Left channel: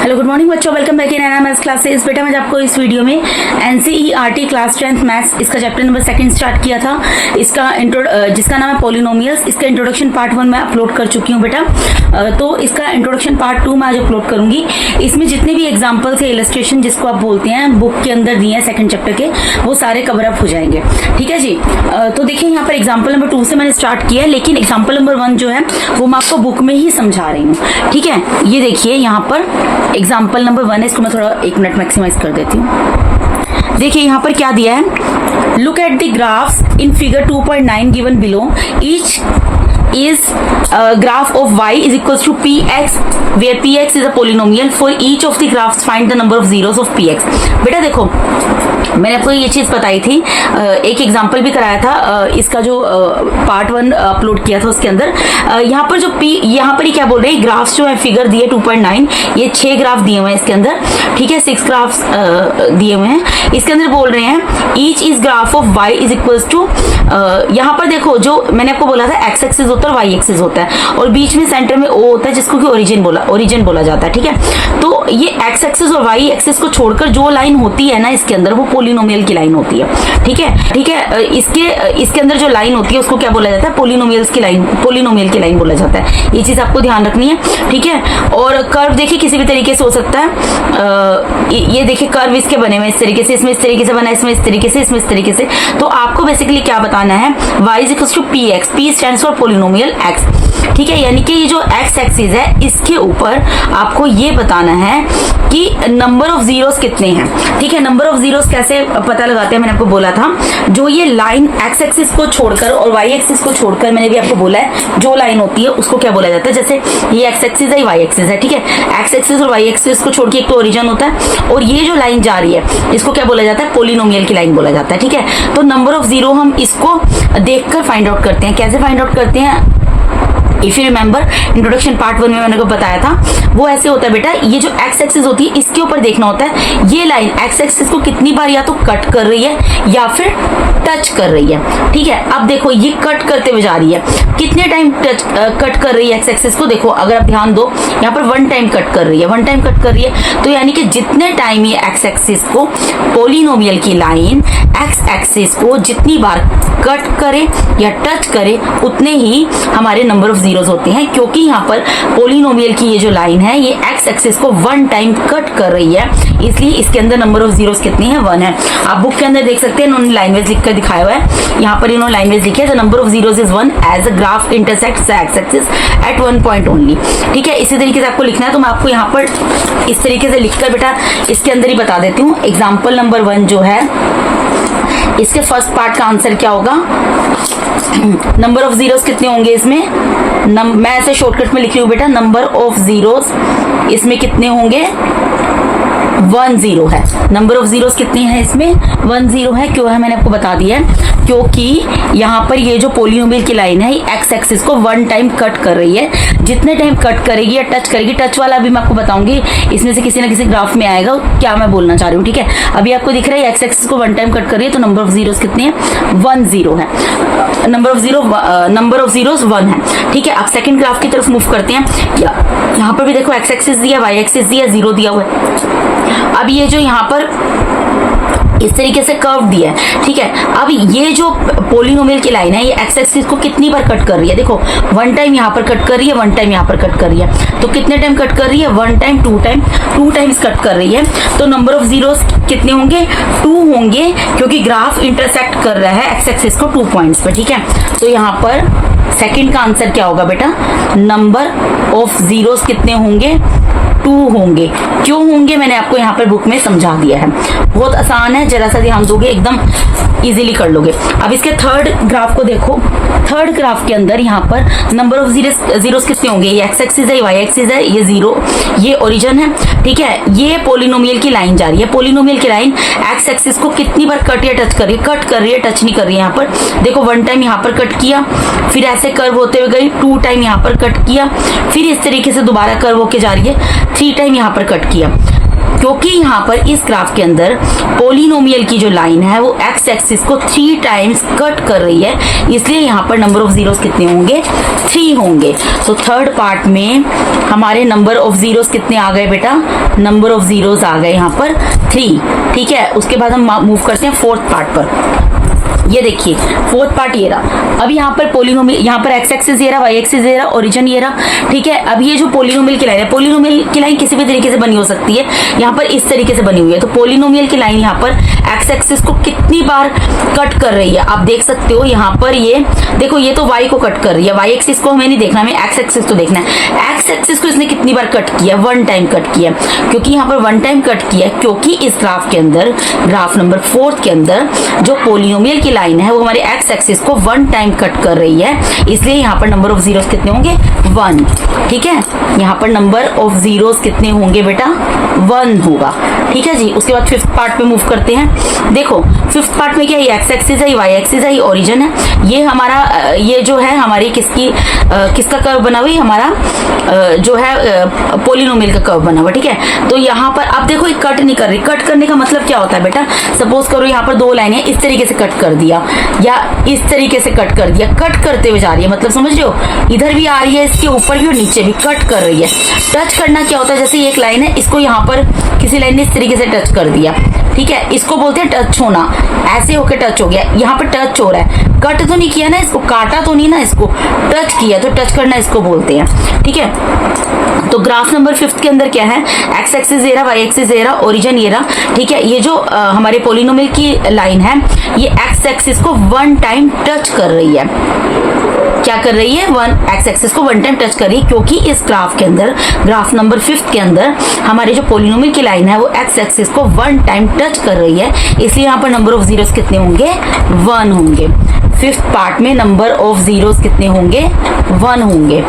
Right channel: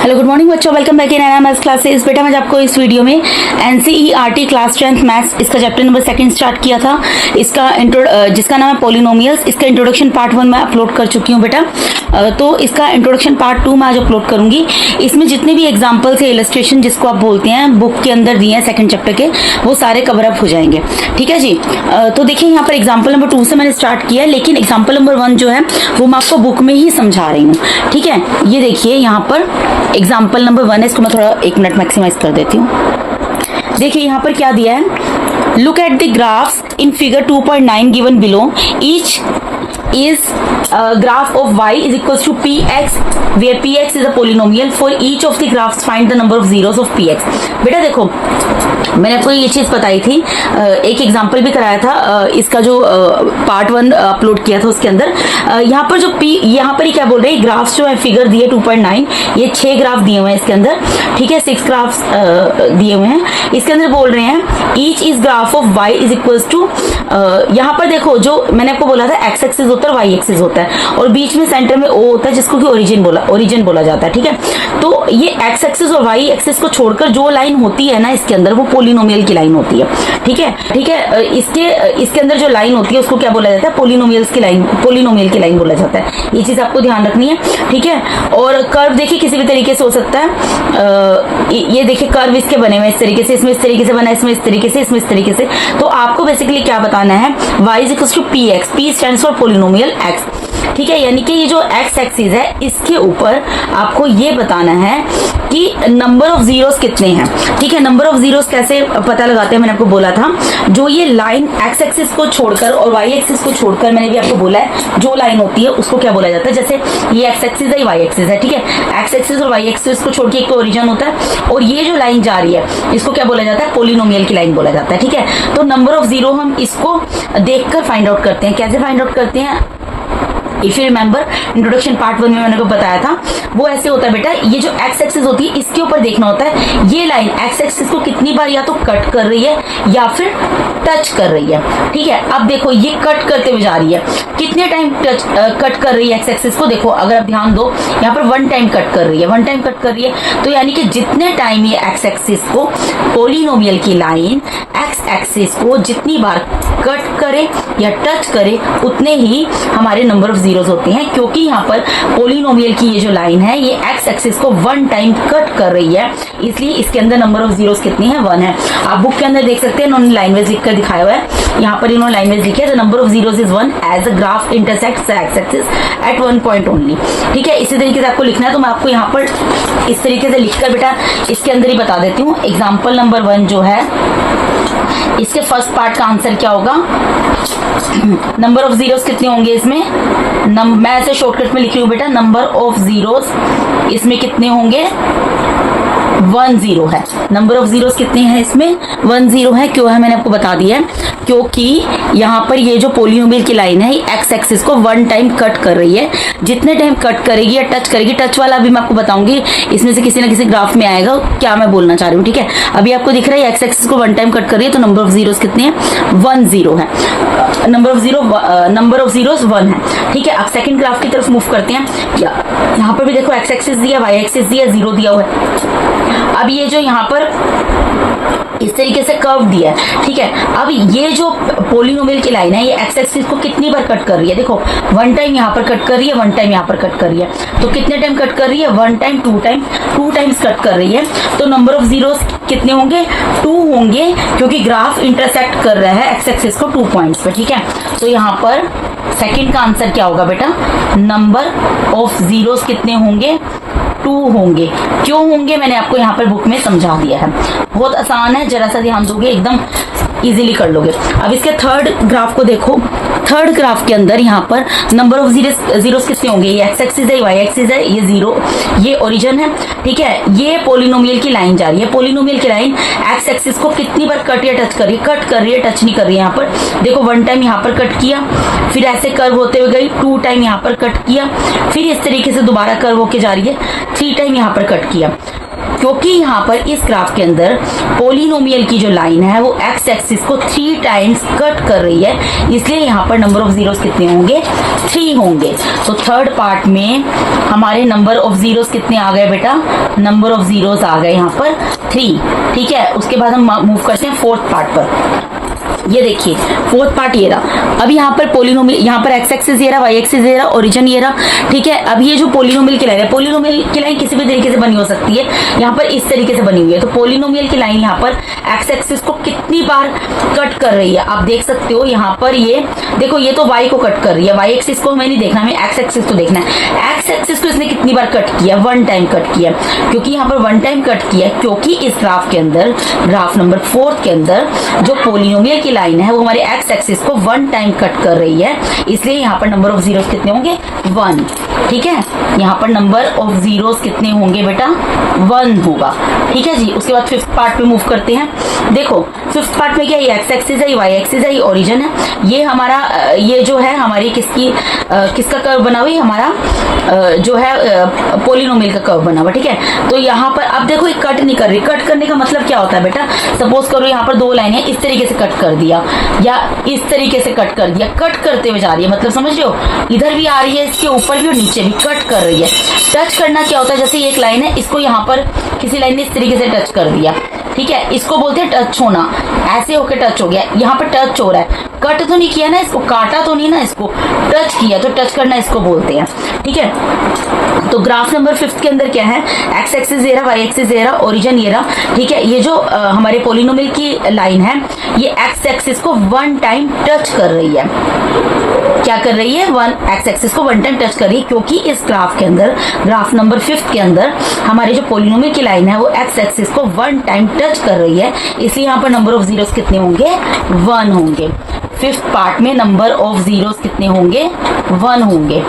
Hello good morning बच्चों, welcome back in NMS classes. बेटा मैं आपको इस वीडियो में एनसीईआरटी क्लास 10th मैथ्स इसका चैप्टर नंबर 2 स्टार्ट किया था। इसका जिसका नाम है पॉलिनोमियल्स, इसका इंट्रोडक्शन पार्ट 1 मैं अपलोड कर चुकी हूँ बेटा। तो इसका इंट्रोडक्शन पार्ट 2 मैं आज अपलोड करूंगी। इसमें जितने भी एग्जाम्पल्स है, इलस्ट्रेशन जिसको आप बोलते हैं, बुक के अंदर दिए हैं 2nd चैप्टर के, वो सारे कवर अप हो जाएंगे। ठीक है जी। तो देखिए यहाँ पर एग्जाम्पल नंबर 2 से मैंने स्टार्ट किया है, लेकिन एग्जाम्पल नंबर 1 जो है वो मैं आपको बुक में ही समझा रही हूँ। ठीक है, ये देखिए यहाँ पर एग्जाम्पल नंबर 1 है। इसको मैं थोड़ा 1 मिनट मैक्सिमाइज कर देती हूँ। देखिए यहाँ पर क्या दिया है, look at the graphs in figure 2.9 given below. Each is graph of y is equals to px where px is a polynomial. For each of the graphs find the number of zeros of px. बेटा देखो मैंने आपको ये चीज बताई थी, एक example भी कराया था, इसका जो पार्ट 1 अपलोड किया था उसके अंदर। यहाँ पर जो यहाँ पर ही क्या बोल रहे हैं, ग्राफ्स जो है फिगर दिए 2.9, ये 6 ग्राफ दिए हुए हैं इसके अंदर। ठीक है, 6 ग्राफ्स दिए हुए हैं इसके अंदर। बोल रहे हैं each is graph of y is equals to, यहाँ पर देखो जो मैंने आपको बोला था x एक्सिस होता है, y एक्सिस होता है, और बीच में सेंटर में o होता है जिसको कि ओरिजिन बोला जाता है। ठीक है, तो ये x एक्सिस और y एक्सिस को छोड़कर जो लाइन होती है ना इसके अंदर, वो पोलिनोमियल की लाइन होती है। ठीक है, इसके अंदर जो लाइन होती है उसको क्या बोला जाता है, पोलिनोमियल की लाइन बोला जाता है। ये चीज आपको ध्यान रखनी है। ठीक है, और कर्व देखिए किसी भी तरीके से हो सकता है। ये देखिए कर्व इसके बने हुए इस तरीके से, इसमें इस तरीके से बना, इसमें इस तरीके से, इसमें इस तरीके से। तो आपको बेसिकली क्या बताना है, y is equal to P X, P stands for polynomial x। ठीक है, यानी कि ये जो x एक्सिस है इसके ऊपर आपको ये बताना है कि नंबर ऑफ जीरोस कितने हैं। ठीक है, नंबर ऑफ जीरोस कैसे पता लगाते हैं, मैंने आपको बोला था, जो ये लाइन x एक्सिस को छोड़कर और y एक्सिस को छोड़कर, मैंने भी आपको बोला है, जो लाइन होती है उसको क्या बोला जाता है। जैसे ये x एक्सिस है, y एक्सिस है। ठीक है, x एक्सिस और y एक्सिस को छोड़ के एक तो ओरिजिन होता है, और ये जो लाइन जा रही है इसको क्या बोला जाता है, पोलिनोमियल की लाइन बोला जाता है। ठीक है, तो नंबर ऑफ जीरो हम इसको देखकर फाइंड आउट करते हैं। कैसे फाइंड आउट करते हैं, if you remember introduction part 1 में मैंने को बताया था, वो ऐसे होता है बेटा, ये जो x एक्सिस होती है इसके ऊपर देखना होता है ये लाइन x एक्सिस को कितनी बार या तो कट कर रही है या फिर टच कर रही है। ठीक है, अब देखो ये कट करते हुए जा रही है, कितने टाइम कट कर रही है x एक्सिस को। देखो अगर आप ध्यान दो, यहाँ पर 1 टाइम कट कर रही है, 1 टाइम कट कर रही है, तो यानी कि जितने टाइम ये x एक्सिस को, पोलिनोमियल की लाइन x एक्सिस को जितनी बार कट करे या टच करे, उतने ही हमारे नंबर ऑफ जीरोस होते हैं। क्योंकि यहाँ पर पोलिनोमियल की ये जो लाइन है ये x एक्सिस को 1 टाइम कट कर रही है, इसलिए इसके अंदर नंबर ऑफ जीरोस कितनी है, 1 है। आप बुक के अंदर देख सकते हैं, इन्होंने लाइन वाइज लिखकर दिखाया हुआ है। यहाँ पर इन्होंने लाइन वाइज लिखा है, the number of zeros is 1 as a graph intersects x axis at 1 point only. ठीक है, इसी तरीके से आपको लिखना है, तो मैं आपको यहाँ पर इस तरीके से लिखकर बेटा इसके अंदर ही बता देती हूँ। एग्जाम्पल नंबर 1 जो है, इसके फर्स्ट पार्ट का आंसर क्या होगा, नंबर ऑफ जीरोस कितने होंगे इसमें, मैं ऐसे शॉर्टकट में लिख रही हूँ बेटा, नंबर ऑफ जीरोस इसमें कितने होंगे, 1 0 है। नंबर ऑफ जीरोस कितने हैं इसमें, 1 0 है। क्यों है, मैंने आपको बता दिया है, क्योंकि यहाँ पर ये जो पोलिनोमियल की लाइन है x एक्सिस को 1 टाइम कट कर रही है। जितने टाइम कट करेगी या टच करेगी, टच वाला अभी मैं आपको बताऊंगी, इसमें से किसी ना किसी ग्राफ में आएगा क्या मैं बोलना चाह रही हूँ। ठीक है, अभी आपको दिख रहा है x एक्सिस को 1 टाइम कट कर रही है, तो नंबर ऑफ जीरोस कितने हैं, 1 0 है। नंबर ऑफ जीरोस 1 है। ठीक है, अब सेकंड ग्राफ की तरफ मूव करते हैं। यहाँ पर भी देखो x एक्सिस दिया, y एक्सिस दिया, 0 दिया हुआ है। अब ये जो यहाँ पर इस तरीके से कर्व दिया है। ठीक है, अब ये जो पोलिनोमियल की लाइन है ये x एक्सिस को कितनी बार कट कर रही है, देखो 1 टाइम यहाँ पर कट कर रही है, 1 टाइम यहाँ पर कट कर रही है। तो कितने टाइम कट कर रही है, 1 टाइम, 2 टाइम्स कट कर रही है। तो नंबर ऑफ जीरोस कितने होंगे, 2 होंगे, क्योंकि ग्राफ इंटरसेक्ट कर रहा है x एक्सिस को 2 पॉइंट्स पे। ठीक है, तो यहाँ पर सेकंड का आंसर क्या होगा बेटा, नंबर ऑफ जीरोस कितने होंगे, 2 होंगे। क्यों होंगे, मैंने आपको यहाँ पर बुक में समझा दिया है, बहुत आसान है, जरा सा ध्यान दोगे एकदम इजीली कर लोगे। अब इसके थर्ड ग्राफ को देखो, थर्ड ग्राफ के अंदर यहाँ पर नंबर ऑफ जीरोस कितने होंगे, ये x एक्सिस है, y एक्सिस है, ये 0, ये ओरिजिन है। ठीक है, ये पोलिनोमियल की लाइन जा रही है, पोलिनोमियल की लाइन x एक्सिस को कितनी बार कट या टच कर रही है, कट कर रही है, टच नहीं कर रही है। यहाँ पर देखो 1 टाइम यहाँ पर कट किया, फिर ऐसे कर्व होते हुए गई, 2 टाइम यहाँ पर कट किया, फिर इस तरीके से दोबारा कर्व होके जा रही है, 3 टाइम यहाँ पर कट किया। क्योंकि यहाँ पर इस ग्राफ के अंदर पोलिनोमियल की जो लाइन है वो एक्स एक्सिस को 3 टाइम्स कट कर रही है, इसलिए यहाँ पर नंबर ऑफ जीरोस कितने होंगे, 3 होंगे। तो थर्ड पार्ट में हमारे नंबर ऑफ जीरोस कितने आ गए बेटा, नंबर ऑफ जीरोस आ गए यहाँ पर 3। ठीक है, उसके बाद हम मूव करते हैं फोर्थ पार्ट पर। ये देखिए फोर्थ पार्ट ये रहा। अब यहाँ पर पोलिनोमियल, यहाँ पर एक्स एक्सिस ये रहा, वाई एक्सिस ये रहा, ओरिजिन ये रहा। ठीक है, अब ये जो पोलिनोमियल की लाइन है, पोलिनोमियल की लाइन किसी भी तरीके से बनी हो सकती है, यहाँ पर इस तरीके से बनी हुई है। तो पोलिनोमियल की लाइन यहाँ पर एक्स एक्सिस को कितनी बार कट कर रही है आप देख सकते हो। यहाँ पर ये देखो, ये तो वाई को कट कर रही है, वाई एक्सिस को हमें नहीं देखना, हमें एक्स एक्सिस को देखना है। एक्स एक्सिस को इसने कितनी बार कट किया, 1 टाइम कट किया। क्योंकि यहाँ पर 1 टाइम कट किया, क्योंकि इस ग्राफ के अंदर, ग्राफ नंबर 4 के अंदर जो पोलिनोमियल की लाइन है वो हमारे एक्स एक्सिस को 1 टाइम कट कर रही है, इसलिए यहाँ पर नंबर ऑफ जीरोस कितने होंगे, 1। ठीक है, यहाँ पर नंबर ऑफ जीरोस कितने होंगे बेटा, 1 होगा। ठीक है जी। उसके बाद फिफ्थ पार्ट में मूव करते हैं। देखो फिफ्थ पार्ट में क्या है, एक्स एक्सिस है, वाई एक्सिस है, ओरिजिन है। ये हमारा ये जो है हमारी किसका कर्व बना हुआ है, हमारा जो है पोलिनोमियल का कर्व बना हुआ। ठीक है, तो यहाँ पर अब देखो ये कट नहीं कर रही। कट करने का मतलब क्या होता है बेटा, सपोज करो यहाँ पर 2 लाइनें इस तरीके से कट कर दिया या इस तरीके से कट कर दिया, कट करते हुए जा रही है, मतलब समझ रहे हो, इधर भी आ रही है, इसके ऊपर भी और नीचे भी कट कर रही है। टच करना क्या होता है, जैसे एक लाइन है, इसको यहाँ पर किसी लाइन ने इस तरीके से टच कर दिया। ठीक है, इसको बोलते हैं टच होना, ऐसे होकर टच हो गया, यहाँ पर टच हो रहा है, कट तो नहीं किया ना, इसको काटा तो नहीं ना, इसको टच किया, तो टच करना इसको बोलते हैं। ठीक है, तो ग्राफ नंबर 5 के अंदर क्या है, एक्स एक्सिस ये रहा, वाई एक्सिस ये रहा, ओरिजिन ये रहा। ठीक है, ये जो हमारे पोलिनोमियल की लाइन है, ये एक्स एक्सिस को 1 टाइम टच कर रही है। क्या कर रही है, एक्स एक्सिस को 1 टाइम टच कर रही है, क्योंकि इस ग्राफ के अंदर, ग्राफ नंबर 5 के अंदर हमारे जो पोलिनोमियल की लाइन है वो एक्स एक्सिस को 1 टाइम टच कर रही है, इसलिए यहाँ पर नंबर ऑफ जीरोस कितने होंगे, 1 होंगे। फिफ्थ पार्ट में नंबर ऑफ जीरोस कितने होंगे, 1 होंगे।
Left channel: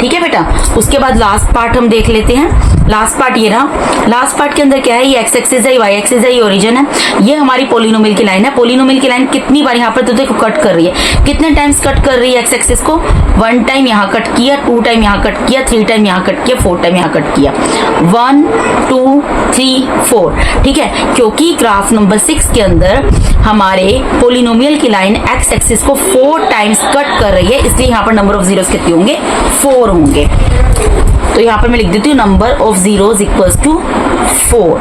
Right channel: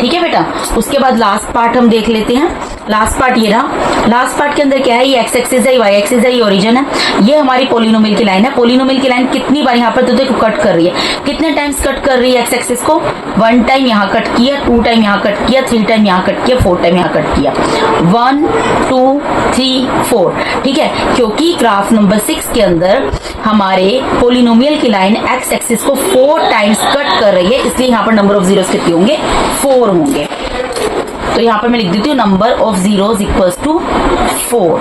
ठीक है बेटा, उसके बाद लास्ट पार्ट हम देख लेते हैं। लास्ट पार्ट ये रहा। लास्ट पार्ट के अंदर क्या है, ये एक्स एक्सिस है, वाई एक्सिस है, ये ओरिजिन है, ये हमारी पोलिनोमियल की लाइन है। पोलिनोमियल की लाइन कितनी बार यहाँ पर तो देखो कट कर रही है, कितने टाइम्स कट कर रही है एक्स एक्सिस को, 1 टाइम यहाँ कट किया, 2 टाइम यहाँ कट किया, 3 टाइम यहाँ कट किया, 4 टाइम यहाँ कट किया, 1 2 3 4। ठीक है, क्योंकि ग्राफ नंबर 6 के अंदर हमारे पोलिनोमियल की लाइन एक्स एक्सिस को 4 टाइम्स कट कर रही है, इसलिए यहाँ पर नंबर ऑफ जीरोस कितने होंगे, 4 होंगे। तो यहाँ पर मैं लिख देती हूँ number of zeros equals to 4।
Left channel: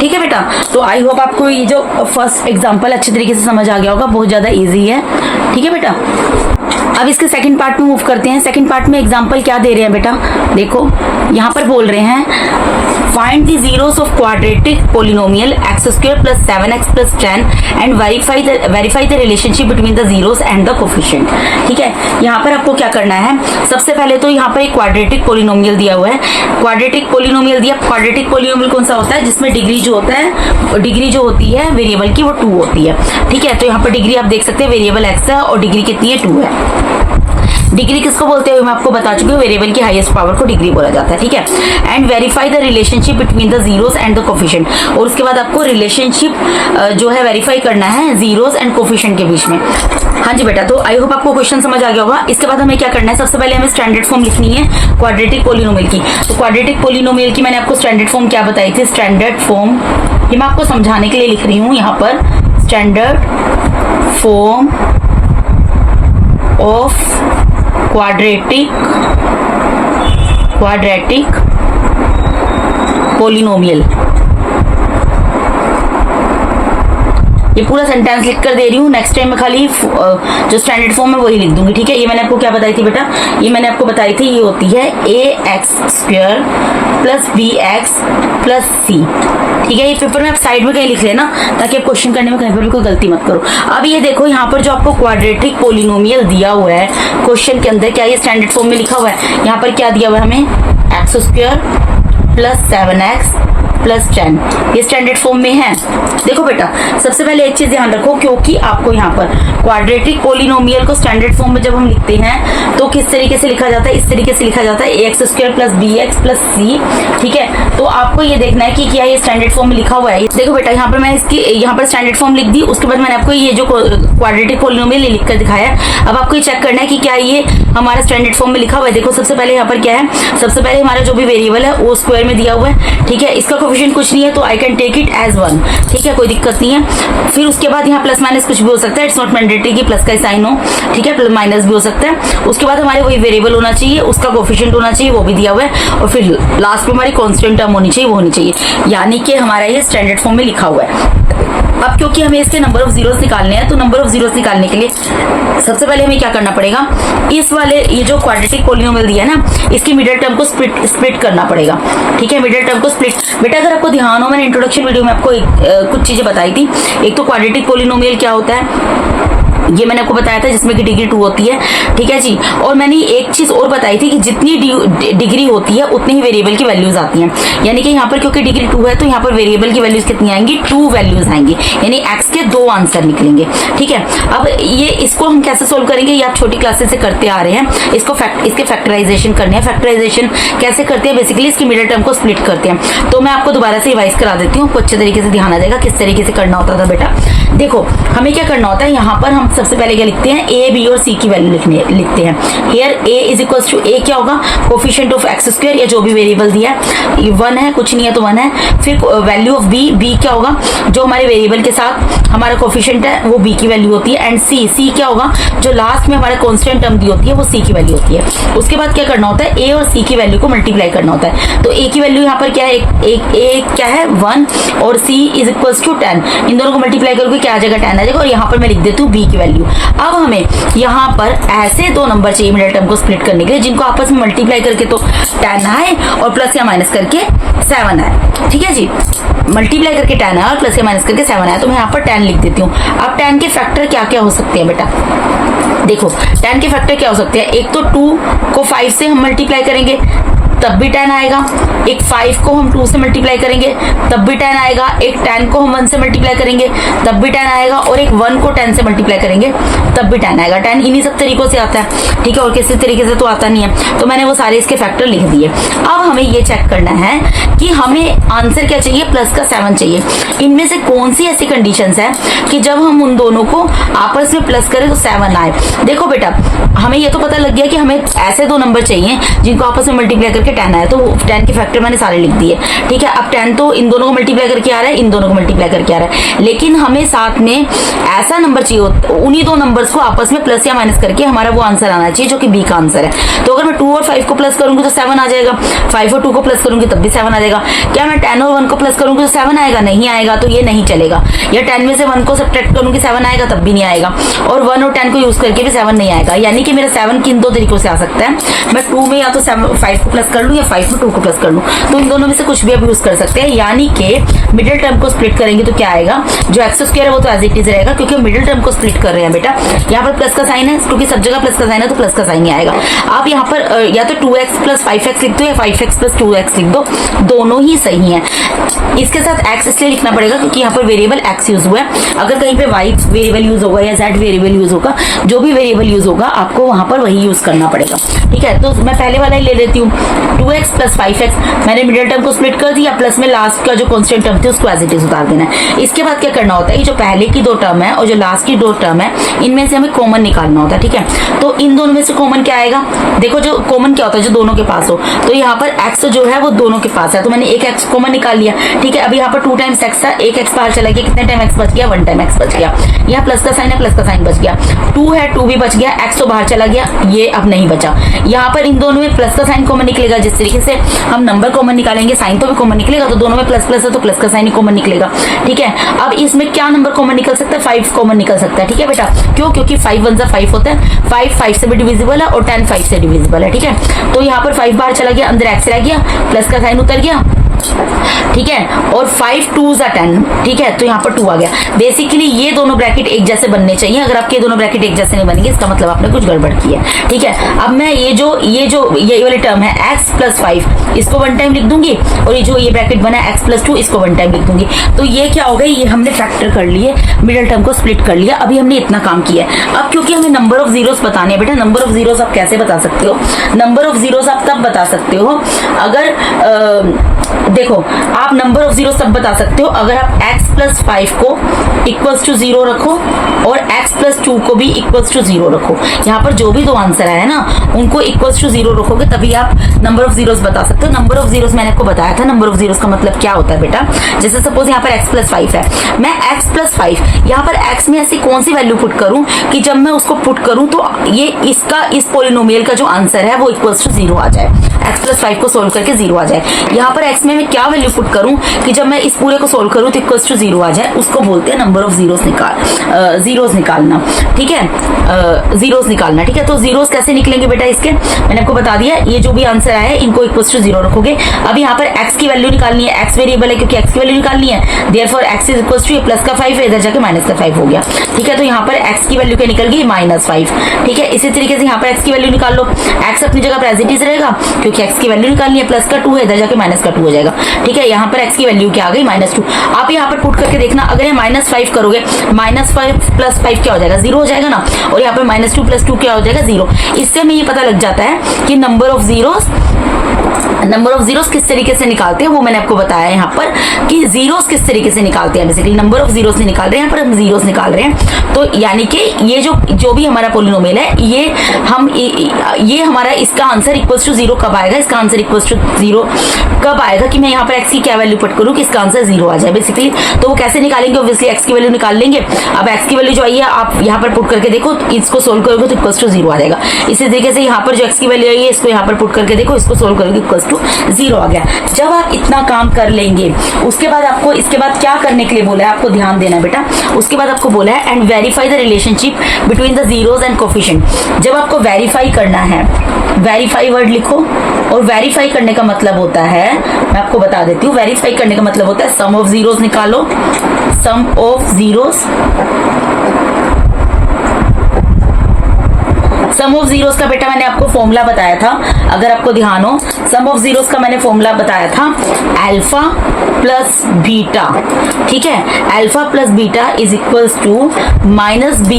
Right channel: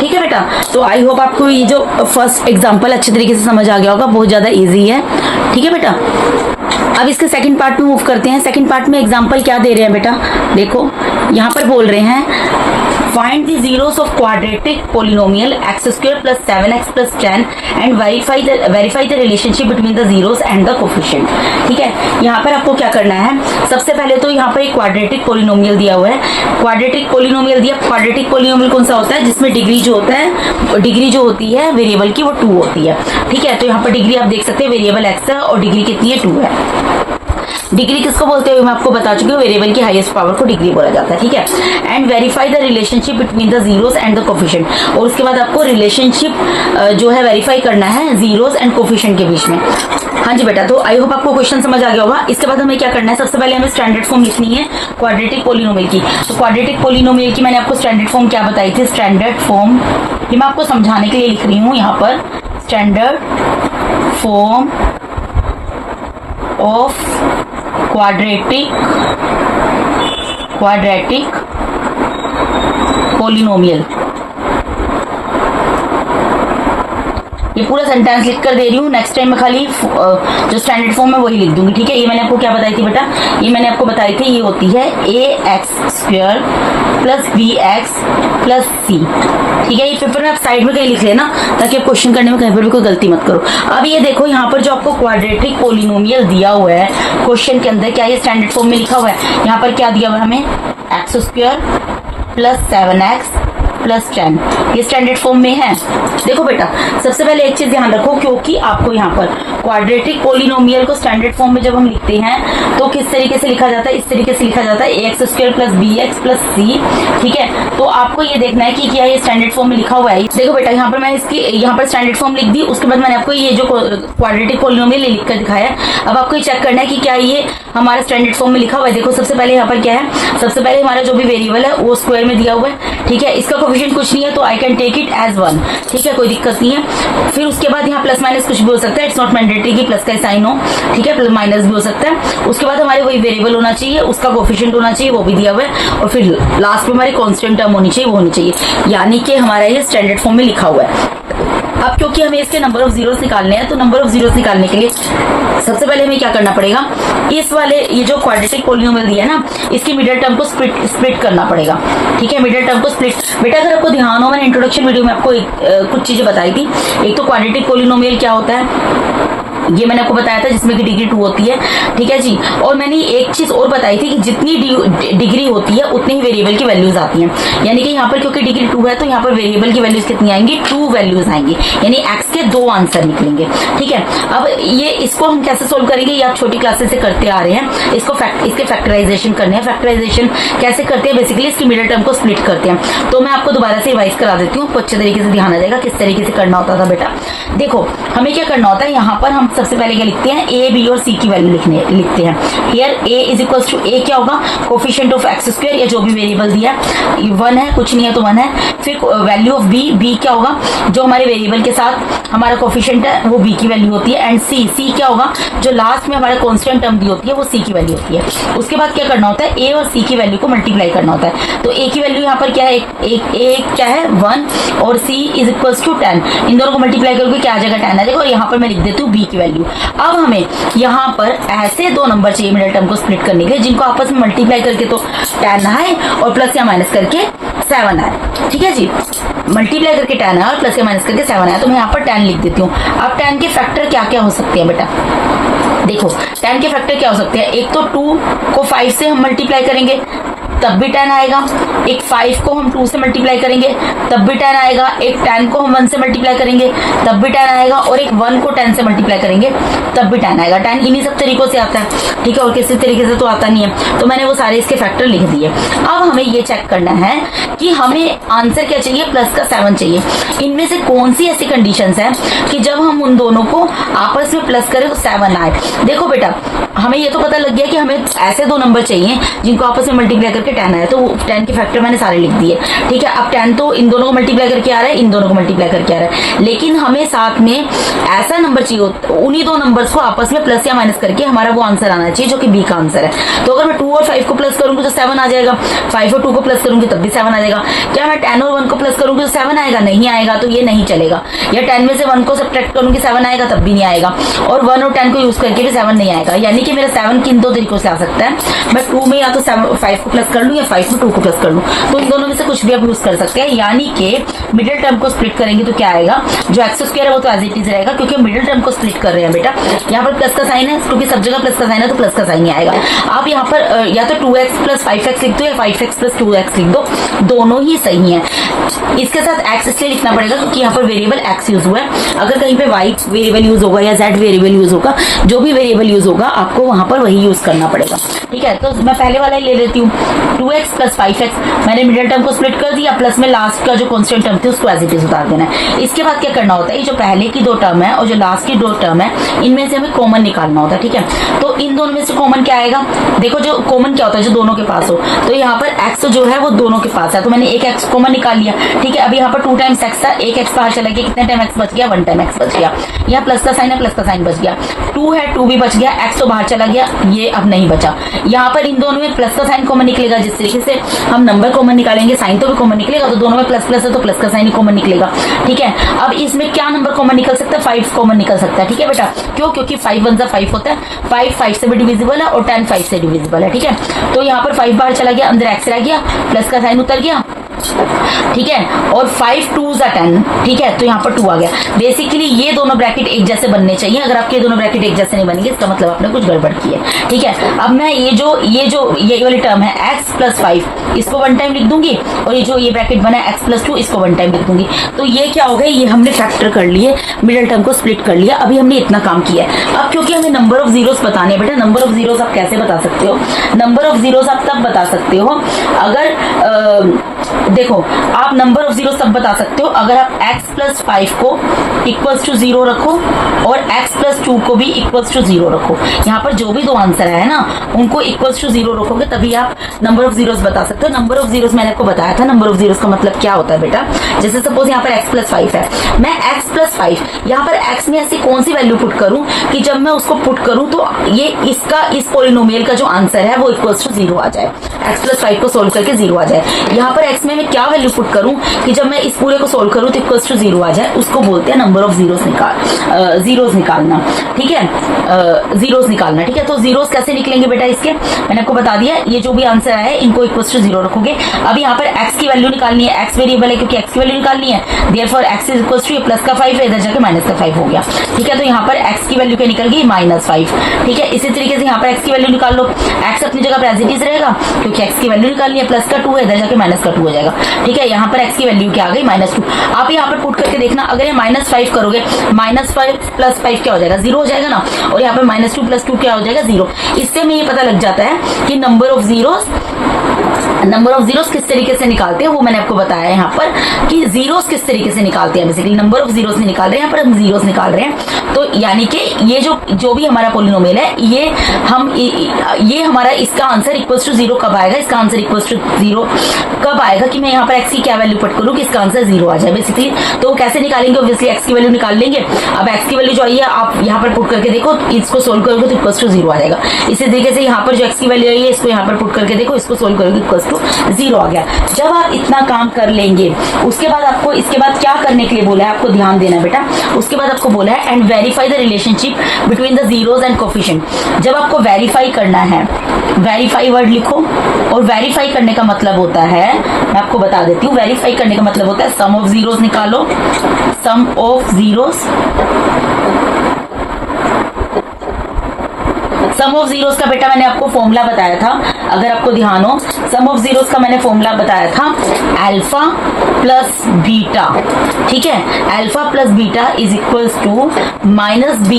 ठीक है बेटा, तो आई होप आपको ये जो फर्स्ट एग्जांपल अच्छे तरीके से समझ आ गया होगा, बहुत ज्यादा इजी है। ठीक है बेटा, अब इसके सेकंड पार्ट में मूव करते हैं। सेकंड पार्ट में एग्जांपल क्या दे रहे हैं बेटा, देखो यहाँ पर बोल रहे हैं find the zeros of quadratic polynomial x square plus 7x plus 10 and verify the relationship between the zeros and the coefficient। ठीक है, यहाँ पर आपको क्या करना है, सबसे पहले तो यहाँ पर एक क्वाड्रेटिक पोलिनोमियल दिया हुआ है। क्वाड्रेटिक पोलिनोमियल दिया, क्वाड्रेटिक पोलिनोमियल कौन सा होता है, जिसमें डिग्री जो होता है, डिग्री जो होती है वेरिएबल की वो 2 होती है। ठीक है, तो यहाँ पर डिग्री आप देख सकते हैं, वेरिएबल x है और डिग्री कितनी है, 2 है। डिग्री किसको बोलते हैं मैं आपको बता चुकी हूँ, वेरिएबल की हाईएस्ट पावर को डिग्री बोला जाता है। ठीक है, and verify the relationship between the zeros and the coefficient, और उसके बाद आपको रिलेशनशिप जो है वेरीफाई करना है जीरोस एंड कोफिशिएंट के बीच में। हाँ जी बेटा, तो आई होप आपको क्वेश्चन समझ आ गया होगा। इसके बाद हमें क्या करना है, सबसे पहले हमें स्टैंडर्ड फॉर्म लिखनी है क्वाड्रेटिक पोलिनोमियल की। तो क्वाड्रेटिक पोलिनोमियल की मैंने आपको स्टैंडर्ड फॉर्म क्या बताई थी, स्टैंडर्ड फॉर्म, ये मैं आपको समझाने के लिए लिख रही हूँ यहाँ पर, standard form of quadratic polynomial. ये पूरा सेंटेंस लिख कर दे रही हूँ, नेक्स्ट टाइम में खाली जो स्टैंडर्ड फॉर्म है वही लिख दूंगी। ठीक है, ये मैंने आपको क्या बताई थी बेटा, ये मैंने आपको बताई थी, ये होती है ax² plus bx plus c। ठीक है, ये पेपर में आप साइड में कहीं लिख लेना ताकि आप क्वेश्चन करने में कहीं पर भी कोई गलती मत करो। अब ये देखो यहाँ पर जो आपको क्वाड्रेटिक पोलिनोमियल दिया हुआ है क्वेश्चन के अंदर, क्या ये स्टैंडर्ड फॉर्म में लिखा हुआ है, यहाँ पर क्या दिया हुआ है हमें, x² प्लस 7x प्लस 10, ये स्टैंडर्ड फॉर्म में है। देखो बेटा, सबसे पहले एक चीज ध्यान रखो, क्योंकि आपको यहाँ पर क्वाड्रेटिक पोलिनोमियल को स्टैंडर्ड फॉर्म में जब हम लिखते हैं तो किस तरीके से लिखा जाता है, इस तरीके से लिखा जाता है ax² plus bx plus c। ठीक है, तो आपको ये देखना है कि क्या ये स्टैंडर्ड फॉर्म में लिखा हुआ है। देखो बेटा, यहाँ पर मैं इसकी यहाँ पर स्टैंडर्ड फॉर्म लिख दी, उसके बाद मैंने आपको ये जो क्वाड्रेटिक पोलिनोमियल लिख कर दिखाया। अब आपको ये चेक करना है कि क्या ये हमारा स्टैंडर्ड फॉर्म में लिखा हुआ है। देखो सबसे पहले यहाँ पर क्या है, सबसे पहले हमारा जो भी वेरिएबल है वो स्क्वायर में दिया हुआ है, ठीक है। इसका कोफिशिएंट कुछ नहीं है तो I can take it as 1, ठीक है, कोई दिक्कत नहीं है। फिर उसके बाद यहाँ प्लस माइनस कुछ भी हो सकता है, इट्स नॉट मैंडेटरी कि प्लस का साइन हो, ठीक है, प्लस माइनस भी हो सकता है। उसके बाद हमारे वही वेरिएबल होना चाहिए, उसका कोफिशिएंट होना चाहिए, वो भी दिया हुआ है, और फिर लास्ट में हमारी कांस्टेंट टर्म होनी चाहिए, वो होनी चाहिए, यानी कि हमारा ये स्टैंडर्ड फॉर्म में लिखा हुआ है। अब क्योंकि हमें इसके नंबर ऑफ जीरोस निकालने हैं, तो नंबर ऑफ जीरोस निकालने के लिए सबसे पहले हमें क्या करना पड़ेगा, इस वाले ये जो क्वाड्रेटिक पॉलिनोमियल दिया है ना, इसकी मिडिल टर्म को स्प्लिट करना पड़ेगा, ठीक है, मिडिल टर्म को स्प्लिट। बेटा अगर आपको ध्यान हो, मैंने इंट्रोडक्शन वीडियो में आपको कुछ चीजें बताई थी। एक तो क्वाड्रेटिक पॉलिनोमियल क्या होता है, ये मैंने आपको बताया था, जिसमें कि डिग्री 2 होती है, ठीक है जी। और मैंने एक चीज और बताई थी कि जितनी डिग्री होती है उतनी ही वेरिएबल की वैल्यूज आती हैं, यानी कि यहाँ पर क्योंकि डिग्री 2 है तो यहाँ पर वेरिएबल की वैल्यूज कितनी आएंगी, 2 वैल्यूज आएंगी, यानी एक्स के 2 आंसर निकलेंगे, ठीक है। अब ये इसको हम कैसे सोल्व करेंगे, ये आप छोटी क्लासेस से करते आ रहे हैं, इसके फैक्टराइजेशन करने हैं। फैक्टराइजेशन कैसे करते हैं, बेसिकली इसकी मिडिल टर्म को स्प्लिट करते हैं। तो मैं आपको दोबारा से रिवाइज करा देती हूँ, आपको अच्छे तरीके से ध्यान आ जाएगा किस तरीके से करना होता था। बेटा देखो हमें क्या करना होता है, यहाँ पर हम सबसे पहले क्या लिखते हैं, ए बी और सी की वैल्यू लिखते हैं। Here a is equals to, a क्या होगा, कोफिशिएंट ऑफ एक्स स्क्वायर, या जो भी वेरिएबल दिया है, 1 है, कुछ नहीं है तो 1 है। फिर वैल्यू ऑफ बी, बी क्या होगा, जो हमारे वेरिएबल के साथ हमारा कोफिशिएंट है वो बी की वैल्यू होती है। एंड सी, सी क्या होगा, जो लास्ट में हमारा कांस्टेंट टर्म दी होती है वो सी की वैल्यू होती है। उसके बाद क्या करना होता है, ए और सी की वैल्यू को मल्टीप्लाई करना होता है। तो ए की वैल्यू यहाँ पर क्या है, ए क्या है 1 और सी इज इक्वल्स टू 10, इन दोनों को मल्टीप्लाई करके क्या आ जाएगा, 10 आ जाएगा। और यहाँ पर मैं लिख देती हूँ बी की वैल्यू। अब हमें यहाँ पर ऐसे 2 नंबर चाहिए मिडिल टर्म को स्प्लिट करने के लिए, जिनको आपस में मल्टीप्लाई करके तो 10 आए और प्लस या माइनस करके 7 आए, ठीक है जी। मल्टीप्लाई करके 10 आया और प्लस या माइनस करके 7 आया, तो मैं यहाँ पर 10 लिख देती हूँ। अब 10 के फैक्टर क्या क्या हो सकते हैं बेटा, देखो 10 के फैक्टर क्या हो सकते हैं, एक तो 2 को 5 से हम मल्टीप्लाई करेंगे तब भी 10 आएगा, एक 5 को हम 2 से मल्टीप्लाई करेंगे तब भी 10 आएगा, एक 10 को हम 1 से मल्टीप्लाई करेंगे तब भी 10 आएगा, और एक 1 को 10 से मल्टीप्लाई करेंगे तब भी 10 आएगा। 10 इन्हीं सब तरीकों से आता है, ठीक है, और किसी तरीके से तो आता नहीं है। तो मैंने वो सारे इसके फैक्टर लिख दिए। अब हमें ये चेक करना है कि हमें आंसर क्या चाहिए, प्लस का 7 चाहिए। इनमें से कौन सी ऐसी कंडीशंस है कि जब हम उन दोनों को आपस में प्लस करें तो 7 आए। देखो बेटा हमें ये तो पता लग गया कि हमें ऐसे 2 नंबर चाहिए जिनको आपस में मल्टीप्लाई करके 10 आया, तो 10 के फैक्टर मैंने सारे लिख दिए, ठीक है। अब 10 तो इन दोनों को मल्टीप्लाई करके आ रहा है, इन दोनों को मल्टीप्लाई करके आ रहा है, लेकिन हमें साथ में ऐसा नंबर चाहिए, उन्हीं 2 नंबर्स को आपस में प्लस या माइनस करके हमारा वो आंसर आना चाहिए जो कि बी का आंसर है। तो अगर मैं 2 और 5 को प्लस करूंगी तो 7 आ जाएगा, 5 और 2 को प्लस करूंगी तब भी 7 आ जाएगा। क्या मैं 10 और 1 को प्लस करूंगी तो 7 आएगा, नहीं आएगा, तो ये नहीं चलेगा। या 10 में से 1 को सब्ट्रैक्ट करूंगी 7 आएगा, तब भी नहीं आएगा, और 1 और 10 को यूज करके भी 7 नहीं आएगा। यानी कि मेरा 7 किन 2 तरीकों से आ सकता है, मैं 2 में या तो 5 को प्लस कर लूं या 5 में 2 को प्लस कर लूं, तो इन दोनों में से कुछ भी आप यूज कर सकते हैं। यानी कि मिडिल टर्म को स्प्लिट करेंगे तो क्या आएगा, जो एक्स स्क्वायर है वो तो एज इट इज रहेगा, क्योंकि मिडिल टर्म को स्प्लिट कर रहे हैं बेटा। यहाँ पर प्लस का साइन है, क्योंकि सब जगह प्लस का साइन है तो प्लस का साइन ही आएगा। आप यहाँ पर या तो 2x प्लस 5x लिख दो या 5x प्लस 2x लिख दो, दोनों ही सही है। इसके साथ x इसलिए लिखना पड़ेगा क्योंकि यहाँ पर वेरिएबल x यूज हुआ है। अगर कहीं पे y वेरिएबल यूज होगा या z वेरिएबल यूज होगा, जो भी वेरिएबल यूज होगा आपको वहां पर वही यूज करना पड़ेगा, ठीक है। तो मैं पहले वाला ही ले लेती हूँ, 2x प्लस 5x, मैंने मिडिल टर्म को स्प्लिट कर दिया, प्लस में लास्ट का जो कांस्टेंट टर्म थे उसको एज इट इज उतार देना है। इसके बाद क्या करना होता है, जो पहले की 2 टर्म है और जो लास्ट की 2 टर्म है, इनमें से हमें कॉमन निकालना होता है, ठीक है। तो इन दोनों में से कॉमन क्या आएगा, देखो जो कॉमन क्या होता है, जो दोनों के पास हो, तो यहाँ पर x जो है वो दोनों के पास है, तो मैंने एक x कॉमन निकाल लिया, ठीक है। अभी यहाँ पर 2 टाइम्स x था, एक x बाहर चला गया, कितने टाइम x बच गया, 1 टाइम x बच गया। यहाँ प्लस का साइन है, प्लस का साइन बच गया, 2 है 2 भी बच गया, x तो बाहर चला गया, ये अब नहीं बचा। यहाँ पर इन दोनों में प्लस का साइन कॉमन निकलेगा, जिस तरीके से हम नंबर कॉमन निकालेंगे साइन तो भी कॉमन निकलेगा, तो दोनों में प्लस प्लस है तो प्लस का साइन ही कॉमन निकलेगा, ठीक है। अब इसमें क्या नंबर कॉमन निकल सकता है, 5 कॉमन निकल सकता है, ठीक है बेटा। क्यों, क्योंकि 5 1 जा 5 होता है, 5 5 से भी डिविजिबल है और 10 5 से डिविजिबल है, ठीक है। तो यहाँ पर 5 बाहर चला गया, अंदर x रह गया, प्लस का साइन उतर गया, ठीक है, और 5 2 जा 10, ठीक है, तो यहाँ पर 2 आ गया। बेसिकली ये दोनों ब्रैकेट एक जैसे बनने चाहिए, अगर आपके दोनों ब्रैकेट एक जैसे नहीं बनेंगे इसका मतलब आपने कुछ गड़बड़ की है, ठीक है। अब मैं ये वाली टर्म है x प्लस 5, इसको 1 टाइम लिख दूंगी, और ये जो ये ब्रैकेट बना है x प्लस 2, इसको 1 टाइम लिख दूंगी। तो ये क्या हो गया, ये हमने फैक्टर कर लिए, मिडिल टर्म को स्प्लिट कर लिया। अभी हमने इतना काम किया है। अब क्योंकि हमें नंबर ऑफ जीरोस बताने हैं बेटा, नंबर ऑफ जीरोस आप कैसे बता सकते हो, नंबर ऑफ जीरोस आप तब बता सकते हो अगर देखो आप नंबर ऑफ जीरो तब बता सकते हो अगर आप x प्लस 5 को इक्वल्स टू 0 रखो और x प्लस 2 को भी इक्वल्स टू 0 रखो। यहाँ पर जो भी दो आंसर है ना उनको इक्वल्स टू 0 रखोगे तभी आप नंबर ऑफ जीरोस बता सकते हो। नंबर ऑफ जीरोस मैंने आपको बताया था, नंबर ऑफ जीरोस का मतलब क्या होता है बेटा। जैसे सपोज यहाँ पर x प्लस 5 है, मैं x प्लस 5 यहाँ पर x में ऐसी कौन सी वैल्यू पुट करूं कि जब मैं उसको पुट करूं तो ये इसका इस पोलिनोमियल का जो आंसर है वो इक्वल्स टू 0 आ जाए। x प्लस 5 को सोल्व करके 0 आ जाए। यहाँ पर x में मैं क्या वैल्यू पुट करूं कि जब मैं इस पूरे को सोल्व करूं तो इक्वल्स टू 0 आ जाए, उसको बोलते हैं नंबर ऑफ जीरोस निकालना। ठीक है, जीरोस निकालना। ठीक है, तो जीरोस कैसे निकलेंगे बेटा इसके, मैंने आपको बता दिया। ये जो भी आंसर आया है इनको इक्वल्स टू 0 रखोगे। अब यहाँ पर x की वैल्यू निकालनी है, x वेरिएबल है क्योंकि x की वैल्यू निकालनी है, therefore x is equals to ये प्लस का 5 है, इधर जाके माइनस का 5 हो गया। ठीक है, तो यहाँ पर x की वैल्यू क्या निकल गई, -5। ठीक है, इसी तरीके से यहाँ पर x की वैल्यू निकाल लो। x अपनी जगह पर एज इट इज रहेगा क्योंकि x की वैल्यू निकालनी है, प्लस का 2 है, इधर जाके माइनस का 2 हो जाएगा। ठीक है, यहाँ पर x की वैल्यू क्या आ गई, -2। आप यहाँ पर पुट करके देखना, अगर ये -5 करोगे, -5 प्लस 5 क्या हो जाएगा, 0 हो जाएगा ना, और यहाँ पर -2 प्लस 2 क्या हो जाएगा, 0। इससे हमें ये पता लग जाता है कि नंबर ऑफ जीरोस किस तरीके से निकालते हैं, वो मैंने आपको बताया यहाँ पर कि जीरोस किस तरीके से निकालते हैं। बेसिकली नंबर ऑफ जीरोस नहीं निकाल रहे हैं, यहाँ पर हम जीरोस निकाल रहे हैं। तो यानी कि ये जो भी हमारा पोलिनोमियल है ये हमारा इसका आंसर इक्वल्स टू 0 कब आएगा, इसका आंसर इक्वल्स टू 0 कब आएगा कि मैं यहाँ पर x की क्या वैल्यू पुट करूँ कि इसका आंसर 0 आ जाए बेसिकली। तो वो कैसे निकालेंगे, ऑब्वियसली x की वैल्यू निकाल लेंगे। अब x की वैल्यू जो आई है आप यहाँ पर पुट करके देखो, इसको सोल्व करोगे तो इक्वल्स टू 0 आ जाएगा। इसी तरीके से यहाँ पर जो x की वैल्यू आई है इसको यहाँ पर पुट करके देखो, इसको सोल्व करोगे इक्वल्स टू 0 आ गया। जब आप इतना काम कर लेंगे उसके बाद आपको इसके बाद क्या करने के लिए बोला है, आपको ध्यान देना बेटा। उसके बाद आपको बोला है and verify the relationship between the zeros and coefficient. जब आपको वेरीफाई करना है, वेरीफाई वर्ड लिखो, और वेरीफाई करने का मतलब होता है, मैं आपको बता देती हूँ, वेरीफाई करने का मतलब होता है सम ऑफ जीरोस निकालो, sum of zeros. Sum of zeros का बेटा मैंने आपको फॉर्मूला बताया था, अगर आपको ध्यान हो, सम ऑफ जीरोस का मैंने फॉर्मूला बताया था अल्फा प्लस बीटा। ठीक है, alpha plus beta is equals to -b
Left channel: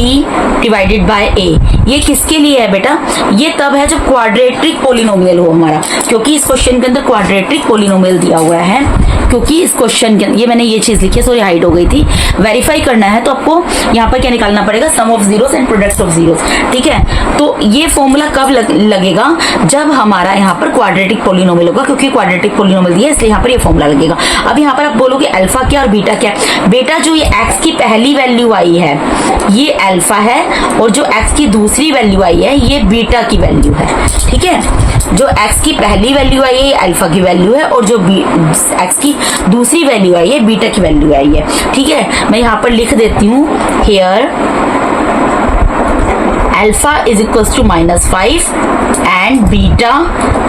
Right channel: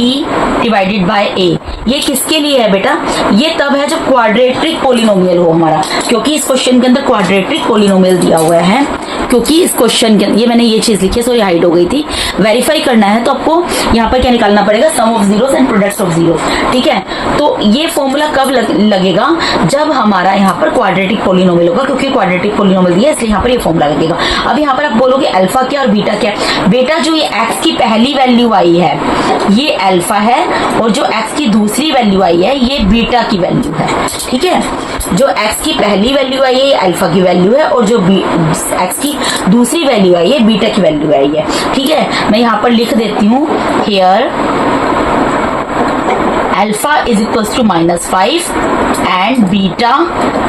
divided by a। ये किसके लिए है बेटा, ये तब है जब क्वाड्रेटिक पोलिनोमियल हो हमारा, क्योंकि इस क्वेश्चन के अंदर क्वाड्रेटिक पोलिनोमियल दिया हुआ है। क्योंकि इस क्वेश्चन के अंदर ये मैंने ये चीज लिखी है, सॉरी हाइड हो गई थी। वेरीफाई करना है तो आपको यहाँ पर क्या निकालना पड़ेगा, sum of zeros and product of zeros. ठीक है, तो ये फॉर्मूला कब लगेगा, जब हमारा यहाँ पर क्वाड्रेटिक पोलिनोमियल होगा, क्योंकि क्वाड्रेटिक पोलिनोमियल दिया इसलिए यहाँ पर ये फॉर्मूला लगेगा। अब यहाँ पर आप बोलोगे अल्फा क्या और बीटा क्या। बेटा जो ये x की पहली वैल्यू आई है ये अल्फा है, और जो x की दूसरी वैल्यू आई है ये बीटा की वैल्यू है। ठीक है, जो x की पहली वैल्यू आई है ये अल्फा की वैल्यू है, और जो x की दूसरी वैल्यू आई है बीटा की वैल्यू आई है। ठीक है, मैं यहाँ पर लिख देती हूँ, here alpha is equals to -5 and beta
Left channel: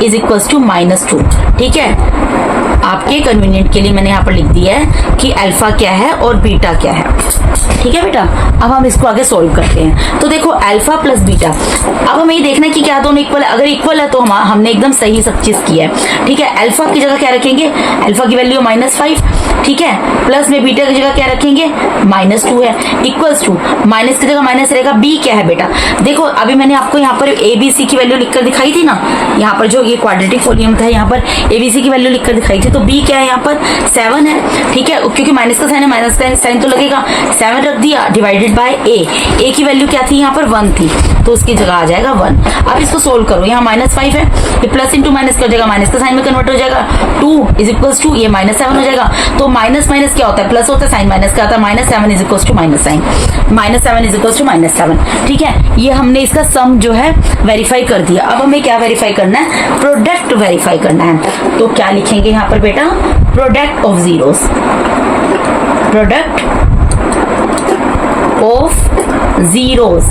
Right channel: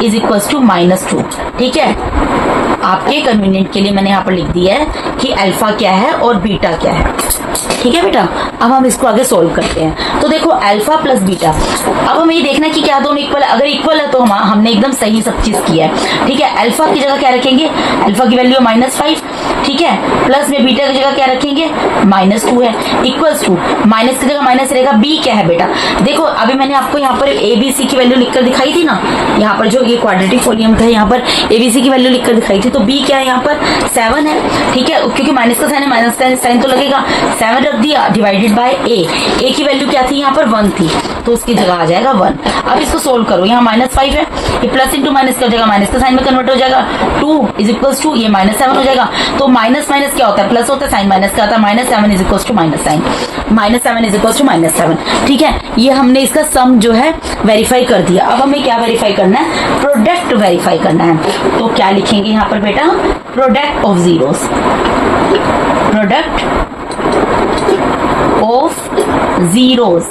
is equals to -2। ठीक है, आपके कन्वीनियंट के लिए मैंने यहाँ पर लिख दिया है कि अल्फा क्या है और बीटा क्या है। ठीक है बेटा, अब हम इसको आगे सोल्व करते हैं। तो देखो अल्फा प्लस बीटा, अब हमें ये देखना है कि क्या दोनों इक्वल है। अगर इक्वल है तो हमने एकदम सही सब चीज किया है। ठीक है, अल्फा की जगह क्या रखेंगे, अल्फा की वैल्यू -5। ठीक है, प्लस में बीटा की जगह क्या रखेंगे, -2 है, इक्वल्स टू माइनस की जगह माइनस रहेगा। बी क्या है बेटा, देखो अभी मैंने आपको यहाँ पर ABC की वैल्यू लिखकर दिखाई थी ना, यहाँ पर जो ये क्वाड्रेटिक पोलिनोमियल था यहाँ पर ABC की वैल्यू लिखकर दिखाई थी, तो B क्या है यहाँ पर 7 है। ठीक है, क्योंकि माइनस का साइन है, माइनस का साइन तो लगेगा, 7 रख दिया डिवाइडेड बाय A की वैल्यू क्या थी यहाँ पर 1 थी, तो उसकी जगह आ जाएगा 1। अब इसको सोल्व करो, यहाँ -5 है, ये प्लस इंटू माइनस कर जाएगा, माइनस का साइन में कन्वर्ट हो जाएगा, 2 इज इक्वल्स टू ये -7 हो जाएगा। तो माइनस माइनस क्या होता है, प्लस होता है, साइन माइनस का आता है, -7 is equals to minus sign, -7 is equals to -7। ठीक है, ये हमने इसका सम जो है वेरीफाई कर दिया। अब हमें क्या वेरीफाई करना है, प्रोडक्ट वेरीफाई करना है। तो क्या लिखेंगे यहाँ पर बेटा, product of zeros, product of zeros.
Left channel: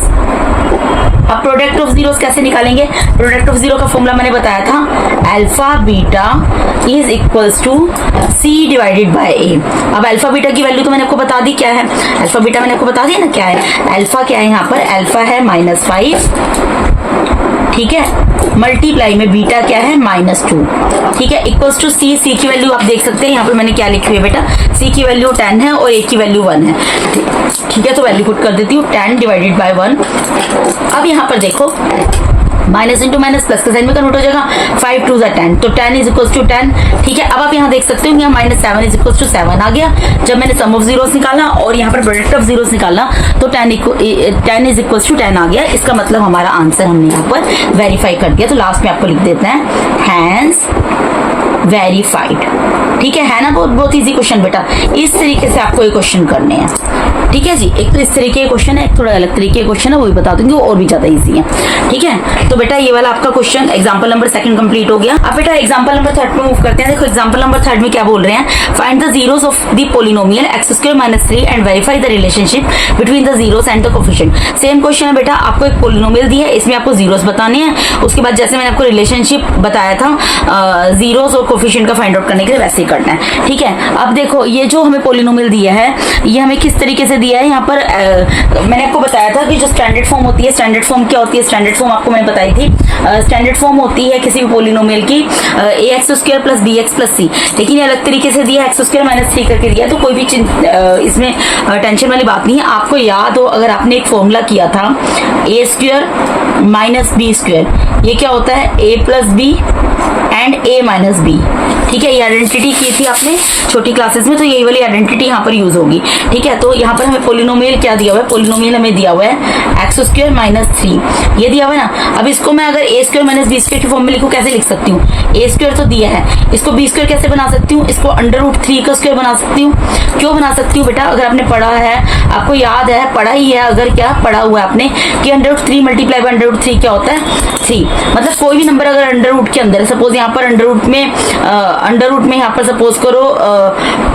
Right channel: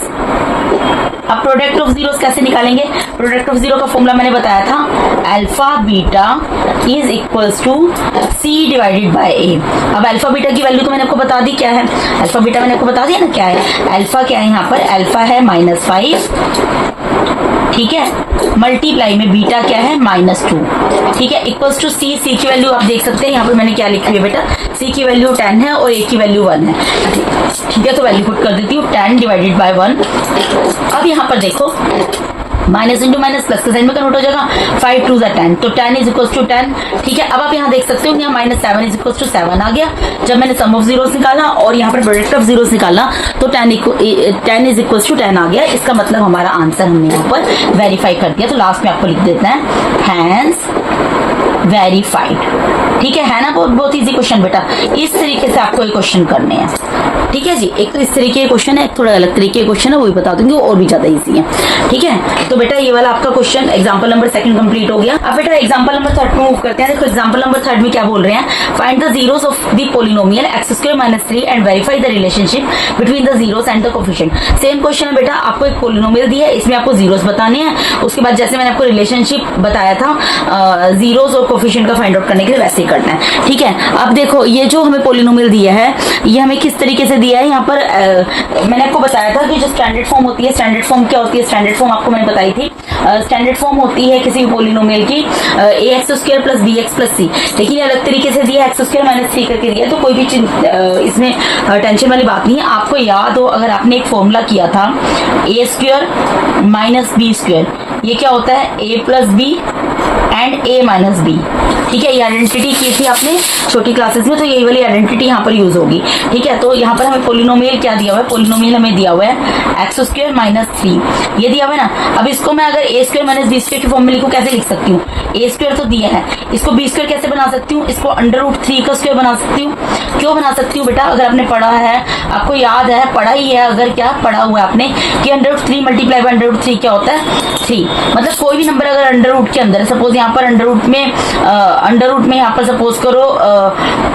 अब प्रोडक्ट ऑफ जीरोस कैसे निकालेंगे, प्रोडक्ट ऑफ जीरो का फॉर्मूला मैंने बताया था, alpha beta is equals to C divided by A। अब अल्फा बीटा की वैल्यू तो मैंने आपको बता दी क्या है, अल्फा बीटा मैंने आपको बता दिया ना क्या है। अल्फा क्या है यहाँ पर, अल्फा है -5, ठीक है, मल्टीप्लाई में बीटा क्या है -2, ठीक है, इक्वल्स टू C। C की वैल्यू आप देख सकते हैं यहाँ पर मैंने क्या लिखी है बेटा, C की वैल्यू 10 है और A की वैल्यू 1 है। ठीक है, तो वैल्यू पुट कर देती हूँ 10 डिवाइडेड बाय 1। अब यहाँ पर देखो माइनस इंटू माइनस प्लस के साइन में कन्वर्ट हो जाएगा, 5 2 10, तो 10 इज इक्वल टू 10। ठीक है, अब आप यहाँ देख सकते हो यहाँ माइनस 7 इज इक्वल टू 7 आ गया जब मैंने सम ऑफ जीरोस निकाला और यहाँ पर प्रोडक्ट ऑफ जीरोस निकाला, तो 10 इज इक्वल टू 10 आ गया। इसका मतलब हमारा आंसर हमने यहाँ पर वेरीफाई कर दिया। तो लास्ट में आपको लिख देते हैं हैंस वेरीफाइड। ठीक है ना, बहुत इजी क्वेश्चन बेटा। इस तरीके से आपको ये क्वेश्चन करने हैं। ठीक है जी, एक तो इस तरीके के क्वेश्चन है, एक थोड़ा अलग तरीके के क्वेश्चन है, वो भी बता दूंगी, और भी ज्यादा इजी है। ठीक है, तो बेटा ये वाला आपका क्वेश्चन एग्जांपल नंबर 2 कंप्लीट हो गया। अब बेटा एग्जांपल नंबर 3 में मूव करते हैं। देखो एग्जांपल नंबर 3 में क्या बोल रहे हैं, find the zeros of the polynomial x² - 3 and verify the relationship between the zeros and the coefficient. Same question है बेटा, आपको एक पोलिनोमियल दी है, इसमें आपको जीरोस बताने हैं, उसके बाद जैसे मैंने आपको रिलेशनशिप बताया था जीरोस और कोफिशिएंट का फाइंड आउट करने के लिए, वैसे ही करना है। ठीक है, अब देखो ये जो हमें पोलिनोमियल दिया है, ये हमें किस तरीके से दिया है। यहाँ पर मैंने आपको बताया था कि जो स्टैंडर्ड फॉर्म होती है, स्टैंडर्ड फॉर्म क्या होती है, स्टैंडर्ड फॉर्म आपको मैंने बताई थी। स्टैंडर्ड फॉर्म होती है किसी भी पोलिनोमियल की ax² + bx + c, लेकिन ये अलग तरीके से दिया x² - 3 करके दिया, तो कोई भी इसमें टेंशन वाली बात नहीं है। आपको याद हो, अगर आपने एक फॉर्मूला किया था a² - b², ये क्या होता है a + b and a - b। ठीक है, ये आइडेंटिटी की थी आपने छोटी क्लासेस में, तो यही वाली आइडेंटिटी यहाँ पर यूज होगी। ठीक है, तो यहाँ पर हमें पोलिनोमियल क्या दिया हुआ है, पोलिनोमियल हमें दिया हुआ है x² - 3, ये दिया हुआ है ना। अब इसको मैं अगर a² - b² की फॉर्म में लिखूं, कैसे लिख सकती हूँ, a² तो दिया है, इसको b² कैसे बना सकती हूँ, इसको √3 का स्क्वायर बना सकती हूँ। क्यों बना सकती हूँ बेटा, अगर आपने पढ़ा है, आपको याद है, पढ़ा ही है, अगर क्या पढ़ा हुआ है आपने कि √3 × √3 क्या होता है 3। मतलब कोई भी नंबर अगर अंडर रूट के अंदर है, सपोज यहाँ पर अंडर रूट में यहाँ पर सपोज करो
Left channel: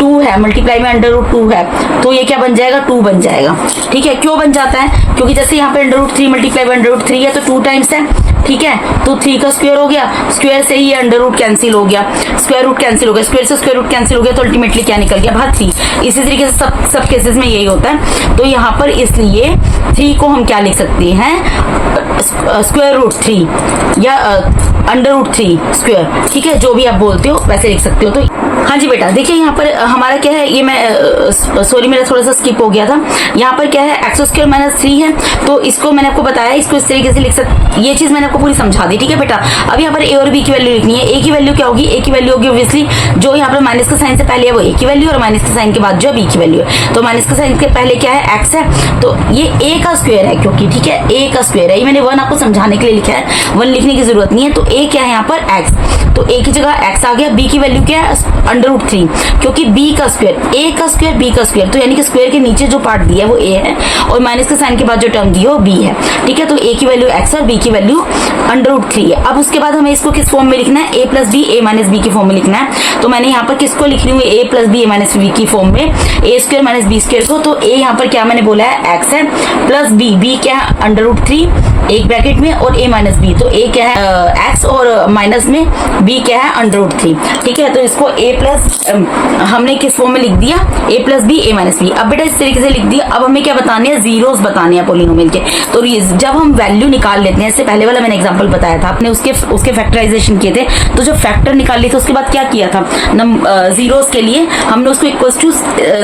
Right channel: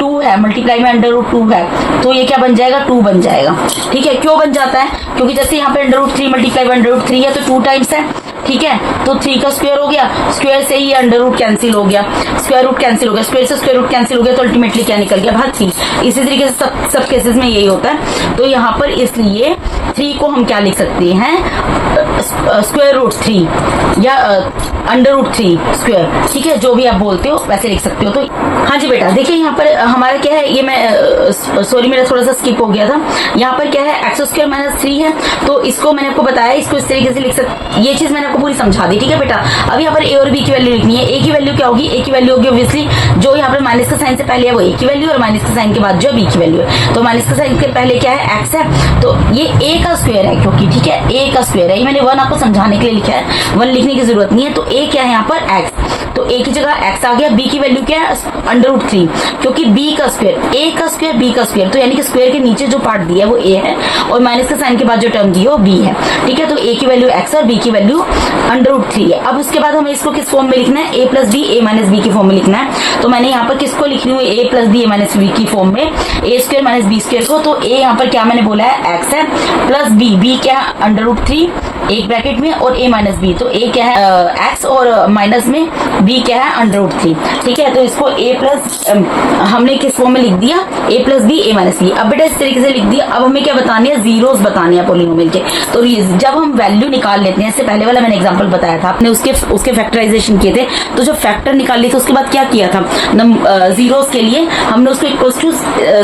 2 है, मल्टीप्लाई में √2 है, तो ये क्या बन जाएगा 2 बन जाएगा। ठीक है, क्यों बन जाता है, क्योंकि जैसे यहाँ पे √3 मल्टीप्लाई में √3 है तो 2 टाइम्स है। ठीक है, तो 3 का स्क्वायर हो गया, स्क्वायर से ही अंडर रूट कैंसिल हो गया, स्क्वायर रूट कैंसिल हो गया, स्क्वायर से स्क्वायर रूट कैंसिल हो गया, तो अल्टीमेटली क्या निकल गया बाहर 3। इसी तरीके से सब केसेस में यही होता है। तो यहाँ पर इसलिए 3 को हम क्या लिख सकते हैं, √3 या √3 स्क्वायर। ठीक है, जो भी आप बोलते हो वैसे लिख सकते हो। तो हाँ जी बेटा, देखिए यहाँ पर हमारा क्या है, ये मैं सॉरी मेरा थोड़ा सा स्किप हो गया था। यहाँ पर क्या है x² - 3 है, तो इसको मैंने आपको बताया, इसको इस तरीके से लिख सकते, ये चीज मैंने आपको पूरी समझा दी। ठीक है बेटा, अब यहाँ पर a और b की वैल्यू लिखनी है। a की वैल्यू क्या होगी, a की वैल्यू होगी ऑब्वियसली जो यहाँ पर माइनस का साइन से पहले है वो a की वैल्यू, और माइनस के साइन के बाद जो b की वैल्यू है। तो माइनस का साइन के पहले क्या है x है, तो ये a का स्क्वायर है, क्योंकि ठीक है a का स्क्वायर है, ये मैंने 1 आपको समझाने के लिए लिखा है, 1 लिखने की जरूरत नहीं है। तो a क्या है यहाँ पर x, तो a की जगह x आ गया। b की वैल्यू क्या है √3, क्योंकि b का स्क्वायर, a का स्क्वायर b का स्क्वायर, तो यानी कि स्क्वायर के नीचे जो पार्ट दिया है वो a है, और माइनस के साइन के बाद जो टर्म दी है वो b है। ठीक है, तो a की वैल्यू x और b की वैल्यू √3 है। अब उसके बाद हमें इसको किस फॉर्म में लिखना है, a + b a - b की फॉर्म में लिखना है। तो मैंने यहाँ पर किसको लिख रही हूँ, a + b a - b की फॉर्म में, a² - b² को। तो a यहाँ पर क्या मैंने बोला है x है, प्लस b क्या है √3 एक ब्रैकेट में, और a - b, तो a क्या है x और माइनस में b क्या है √3। ठीक है, तो इसको हमने किस फॉर्म में लिख दिया, a + b a - b। अब बेटा इस तरीके से लिख दिया। अब हमें क्या बताने हैं, जीरोस बताने हैं पोलिनोमियल के। तो जब हम वैल्यू निकाल लेते हैं, इससे पहले वाला मैंने एग्जांपल बताया था, आपने उसके फैक्टराइजेशन किए थे, तो जब फैक्टर निकाल लिए तो उसके बाद क्या किया था, जीरोस के लिए हमने उसको इक्वल टू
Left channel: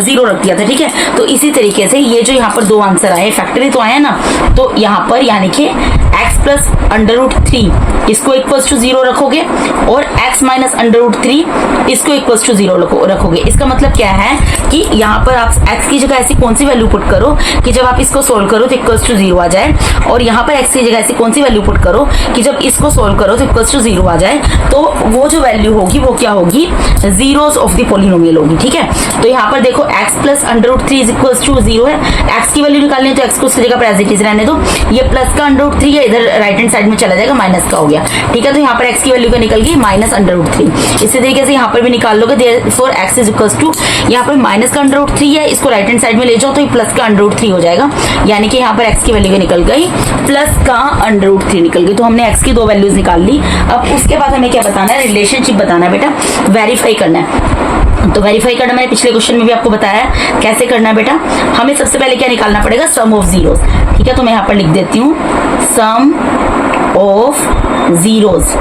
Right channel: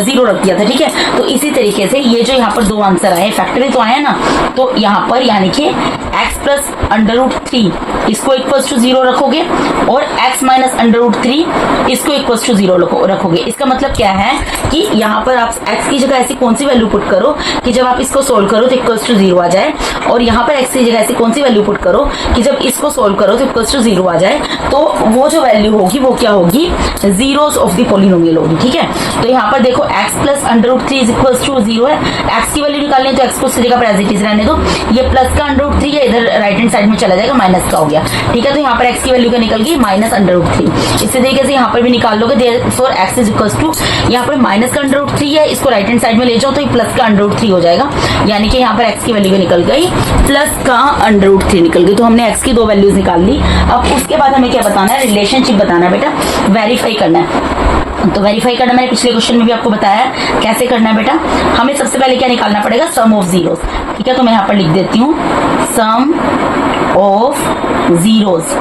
0 रख दिया था। ठीक है, तो इसी तरीके से ये जो यहाँ पर 2 आंसर आए, फैक्टर तो आया ना, तो यहाँ पर यानी कि x + √3 इसको इक्वल टू 0 रखोगे, और x - √3 इसको इक्वल टू 0 रखोगे। इसका मतलब क्या है कि यहाँ पर आप x की जगह ऐसी कौन सी वैल्यू पुट करो कि जब आप इसको सोल्व करो तो इक्वल टू 0 आ जाए, और यहाँ पर x की जगह ऐसी कौन सी वैल्यू पुट करो कि जब इसको सोल्व करो तो इक्वल टू 0 आ जाए। तो वो जो वैल्यू होगी वो क्या होगी, जीरोस ऑफ द पोलिनोमियल होगी। ठीक है, तो यहाँ पर देखो x + √3 इक्वल टू 0 है, x की वैल्यू निकालनी है तो x को उसकी जगह एज इट इज रहने दो, ये प्लस का √3 है, इधर राइट हैंड साइड में चला जाएगा, माइनस का हो गया। ठीक है, तो यहाँ पर x की वैल्यू क्या निकल गई -√3। इसी तरीके से यहाँ पर भी निकाल लोगे, therefore x is equal to, यहाँ पर माइनस का √3 है, इसको राइट हैंड साइड में ले जाओ तो ये प्लस का √3 हो जाएगा, यानी कि यहाँ पर x की वैल्यू क्या निकल गई, प्लस का √3 निकल गई। तो हमने x की 2 वैल्यूज निकाल ली। अब उसके बाद हमें क्या बताना है, रिलेशनशिप बताना है बेटा, वेरीफाई करना है। तो वेरीफाई करना मैंने पिछले क्वेश्चन में भी आपको बताया कैसे करना है बेटा। हमें सबसे पहले क्या निकालना पड़ेगा, सम ऑफ जीरोस। ठीक है, तो मैं यहाँ पर लिख देती हूँ sum of zeros,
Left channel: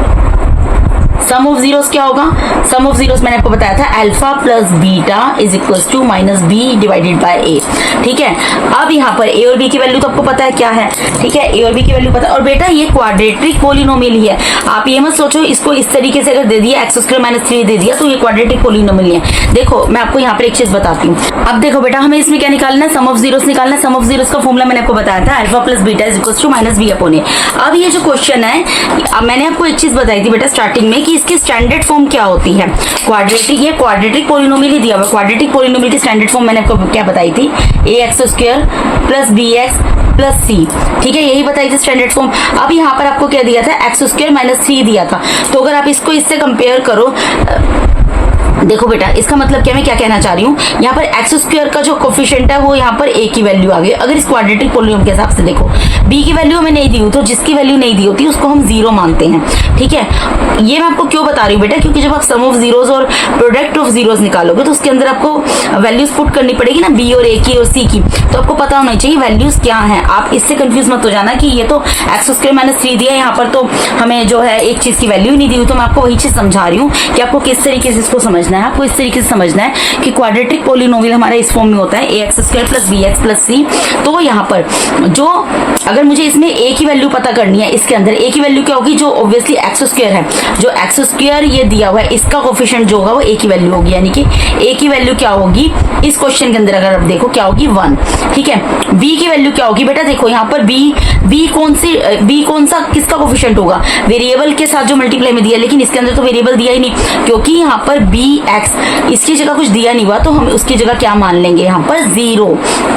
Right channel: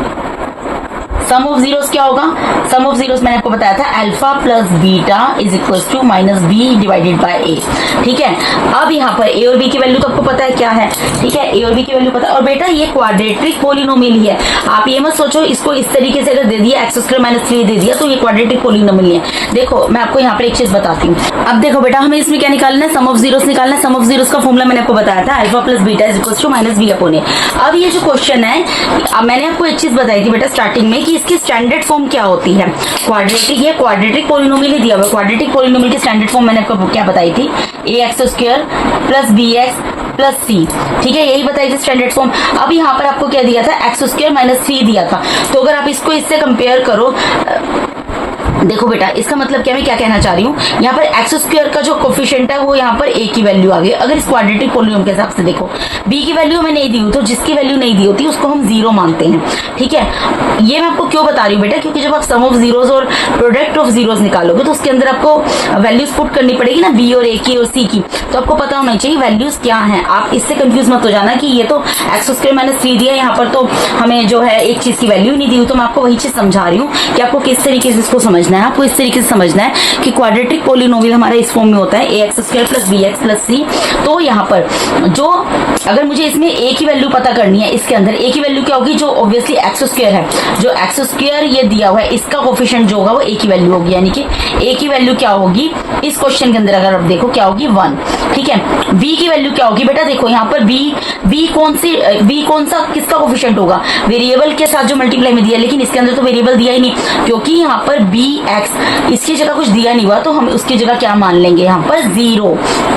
sum of zeros क्या होगा, सम ऑफ जीरोस मैंने आपको बताया था alpha plus beta is equals to minus b divided by a. ठीक है, अब यहाँ पर ए और बी की वैल्यू तो आपको पता है क्या है, ठीक है, ए और बी की वैल्यू पता है। और बेटा ये क्वाड्रेटिक पोलिनोमियल ही है, आप ये मत सोचो इसको इस तरीके से अगर दे दिया एक्स स्क्वायर माइनस 3 दे दिया तो ये क्वाड्रेटिक पोलिनोमियल है। देखो मैं आपको यहाँ पर एक चीज बताती हूँ। अब देखो बेटा हमें इसमें क्या निकालना है, सम ऑफ जीरोस निकालना है। सम ऑफ जीरोस का फॉर्मूला मैंने आपको बताया था alpha plus beta is equals to minus b upon a. अब ये जो क्वेश्चन है, अब मैंने आपको एक चीज बताई थी बेटा स्टार्टिंग में कि इसकी स्टैंडर्ड फॉर्म क्या होती है, क्वाड्रेटिक, ये क्वाड्रेटिक पोलिनोमियल ही दिया हुआ है। क्वाड्रेटिक पोलिनोमियल की स्टैंडर्ड फॉर्म मैंने आपको क्या बताई थी, a x square plus b x plus c. ठीक है, यही बताई थी स्टैंडर्ड फॉर्म। अब यहाँ पर आपको क्या दिया था, एक्स स्क्वायर माइनस 3 दिया था। तो अगर आप इसको इससे कंपेयर करो, देखो बेटा इसका मतलब क्या, मैं क्या कहना चाह रही हूँ, यहाँ पर एक्स स्क्वायर का जो कोफिशिएंट है वो यहाँ पर ए की वैल्यू आ गई। अगर इस क्वाड्रेटिक पोलिनोमियल के हिसाब से देखो, बी की वैल्यू हमें नहीं दी हुई, तो जिसकी वैल्यू नहीं दी होती उसको हम जीरो मानते हैं। ठीक है, ये मैं आपको क्यों बता रही हूँ बेटा, क्योंकि जब आप सम ऑफ जीरोस और प्रोडक्ट ऑफ जीरोस निकालोगे तो उसके अंदर आपको वैल्यूज पुट करनी पड़ेगी ना, बी और ए की और सी की, तो आपको पता होना चाहिए वैल्यूज क्या है। आप इससे कंफ्यूज मत हो जाना कि ये तो एक्स स्क्वायर माइनस 3 दिया, यहाँ पर तो हमें जो है एक चीज की वैल्यू नहीं दी हुई। तो मैं आपको वही चीज समझा रही हूँ कि आपको किस तरीके से इसको समझना है। आपको इस तरीके से समझना है कि क्वाड्रेटिक पोलिनोमियल हमारा इस फॉर्म में होता है a x square plus b x plus c. तो यहाँ पर जो अगर मुझे इसमें ए की वैल्यू पता करनी है, इसके अंदर ए की वैल्यू क्या होगी, जो ऑब्वियसली एक्स स्क्वायर है, जो एक्स स्क्वायर ये दिया हुआ है इसका कोफिशिएंट जो होगा वो ए की वैल्यू होगी, यानी कि ए की वैल्यू क्या होगी इस क्वेश्चन के अंदर अगर आप देखो क्या होगी 1। ठीक है, बी की वैल्यू क्या होगी बेटा, देखो यहाँ पर बी कौन सा किसका कोफिशिएंट होगा, वेरिएबल के साथ जो मल्टीप्लाई में दिया, लेकिन इसके अंदर तो वेरिएबल दिया ही नहीं, क्योंकि यहाँ पर बी एक्स इसकी जगह कुछ दिया नहीं हुआ, तो हम उसकी जगह क्या मान लेंगे, यहाँ पर जीरो।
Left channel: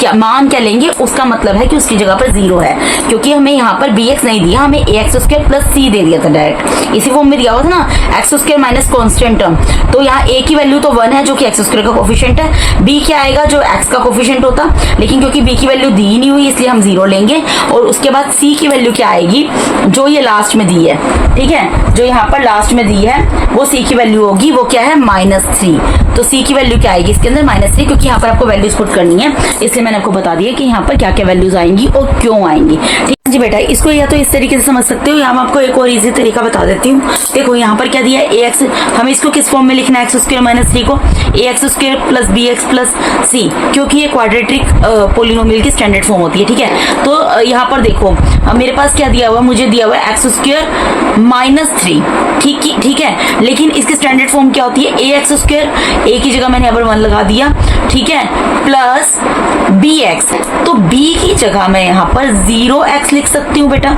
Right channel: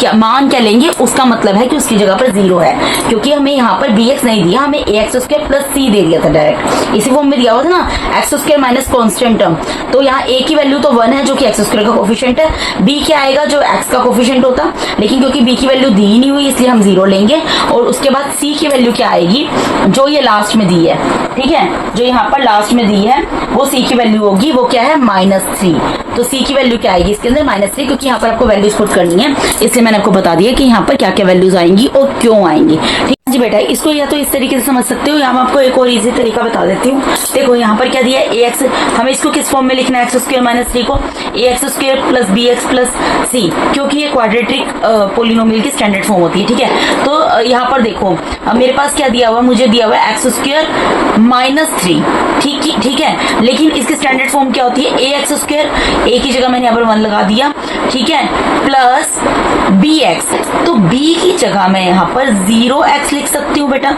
क्या मान क्या लेंगे, उसका मतलब है कि उसकी जगह पर जीरो है, क्योंकि हमें यहाँ पर बी एक्स नहीं दिया, हमें ए एक्स स्क्वायर प्लस सी दे दिया था डायरेक्ट, इसी फॉर्म में दिया हुआ था ना, x square minus constant term. तो यहाँ ए की वैल्यू तो 1 है जो कि एक्स स्क्वायर का कोफिशिएंट है, बी क्या आएगा जो एक्स का कोफिशिएंट होता, लेकिन क्योंकि बी की वैल्यू दी ही नहीं हुई इसलिए हम जीरो लेंगे। और उसके बाद सी की वैल्यू क्या आएगी, जो ये लास्ट में दी है, ठीक है, जो यहाँ पर लास्ट में दी है वो सी की वैल्यू होगी, वो क्या है -3। तो सी की वैल्यू क्या आएगी इसके अंदर -3, क्योंकि यहाँ पर आपको वैल्यूज पुट करनी है, इसलिए मैंने आपको बता दिया कि यहाँ पर क्या क्या वैल्यूज आएंगी और क्यों आएंगी। ठीक जी बेटा, इसको या तो इस तरीके से समझ सकते हो, या मैं आपको एक और इजी तरीका बता देती हूँ। देखो यहाँ पर क्या दिया है, ए एक्स, हमें इसको किस फॉर्म में लिखना है, एक्स स्क्वायर माइनस 3 को a x square plus b x plus c, क्योंकि ये क्वाड्रेटिक पोलिनोमियल की स्टैंडर्ड फॉर्म होती है। ठीक है, तो यहाँ पर देखो मेरे पास क्या दिया हुआ, मुझे दिया हुआ है एक्स स्क्वायर -3। ठीक है, लेकिन इसकी स्टैंडर्ड फॉर्म क्या होती है, ए एक्स स्क्वायर, ए की जगह मैंने यहाँ पर 1 लगा दिया, ठीक है, प्लस बी एक्स, तो बी की जगह मैं यहाँ पर 0x लिख सकती हूँ बेटा।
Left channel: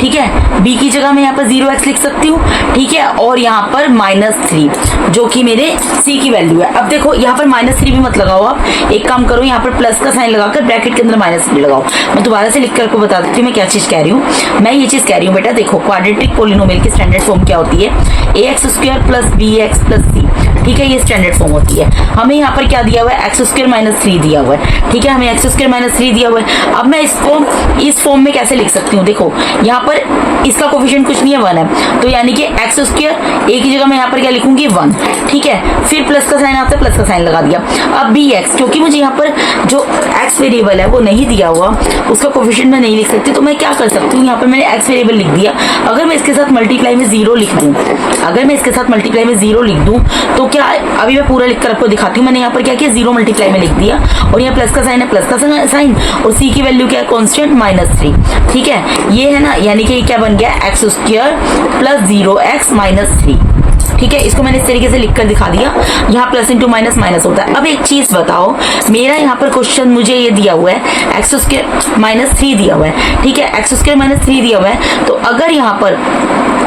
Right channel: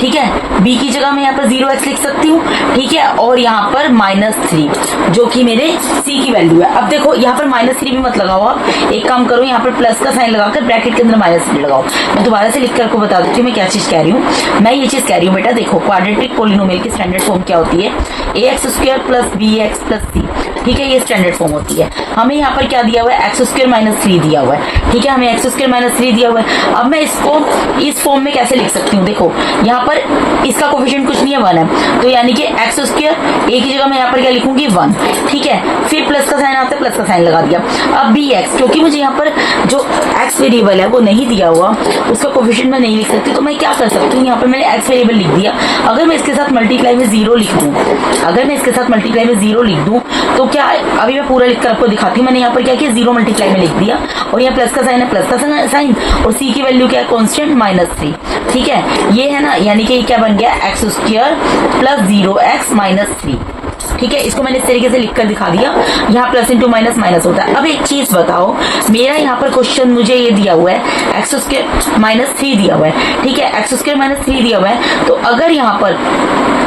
ठीक है, बी की जगह मैं यहाँ पर 0x लिख सकती हूँ, ठीक है, और यहाँ पर -3 जो कि मेरे सी की वैल्यू है। अब देखो यहाँ पर -3 भी मत लगाओ, आप एक काम करो, यहाँ पर प्लस का साइन लगाकर ब्रैकेट के अंदर -3 लगाओ। मैं दोबारा से लिख कर आपको बता देती हूँ मैं क्या चीज कह रही हूँ। मैं ये चीज कह रही हूँ बेटा, देखो क्वाड्रेटिक पोलिनोमियल की स्टैंडर्ड फॉर्म क्या होती है, a x square plus b x plus c. ठीक है, ये स्टैंडर्ड फॉर्म होती है। हमें यहाँ पर क्या दिया हुआ है, एक्स स्क्वायर -3 दिया हुआ है। ठीक है, हमें एक्स स्क्वायर -3 दिया हुआ है। अब मैं इसको इस फॉर्म में कैसे लिख सकती हूँ, देखो यहाँ पर इसका कोफिशिएंट कुछ नहीं है, 1 है, तो यानी कि एक्स स्क्वायर ए की जगह मैं यहाँ पर क्या लिखूंगी 1। ठीक है, फिर प्लस का साइन आता है, प्लस का साइन लगा दिया। अब बी एक्स, क्योंकि मुझे यहाँ पर जो एक्स वेरिएबल है वो नहीं दिया हुआ, उसका कोफिशिएंट मैं नहीं लिख सकती, तो मैं क्या कर सकती हूँ, यहाँ पर मैंने एक्स वेरिएबल लिख दिया। अगर मैं इसके साथ मल्टीप्लाई में 0 लिख दूँ, अगर मैं इसके साथ मल्टीप्लाई में 0 लिख दूँ तो क्या, अभी मैं पूरा लिखकर आपको दिखाती हूँ। मैंने यहाँ पर क्या किया, 0 मल्टीप्लाई में लिख दिया, और यहाँ प्लस का साइन है, प्लस का साइन, और सी की वैल्यू क्या है, कांस्टेंट -3। ठीक है, ये है ना, यानी कि क्या बन गया, एक्स स्क्वायर प्लस 0x -3। ठीक है, इसको मैंने इस तरीके से लिखकर दिखा दिया। यहाँ प्लस इंटू माइनस माइनस होता है। अब एक चीज बताओ, मेरा यहाँ पर क्वेश्चन मुझे ये दिया हुआ है एक्स स्क्वायर -3 दिया हुआ है। ठीक है, एक्स स्क्वायर -3 दिया हुआ है, तो अगर यहाँ पर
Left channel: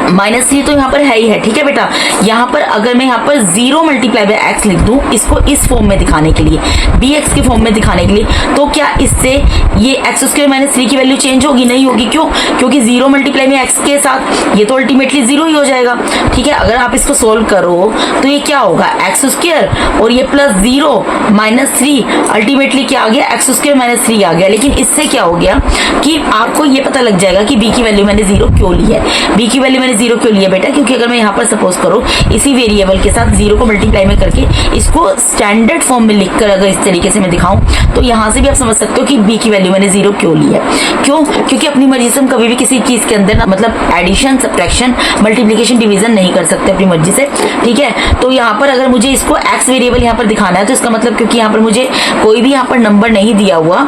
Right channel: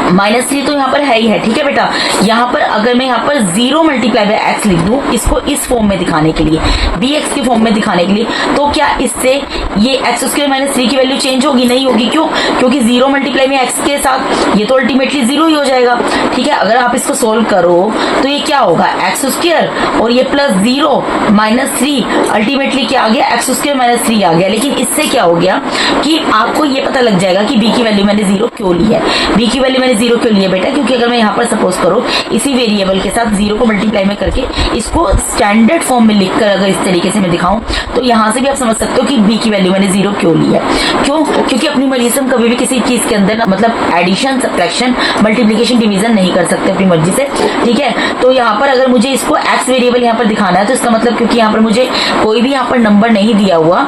-3 तो यहाँ पर है ही है। ठीक है बेटा, यहाँ पर अगर मैं यहाँ पर 0 मल्टीप्लाई बाय एक्स लिख दूं, इसको इस फॉर्म में दिखाने के लिए, बी एक्स की फॉर्म में दिखाने के लिए, तो क्या इससे ये एक्स स्क्वायर -3 की वैल्यू चेंज होगी? नहीं होगी। क्यों? क्योंकि 0 मल्टीप्लाई में एक्स के साथ ये तो अल्टीमेटली 0 ही हो जाएगा। ठीक है, अगर आप इसको सोल्व करो तो ये क्या होगा, एक्स स्क्वायर और ये प्लस 0 -3, अल्टीमेटली क्या आ गया, एक्स स्क्वायर -3 आ गया। लेकिन इससे क्या हो गया कि आपको ये पता लग जाएगा कि बी की वैल्यू मैंने 0 क्यों ली है। बी की वैल्यू मैंने जीरो क्यों लिया बेटा, क्योंकि अगर मैं यहाँ पर सपोज करो इसी वेरिएबल के साथ जीरो को मल्टीप्लाई में करके इसको स्टैंडर्ड फॉर्म में लिखकर अगर इस तरीके से मैं दिखाऊं तो यहाँ से भी आप समझ सकते हो कि बी की वैल्यू मैंने जीरो क्यों लिया। क्यों? क्योंकि अपनी मर्जी से हम कभी भी किसी चीज के अंदर मतलब एडिशन, सब्ट्रैक्शन, मल्टीप्लिकेशन, डिवीजन नहीं कर सकते अपनी मर्जी से, ठीक है। तो यहाँ पर अगर मुझे इसको एक्स वेरिएबल यहाँ पर दिखाना है तो इसका मतलब क्योंकि यहाँ पर मुझे कोई भी यहाँ पर नंबर नहीं दिया हुआ,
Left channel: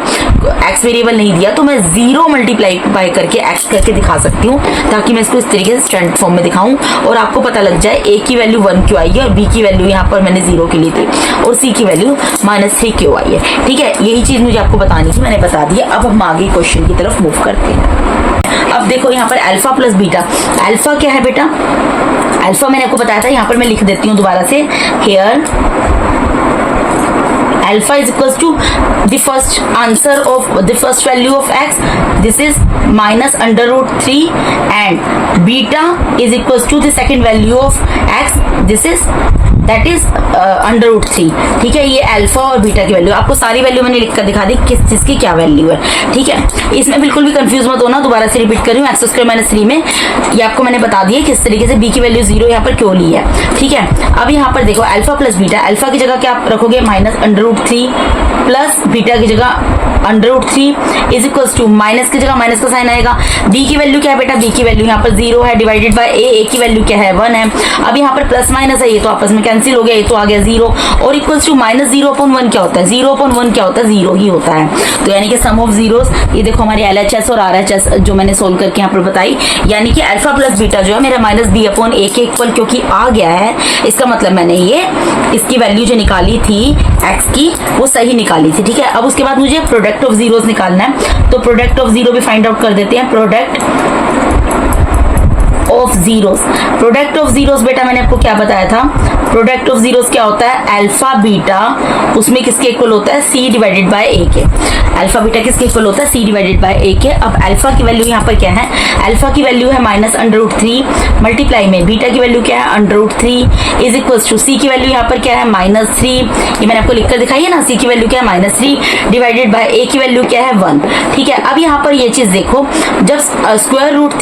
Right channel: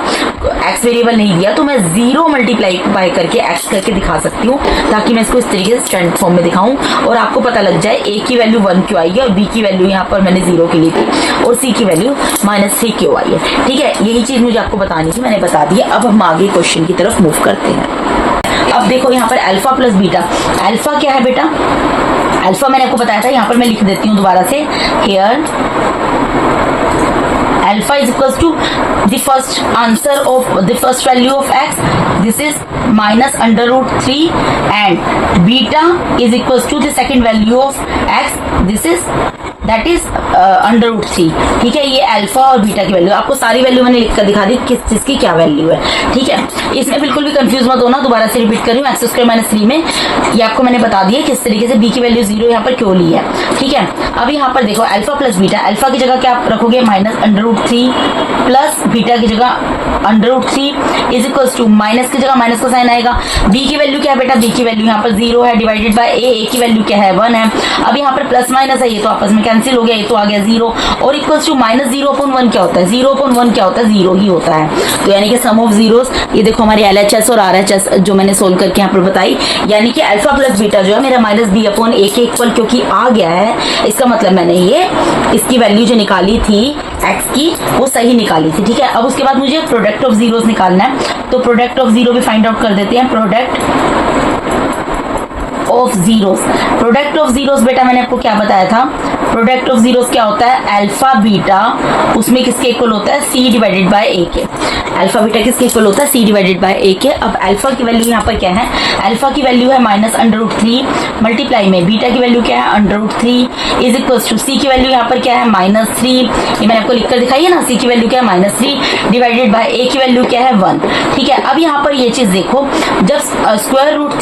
एक्स वेरिएबल नहीं दिया, तो मैं जीरो मल्टीप्लाई बाय करके एक्स करके दिखा सकती हूँ ताकि मैं इसको इस तरीके से स्टैंडर्ड फॉर्म में दिखाऊं और आपको पता लग जाए ए की वैल्यू 1 क्यों आई है और बी की वैल्यू यहाँ पर मैंने जीरो की ली थी और सी की वैल्यू -3 क्यों आई है, ठीक है। यही चीज मुझे आपको बतानी थी, मैंने बता दिया। अब हम आगे क्वेश्चन की तरफ मूव करते हैं। अब देखो यहाँ पर अल्फा प्लस बीटा, अल्फा क्या है बेटा, अल्फा मैंने आपको बताया था, यहाँ पर मैं लिख देती हूँ दोबारा से, here alpha is equals to the first answer of the first value of x, this is minus under root 3, and beta is equals to the second value of x, this is that is under root 3, ठीक है। ये alpha और beta की value, आपको सारी value मैंने लिखकर दिखा दी किस चीज की क्या वैल्यू है, ठीक है। इसमें बिल्कुल भी कंफ्यूज मत होना, दोबारा से रिपीट कर रही हूँ, x² - 3 में ये आपको मैंने बता दिया किस तरीके से बी की वैल्यू जीरो यहाँ पर क्यों ली है, ठीक है। अब यहाँ पर देखो अल्फा प्लस बीटा, अल्फा की जगह क्या आप रखोगे minus under root 3 plus beta की जगह under root 3 is equals to minus की जगह माइनस का साइन आएगा। बी की वैल्यू क्या है बेटा, बी की वैल्यू यहाँ पर जीरो है डिवाइडेड बाय ए की वैल्यू क्या है 1 है। अब यहाँ पर प्लस माइनस है, ये तो आपस में कैंसिल हो गया, ये तो आ गया जीरो और इक्वल्स टू -0/1 क्या होता है, 0/1 क्या होता है, जीरो ही होता है। तो यानी कि सम ऑफ जीरोस, ये देखो हमारी LHS और RHS जो मैंने सोल्व करके यहाँ पर बताई, यानी कि अल्फा प्लस बीटा जो है मेरा -b/a के इक्वल क्योंकि आ गया है, इसका मतलब मैंने ये इसकी वैल्यू जो निकाली थी x की वो सही निकाली थी, ठीक है। अब उसके बाद मुझे प्रोडक्ट ऑफ जीरोस निकालना है, तो प्रोडक्ट ऑफ जीरो भी फाइंड आउट कर देते हैं। Product of zeros, product of zeros बेटा मैंने आपको क्या बताया था, प्रोडक्ट ऑफ जीरोस क्या होता है, अल्फा बीटा उसमें किसके इक्वल होता है, c डिवाइडेड बाय a के। अल्फा बीटा किसके इक्वल होता है, c डिवाइडेड बाय a के। अब अल्फा की वैल्यू यहाँ पर क्या है, अल्फा की वैल्यू है माइनस अंडर रूट 3 मल्टीप्लाई में बीटा की वैल्यू क्या है under root 3 is equals to c की वैल्यू यहाँ पर क्या है -3, ये मैंने आपको लिखकर दिखाई है ना, c की वैल्यू क्या है -3 डिवाइडेड बाय a की वैल्यू क्या है 1, ठीक है। अब यहाँ पर ये चीज देखो, जब स्क्वायर रूट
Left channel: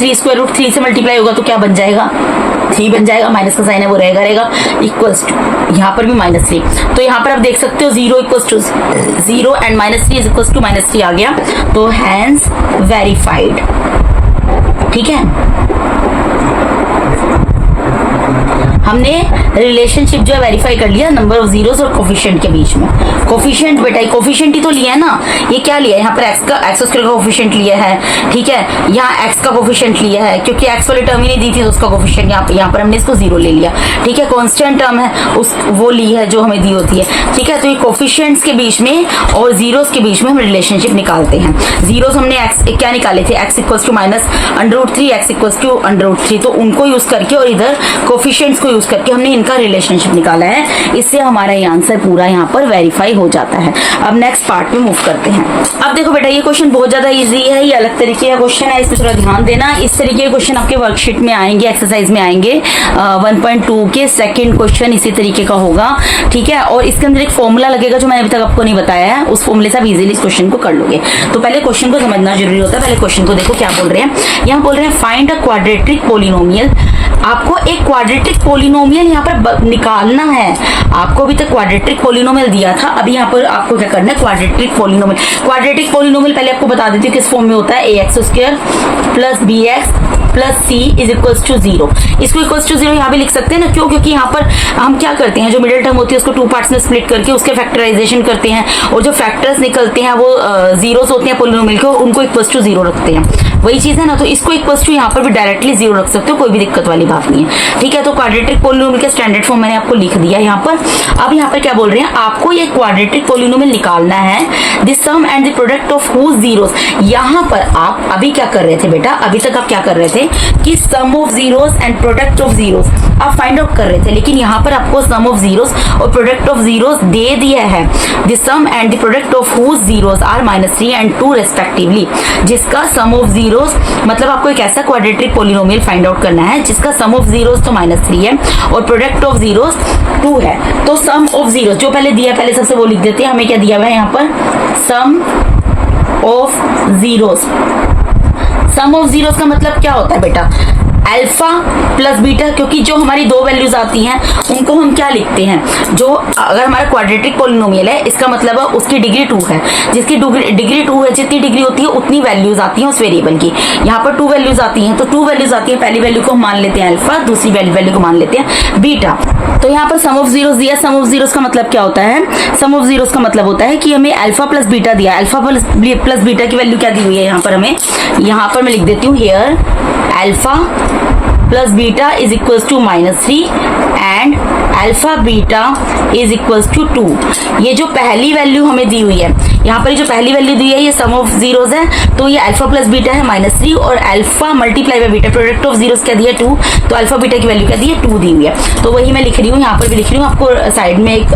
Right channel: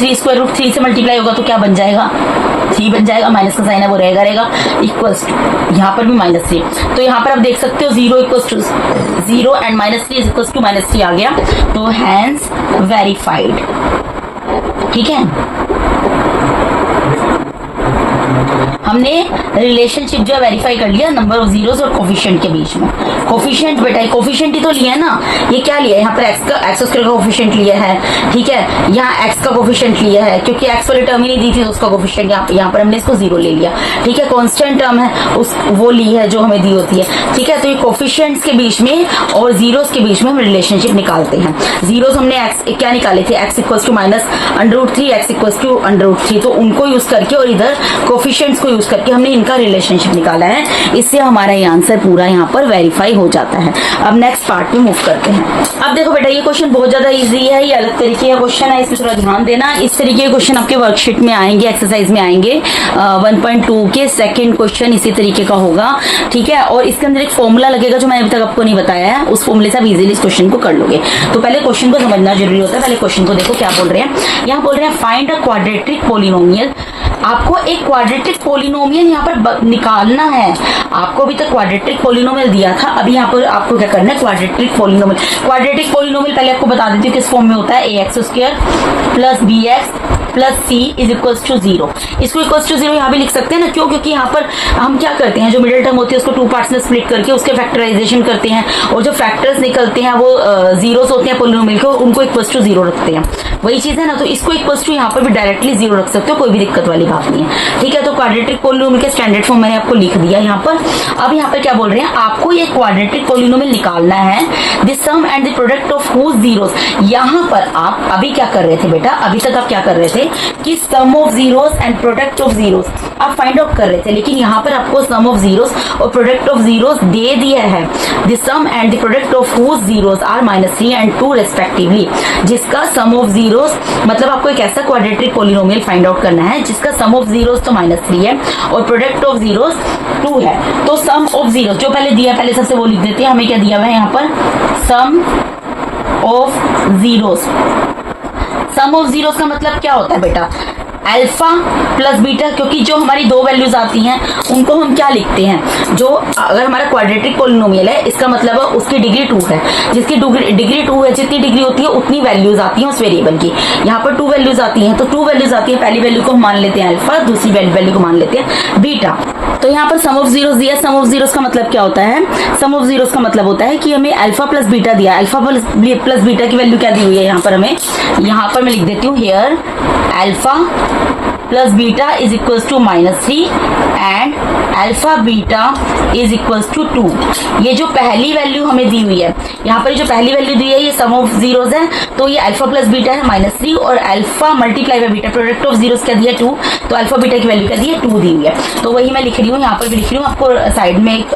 3 से मल्टीप्लाई होगा तो क्या बन जाएगा, 3 बन जाएगा, माइनस का साइन है वो रहेगा इक्वल्स टू यहाँ पर भी -3, तो यहाँ पर आप देख सकते हो 0 equals to 0 and -3 is equals to -3 आ गया, तो हैंस वेरीफाइड, ठीक है। हमने रिलेशनशिप जो है वेरीफाई कर लिया नंबर ऑफ जीरोस और कोफिशिएंट के बीच में। कोफिशिएंट बेटा कोफिशिएंट ही तो लिया है ना, ये क्या लिया है यहाँ पर एक्स स्क्वायर का कोफिशिएंट लिया है, ठीक है। यहाँ एक्स का कोफिशिएंट लिया है क्योंकि एक्स वाली टर्म ही नहीं दी थी तो उसका कोफिशिएंट यहाँ पर हमने इसको 0 ले लिया, ठीक है। कांस्टेंट टर्म है उस वो ली है जो हमें दी होती है, ठीक है। तो ये कोफिशिएंट्स के बीच में और जीरोस के बीच में हम रिलेशनशिप निकालते हैं। जीरोस हमने एक्स क्या निकाले थे, X equals to -√3 X equals to √3, तो उनको यूज करके और इधर कोफिशिएंट्स को यूज करके हमने इनका रिलेशनशिप निकाला है, इससे हमारा ये आंसर पूरा यहाँ पर वेरीफाई हो जाता है। अब नेक्स्ट पार्ट में मूव करते हैं। अब देखो बेटा ये क्वेश्चन बहुत ज्यादा इजी है, ये अलग तरीके का क्वेश्चन है, इसमें थोड़ा ध्यान देना। इस तरीके के क्वेश्चन आपके वर्कशीट में आएंगे, एक्सरसाइज में आएंगे। 1.2 के सेकंड क्वेश्चन इसी तरीके का होगा, ठीक है। और इसके अंदर एक फॉर्मूला लगेगा जो मैंने अभी तक आपको नहीं बताया है, उस फॉर्मूले से आप इजीली इस क्वेश्चन को कर लोगे। तो पहले क्वेश्चन को समझना जरूरी होता है, पहले क्वेश्चन को देखो क्या बोल रहे हैं। यहाँ बोल रहे हैं फाइंड अ क्वाड्रेटिक पोलिनोमियल, आपको एक क्वाड्रेटिक पोलिनोमियल यहाँ पर निकालना है। आपको अभी तक क्वाड्रेटिक पोलिनोमियल दिया था, अभी यहाँ पर आपको क्या करना है क्वाड्रेटिक पोलिनोमियल। क्वाड्रेटिक पोलिनोमियल पहले आपको बता देती हूँ किस फॉर्म में होता है, ax² + bx + c is equals to 0। इसको इक्वल्स टू 0 यहाँ भी लिख सकते हैं ना, क्यों, क्योंकि यहाँ पर हम क्या करते हैं, जो मिडिल टर्म होती है उसको 2 पार्ट्स में स्प्लिट करके उसके फैक्टराइजेशन करते हैं और जो फैक्टर्स निकलते हैं वो जीरोस होते हैं पोलिनोमियल के, उनको इक्वल्स टू 0 रखते हैं, वही चीज है ना। तो इसको इक्वल्स टू यहाँ पर भी डायरेक्टली 0 रख सकते हो, कोई भी दिक्कत वाली बात नहीं है, ठीक है। तो क्वाड्रेटिक पोलिनोमियल का स्टैंडर्ड फॉर्म मैंने आपको लिख दिया यहाँ पर। अब यहाँ पर क्या बोल रहे हैं, आपको ये क्वाड्रेटिक पोलिनोमियल निकालना है, the sum and the product of whose zeros. यहाँ पर आप अभी क्या कर रहे थे बेटा, अभी तक आप क्या कर रहे थे कि sum of zeros and product of zeros आप फाइंड आउट कर रहे थे, लेकिन यहाँ पर आपको सम ऑफ जीरोस और प्रोडक्ट ऑफ जीरोस दे दिया है। The sum and the product of whose zeros are -3 and 2 respectively, जिसका सम ऑफ जीरोस मतलब आपको एक ऐसा क्वाड्रेटिक पोलिनोमियल फाइंड आउट करना है जिसका सम ऑफ जीरोस तो -3 है और प्रोडक्ट ऑफ जीरोस 2 है। तो सम ऑफ जीरोस जो पहले दिया, पहले सबसे वो लिख देते हैं, हमें क्या दिया हुआ है यहाँ पर, sum of zeros. Sum of zeros का मतलब क्या होता है बेटा, अल्फा प्लस बीटा, क्योंकि जो हमारी दो वैल्यूज आती हैं उनको हम क्या लिखते हैं, जो अगर हमारा क्वाड्रेटिक पोलिनोमियल है इसका मतलब है उसकी डिग्री 2 है, जिसकी डिग्री 2 है, जितनी डिग्री होती है उतनी वैल्यूज आती हैं उस वेरिएबल की। यहाँ पर 2 वैल्यूज आती हैं, तो 2 वैल्यूज आती है, पहली वैल्यू को हम मान लेते हैं अल्फा, दूसरी वैल्यू को मान लेते हैं बीटा। तो यहाँ पर सम ऑफ जीरोस दिया, सम ऑफ जीरोस का मतलब क्या होता है, सम ऑफ जीरोस का मतलब होता है कि हमें अल्फा प्लस बीटा दिया, अल्फा प्लस बीटा की वैल्यू क्या दी हुई है यहाँ पर हमें, यहाँ पर मैं लिख देती हूँ here alpha plus beta is equals to -3 and alpha beta is equals to 2। ये जो पहली वैल्यू हमें दी हुई है, यहाँ पर जो पहली वैल्यू दी है ये सम ऑफ जीरोस है, तो ये अल्फा प्लस बीटा है -3 और alpha multiply by beta, product of zeros क्या दिया 2, तो अल्फा बीटा की वैल्यू क्या दी है 2 दी हुई है। तो वही मैं लिख रही हूँ, यहाँ पर भी लिख रही हूँ, आपको साइड में एक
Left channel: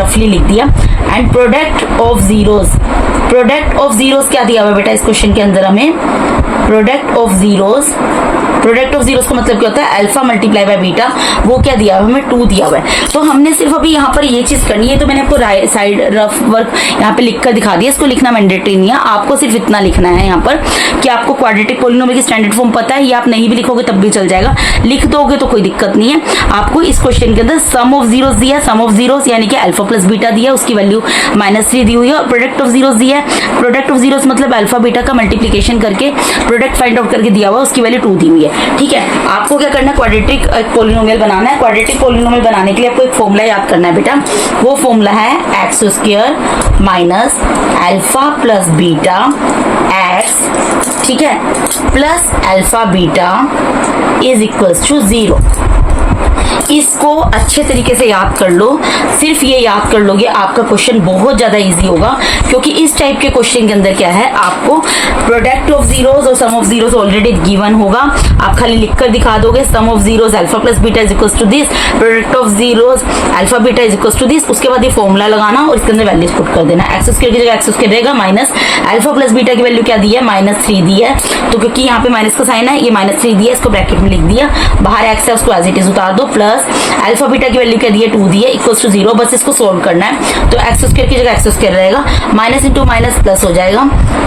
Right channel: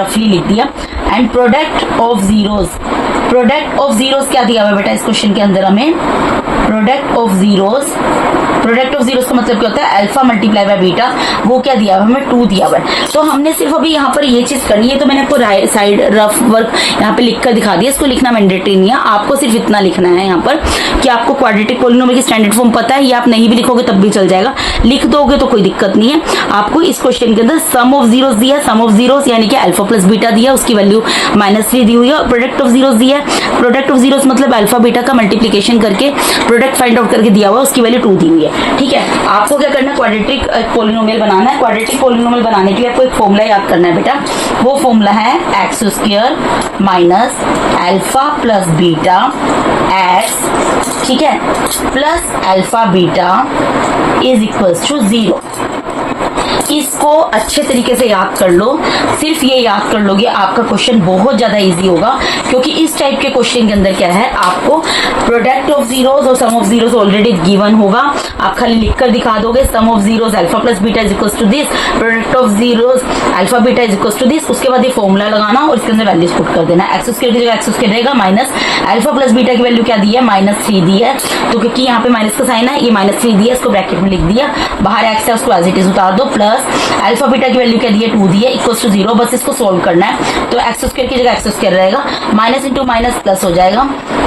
रफली लिख दिया। And product of zeros, product of zeros क्या दिया हुआ है बेटा इस क्वेश्चन के अंदर हमें, product of zeros, product of zeros का मतलब क्या होता है अल्फा मल्टीप्लाई बाय बीटा, वो क्या दिया हुआ है हमें 2 दिया हुआ है। तो हमने सिर्फ अभी यहाँ पर ये चीज करनी है, तो मैंने आपको साइड रफ वर्क यहाँ पे लिख कर दिखा दिया, इसको लिखना मैंडेटरी नहीं है, आपको सिर्फ इतना लिखना है यहाँ पर कि आपको क्वाड्रेटिक पोलिनोमियल की स्टैंडर्ड फॉर्म पता है, ये आप नहीं भी लिखोगे तब भी चल जाएगा, लिख दोगे तो कोई दिक्कत नहीं है। आपको इस क्वेश्चन के अंदर सम ऑफ जीरोस दिया, सम ऑफ जीरोस यानी कि अल्फा प्लस बीटा दिया, उसकी वैल्यू -3 दी हुई है, और प्रोडक्ट ऑफ जीरोस दिया है, प्रोडक्ट ऑफ जीरोस मतलब अल्फा बीटा का मल्टीप्लीकेशन करके प्रोडक्ट फाइंड आउट करके दिया हुआ, उसकी वैल्यू 2 दी हुई है। ठीक है, आपको क्या करना है, क्वाड्रेटिक पोलिनोमियल बनाना है। क्वाड्रेटिक पोलिनोमियल बनाने के लिए आपको एक फॉर्मूला याद करना है बेटा, वो फॉर्मूला है x² minus alpha plus beta x, ठीक है, plus alpha beta is equals to 0। इसको अच्छे तरीके से याद कर लो, सिर्फ ये याद कर लोगे आपका क्वेश्चन बहुत ज्यादा इजी होगा, क्योंकि इस टाइप के क्वेश्चन के अंदर क्या है, आपको प्रोडक्ट ऑफ जीरोस और sum of zeros already given होगा, आप खाली लिखकर दिखा दोगे sum of zeros alpha plus beta is equals to this, product of zeros alpha beta is equals to this, उसके बाद ये फॉर्मूला लगाना और इसके अंदर वैल्यूज पुट कर देना, एक्स स्क्वायर की जगह एक्स स्क्वायर रहेगा, माइनस अल्फा प्लस बीटा की वैल्यू क्या दी है -3 दी है, तो क्योंकि यहाँ पे माइनस का साइन है ये -3 दिया, इसको ब्रैकेट में लिख दिया, बाहर एक्स है उसको एज इट इज उतार दो, प्लस अल्फा बीटा की वैल्यू क्या दी है 2 दी है, इक्वल्स टू 0, बस इसको सोल्व करना है, तो एक्स स्क्वायर की जगह एक्स स्क्वायर रहेगा, माइनस इंटू माइनस प्लस हो जाएगा,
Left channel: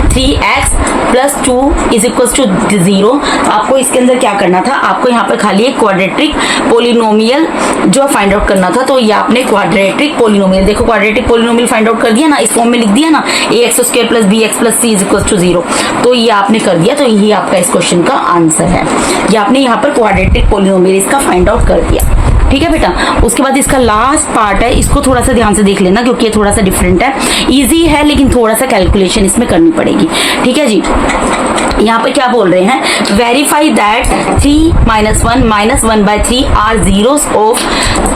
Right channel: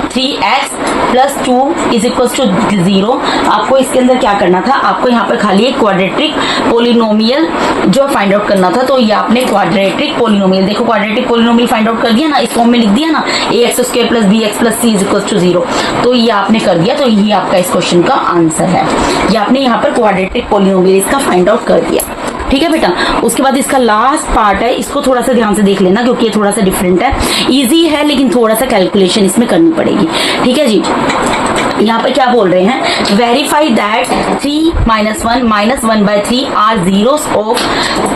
3x plus 2 is equals to 0। आपको इसके अंदर क्या करना था, आपको यहाँ पर खाली एक क्वाड्रेटिक पोलिनोमियल जो फाइंड आउट करना था, तो ये आपने क्वाड्रेटिक पोलिनोमियल, देखो क्वाड्रेटिक पोलिनोमियल फाइंड आउट कर दिया ना, इस फॉर्म में लिख दिया ना, ax square plus bx plus c is equals to 0, तो ये आपने कर दिया, तो यही आपका इस क्वेश्चन का आंसर है, ये आपने यहाँ पर क्वाड्रेटिक पोलिनोमियल इसका फाइंड आउट कर दिया। ठीक है बेटा, उसके बाद इसका लास्ट पार्ट है, इसको थोड़ा सा ध्यान से देख लेना क्योंकि ये थोड़ा सा डिफरेंट है, इजी है लेकिन थोड़ा सा कैलकुलेशन इसमें करनी पड़ेगी। ठीक है जी, यहाँ पे क्या बोल रहे हैं, verify that 3 - 1 - 1/3 are zeros of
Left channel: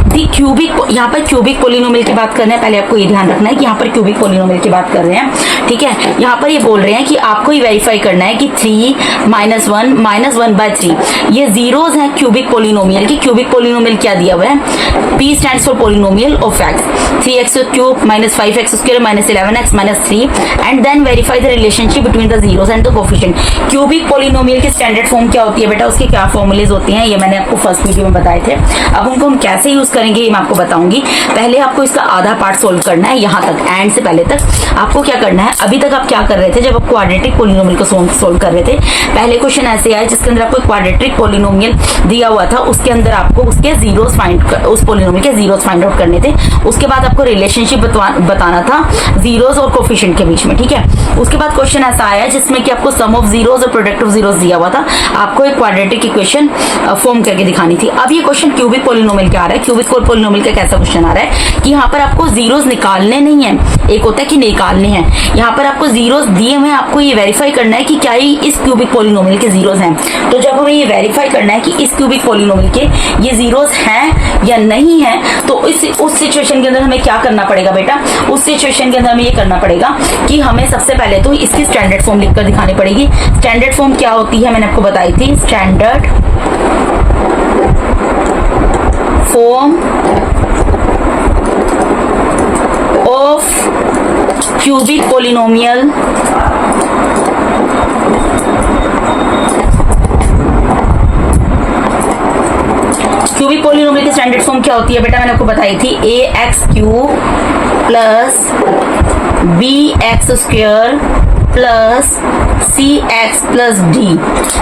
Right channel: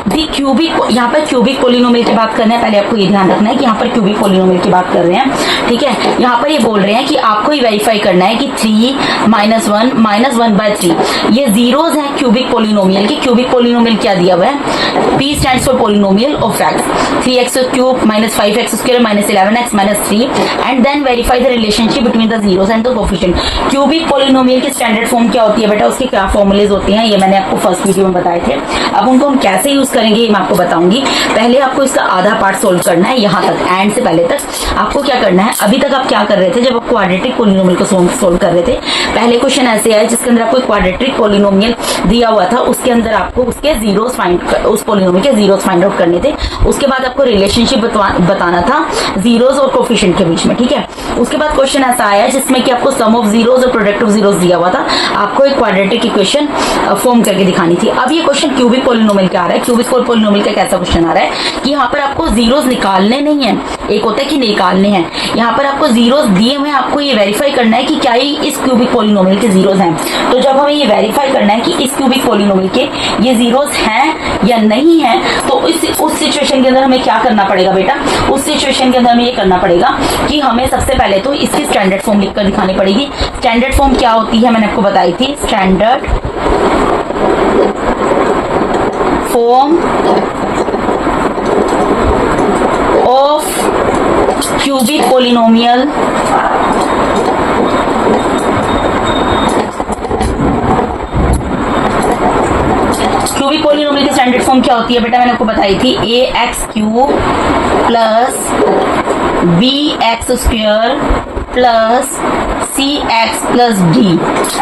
the cubic, यहाँ पर क्यूबिक पोलिनोमियल की बात करना है, पहले आपको ये ध्यान रखना है कि यहाँ पर क्यूबिक पोलिनोमियल की बात कर रहे हैं। ठीक है, यहाँ पर ये बोल रहे हैं कि आपको ये वेरीफाई करना है कि 3 - 1 - 1/3 ये जीरोस हैं क्यूबिक पोलिनोमियल की। क्यूबिक पोलिनोमियल क्या दिया हुआ है, P stands for polynomial of x, 3x³ - 5x² - 11x - 3 and then verify the relationship between the zeros and the coefficient. Cubic polynomial की स्टैंडर्ड फॉर्म क्या होती है बेटा, उसके क्या फॉर्मूलेज होते हैं, ये मैंने आपको फर्स्ट वीडियो में बताए थे, अब उनको हम कैसे यूज करेंगे ये मैं आपको बताऊंगी। पहले आपको इसका आधा पार्ट सोल्व करना है, यहाँ तक एंड से पहले तक आपको क्या करना है, अभी तक आप क्या कर रहे थे जब आप क्वाड्रेटिक पोलिनोमियल को सोल्व कर रहे थे, पहले क्वेश्चन ऐसे आया जिसके अंदर आपको क्वाड्रेटिक पोलिनोमियल दिया हुआ था, उसके अंदर आपको उसके जीरोस उस पोलिनोमियल के जीरोस फाइंड आउट करने थे, उसके बाद आपको रिलेशनशिप बताना था जीरोस और कोफिशिएंट के बीच में। ठीक है, उसके बाद क्वेश्चन ऐसा आया जिसमें कि आपको सम ऑफ जीरोस और प्रोडक्ट ऑफ जीरोस दिया हुआ था, आपको एक क्वाड्रेटिक इक्वेशन फॉर्म करके दिखानी थी। अब ये क्वेश्चन क्यूबिक पोलिनोमियल का आ रहा है। क्यूबिक पोलिनोमियल का कैसा क्वेश्चन आ रहा है कि यहाँ पर आपको जीरोस निकालने नहीं है, एक होता है कि निकालने हैं, यहाँ पर आपको जीरोस दिए हुए, आपको ये वेरीफाई करना है कि क्या ही इस क्यूबिक पोलिनोमियल के जीरोस हैं। तो जब हमें ये वेरीफाई करना है कि इस क्यूबिक पोलिनोमियल के ये जीरोस हैं या नहीं है, तो उस सिचुएशन के अंदर हमें क्या करना पड़ेगा बेटा, उस सिचुएशन के अंदर हमें ये करना पड़ेगा कि हमें सबसे पहले तो इसकी स्टैंडर्ड फॉर्म लिखकर दिखानी पड़ेगी। स्टैंडर्ड फॉर्म क्या होती है मैंने आपको बताई थी, standard form of cubic polynomial cubic polynomial की स्टैंडर्ड फॉर्म क्या होती है बेटा, मैंने आपको बताई थी, ax³ + bx² plus c x plus D.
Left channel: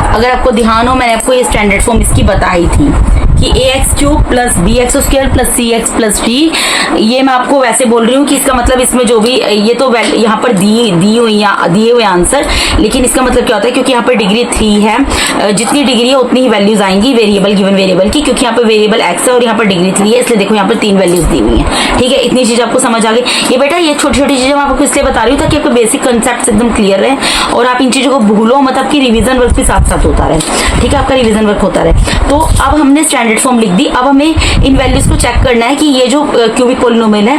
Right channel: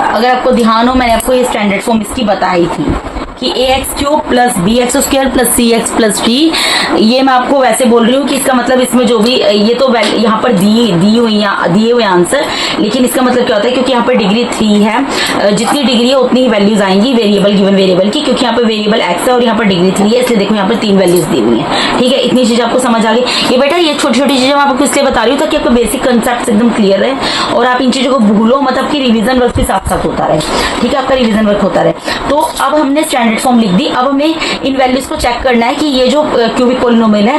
अगर आपको ध्यान हो, मैंने आपको ये स्टैंडर्ड फॉर्म इसकी बताई थी कि a x cube plus b x square plus c x plus d. ये मैं आपको वैसे बोल रही हूँ कि इसका मतलब इसमें जो भी ये तो यहाँ पर दिए हुए आंसर, लेकिन इसका मतलब क्या होता है, क्योंकि यहाँ पर डिग्री 3 है, जितनी डिग्री है उतनी ही वैल्यूज आएंगी वेरिएबल गिवन वेरिएबल की, क्योंकि यहाँ पर वेरिएबल एक्स है और यहाँ पर डिग्री 3 है, इसलिए देखो यहाँ पर 3 वैल्यूज दी हुई है। ठीक है, इतनी चीज आपको समझ आ गई। ये बेटा ये छोटी छोटी चीजें मैं आपको इसलिए बता रही हूँ ताकि आपको बेसिक कंसेप्ट एकदम क्लियर है और आप इन चीजों को भूलो, मतलब कि रिवीजन वर्क भी साथ साथ होता रहे। ठीक है, आपका रिवीजन वर्क होता रहे। तो अब हमने स्टैंडर्ड फॉर्म लिख दी। अब हमें इन वैल्यूज को चेक करना है कि ये जो क्यूबिक पॉलिनोमियल है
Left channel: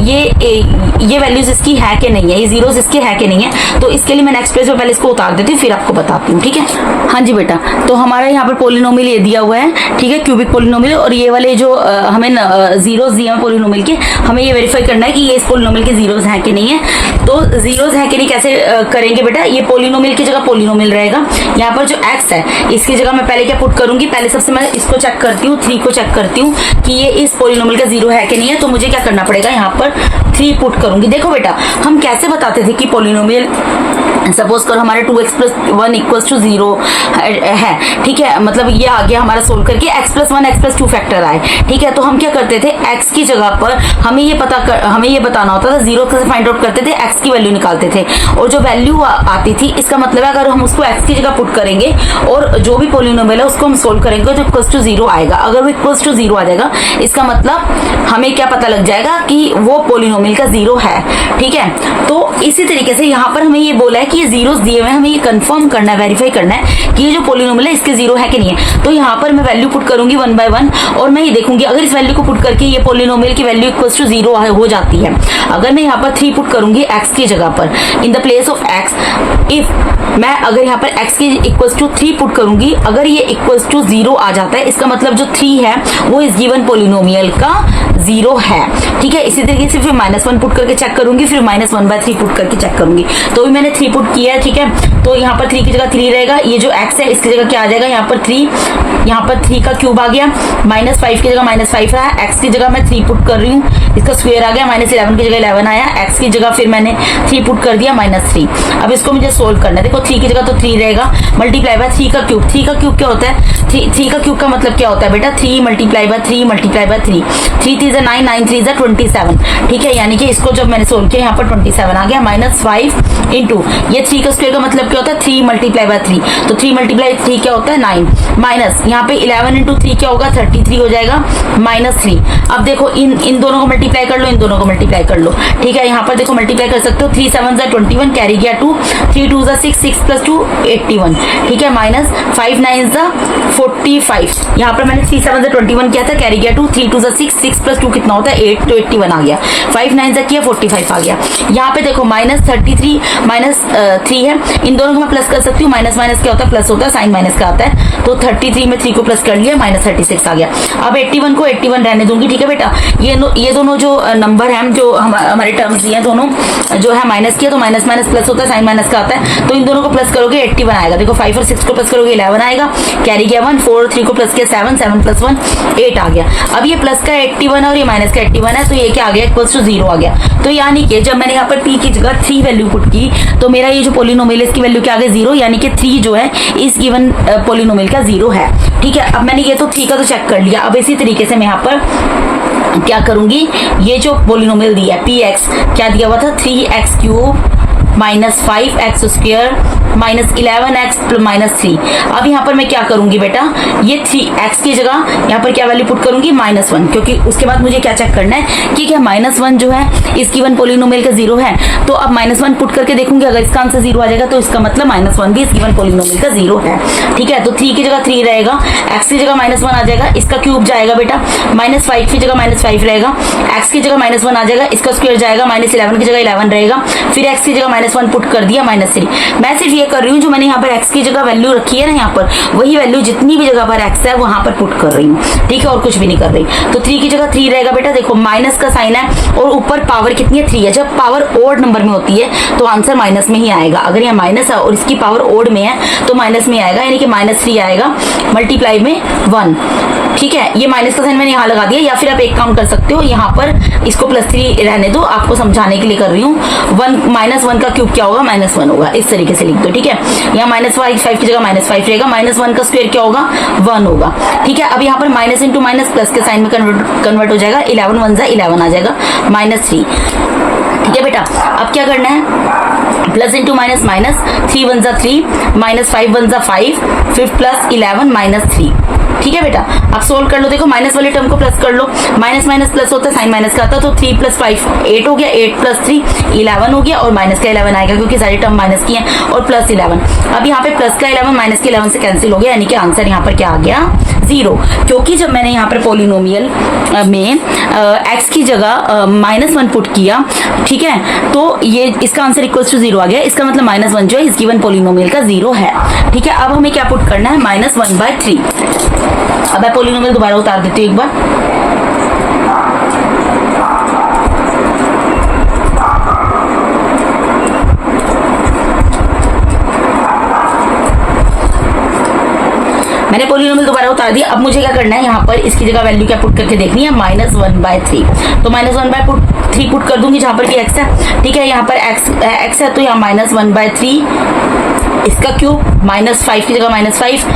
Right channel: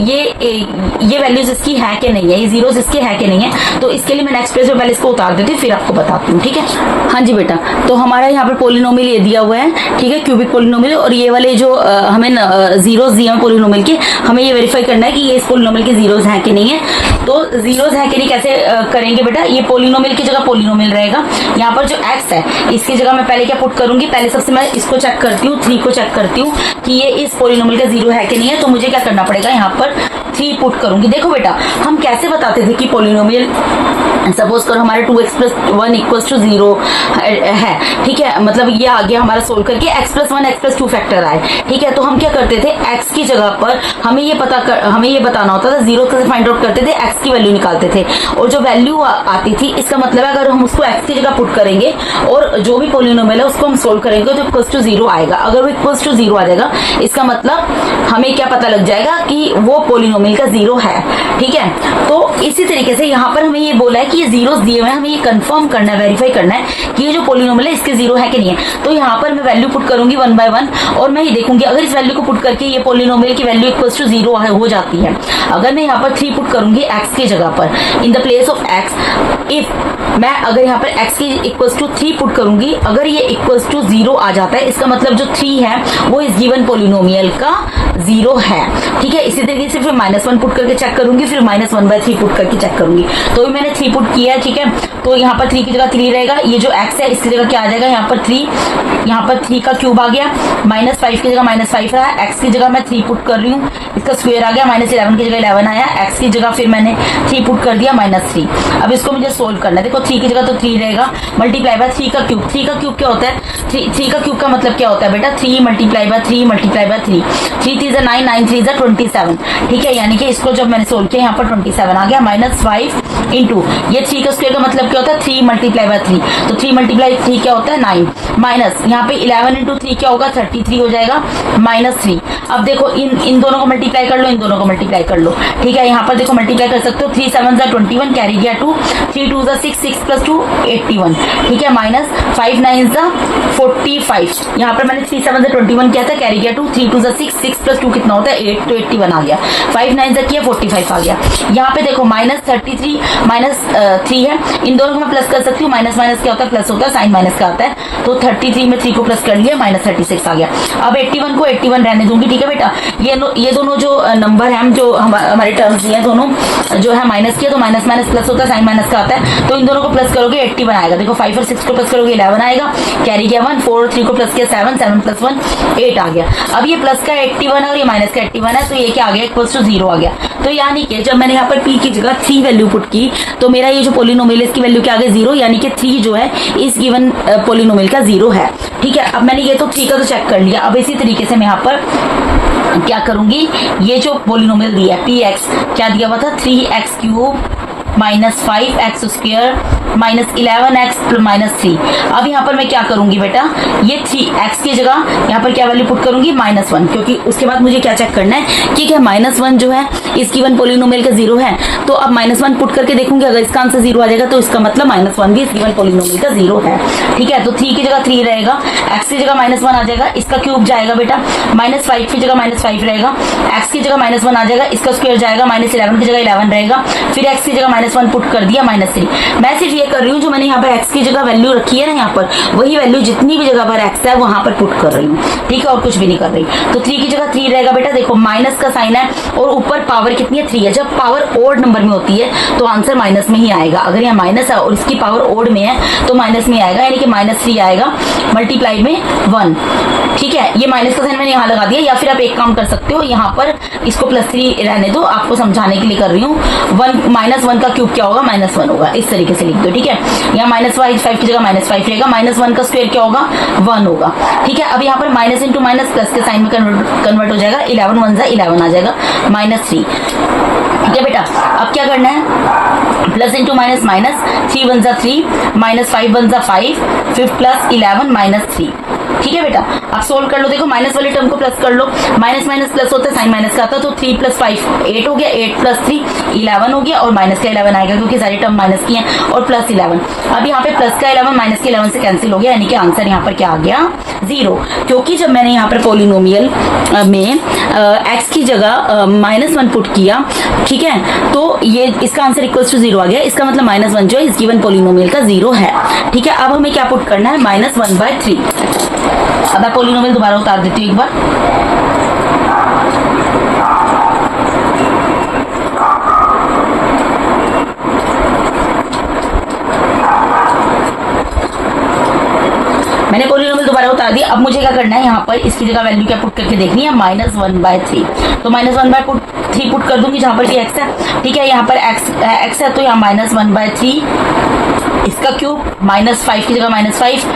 ये वैल्यूज इसकी है कि नहीं है, ये जीरोस इसके है कि नहीं है। तो इसके लिए मैं नेक्स्ट पेज पर पहले इसको उतार देती हूँ, फिर आपको बताती हूँ। ठीक है, हाँ जी बेटा, तो हमारा यहाँ पर पॉलिनोमियल ये दिया हुआ है। ठीक है, क्यूबिक पॉलिनोमियल, और ये वाले जो हमें जीरोस दिए हैं पॉलिनोमियल के, हमें ये वेरीफाई करना है कि ये इस पॉलिनोमियल के जीरोस हैं कि नहीं है। तो जीरोस हैं कि नहीं कैसे करेंगे बेटा, ये पॉलिनोमियल की जगह पॉलिनोमियल रहेगा। यहाँ पर जो एक्स है इसकी जगह मैं पहले क्या पुट करूंगी, पहले सबसे मैं इसको चेक करती हूँ, 3 को चेक करती हूँ कि ये इस पॉलिनोमियल का जीरो है कि नहीं है। तो मुझे क्या करना पड़ेगा, यहाँ पर 3 पुट करूंगी। देखो बेटा, हम कैसे बताते थे कि पॉलिनोमियल, सपोज करो हमारे 2x + 1 = 0 है। ठीक है, मतलब ये आ गया हमारा सोल्व करके x + 1 x + 2 फैक्टर आए। ठीक है, तो हम क्या करते थे, x की जगह पर हमें ये बताना होता था, 0 से फाइंड आउट करते थे, x की वैल्यू निकालते थे, और जो वैल्यू आती थी इसका मतलब है अगर हम उसको x की जगह पुट करेंगे और जो भी पॉलिनोमियल है उसको हम सोल्व करेंगे तो = 0 आएगा। अगर वो = 0 आ जाएगा, इसका मतलब हमें क्या पता लग जाएगा कि वो पॉलिनोमियल का 0 है। ठीक है, तो इसी तरीके से यहाँ पर हमें ये बोला है कि ये जीरोस दिए हुए हैं, हमें ये कंफर्म करना है, वेरीफाई करना है कि ये जो पॉलिनोमियल है इसके 0 है कि नहीं है। तो यहाँ पर मैं वैल्यू पुट करूंगी 1 बाय 1, और मैं ये देखूंगी अगर इस वैल्यू को पुट करके ये पॉलिनोमियल की वैल्यू = 0 हो जाती है। अगर मैं यहाँ पर 3 पुट करूंगी x की जगह पर, in the place of x, if मैं अगर यहाँ पर x की = 3 पुट करूंगी, अगर ये = 0 आ जाता है, इसका मतलब जो 3 है वो इस गिवन पॉलिनोमियल का 0 है। ठीक है, इसी तरीके से फिर -1 पुट करके चेक करूंगी, फिर -1/3 पुट करके चेक करूंगी। तो भी मैंने 3 पुट किया है। ठीक है, तो यहाँ पर 3 की जगह 3 रहेगा, ये जो x है इसकी जगह क्या आ जाएगा, यहाँ पर 3, यहाँ पर 3 का क्यूब आ गया, -5 की जगह -5 रहा, x की जगह मैं 3 पुट कर रही हूँ, इसका स्क्वायर आ गया, -11 की जगह 11 आया, x की जगह फिर मैंने 3 पुट कर दिया, -3। अब इसको मुझे सोल्व करना है। देखो 3 की जगह तो 3 रहेगा, मल्टीप्लाई बाय 3 का क्यूब। 3 का क्यूब क्या होता है, 3 का क्यूब का मतलब क्या होता है बेटा, 3 × 3 × 3, 3 3 9 9 3 27। ठीक है, यानी कि इसको जब मैंने सोल्व किया यहाँ पर 27 आ गया, -5 इंटू ये 3 का स्क्वायर का मतलब क्या होता है, 3 × 3, तो 3 × 3 क्या होता है, 9, माइनस यहाँ पे 11 × 3 क्या होगा, 33 हो जाएगा, -3। अब देखो इन दोनों को मल्टीप्लाई कर लो, इन दोनों को मल्टीप्लाई कर लो। ठीक है, यहाँ पर देखो मल्टीप्लाई कर सकते हो, 3 7 21, कैरी गया 2, 3 2 6 6 + 2 81। ठीक है, -5 9 45, यहाँ पर मैंने 3 7 21 किया था, कैरी गया 2, 3 2 6 6 + 2 कितना होता है, 8, तो 81 आ गया, 5 9 किया 45 आ गया। यहाँ पे देखो -33 -3 है, इन दोनों को मैं प्लस कर सकती हूँ, माइनस क्या होता है, प्लस होता है, साइन माइनस का आता है, तो 33 में 3 को प्लस कर लिया, -36 आ गया। अब 81 को 81 रहने दूंगी। ठीक है बेटा, ये दोनों जो नंबर है, जो हमारे टर्म्स दिए दोनों जो है माइनस किया, तो माइनस प्लस होता है, साइन माइनस का आता है, तो इन दोनों को प्लस करोगे 81 आएगा। देखो 5 और 6 को प्लस करोगे 11 आएगा, कैरी गया 1, 4 और 3 को प्लस किया 7 7 + 1 8 आ गया। अब ये प्लस का 81 और ये माइनस का 81 है, तो ये क्या आ गया, = 0 आ गया। तो यानी कि जब मैंने यहाँ पर p की जगह 3 वैल्यू पुट की, तो मेरा ये जो पॉलिनोमियल है इसकी वैल्यू क्या आ गई, 0, यानी कि 3 जो है इस गिवन पॉलिनोमियल का 0 है। ठीक है, अब मैंने ये तो 3 का तो चेक कर लिया। अब इसी तरीके से मैं यहाँ पर क्या करूंगी, ये जो पॉलिनोमियल दिया है px, क्या दिया हुआ था, 3x³ -5x² -11x -3। अब यहाँ पर मैं क्या करूंगी बेटा, ये 3x की जगह यहाँ पर क्या वैल्यू पुट करूंगी, -1, क्योंकि उसके बाद मुझे क्या चेक करना है कि क्या -1 जो है इस गिवन पॉलिनोमियल का 0 है। तो अब -1 पुट करके देखूंगी, अगर इसका आंसर 0 आ जाएगा तो इसका मतलब -1 भी इस गिवन पॉलिनोमियल का 0 है। ठीक है, तो 3 की जगह 3 रहेगा, x की जगह -1 आ जाएगा, इसका क्यूब जाएगा बेटा, -5 की जगह -5 रहेगा, x की जगह -1 आ जाएगा, इसका स्क्वायर जाएगा, -11 की जगह 11 रहेगा, फिर x की जगह -1 पुट कर दिया, -3। मैं सिर्फ ये कर रही हूँ, जो मैंने यहाँ पर x की जगह वैल्यू रखी है ना, यहाँ पर वही वैल्यू जितनी भी जगह पर x है वहां पर पुट कर रही हूँ। ठीक है, और कुछ भी नहीं कर रही। तो 3 की जगह 3 रहेगा बेटा, देखो माइनस का साइन है और ऊपर पावर कितनी है, 3 है। जब पावर ओड नंबर में होती है तो आंसर माइनस में ही आएगा। अगर यहाँ माइनस है और इसकी पावर ओड में है तो माइनस में आएगा, यानी कि -3 आएगा, मल्टीप्लाई में 1। ठीक है, ये माइनस का साइन मैंने यहाँ लगा दिया, या फिर आप एक काम कर सकते हो, यहाँ पर इसको +3 रहने दो, आपको समझाने के लिए कर रही हूँ। -1 का क्यूब क्या होगा, -1 होगा, इस तरीके से लिख दो। ठीक है, यहाँ -5 की जगह -5 रहेगा, -1 का स्क्वायर क्या होगा, 1 होगा। ठीक है, अब यहाँ पर माइनस इंटू माइनस प्लस के साइन में कन्वर्ट हो जाएगा, 11 1 11 आ जाएगा, -3। ठीक है बेटा, अब क्या करना है, प्लस इंटू माइनस माइनस, 3 1 3, -5 1 5, फिर +11 -3। ठीक है बेटा, आप सोल्व कर लो। देखो माइनस वाले टर्म को प्लस कर लो, माइनस माइनस प्लस होता है, साइन माइनस का आता है, तो 3 + 5 8 हो गया, 8 + 3 11 हो गया, और माइनस का 11 आएगा क्योंकि सारी टर्म माइनस की है, और +11। अब यहाँ पे प्लस का 11 माइनस के 11 से कैंसिल हो गया, यानी कि आंसर यहाँ पर क्या आ गया, 0। क्योंकि जब मैंने यहाँ पर पॉलिनोमियल में x की जगह -1 पुट किया, ठीक है, तो ये इसका आंसर इक्वल टू 0 आ गया। इसका मतलब -1 जो है इस गिवन पॉलिनोमियल का 0 है। ठीक है, अब हमें क्या पुट करना है, -1/3। अब मैं पॉलिनोमियल दोबारा उतार देती हूँ एक बार। मैंने पॉलिनोमियल दोबारा उतार दिया। अब मुझे क्या करना है, यहाँ पर इसकी जगह वैल्यू क्या पुट करके देखनी है, -1/3। तो -1/3 पुट कर दूंगी जहां पर कि x है। ठीक है, यहाँ पर x है, तो यहाँ -1/3 इसका क्यूब, -5 की जगह -5,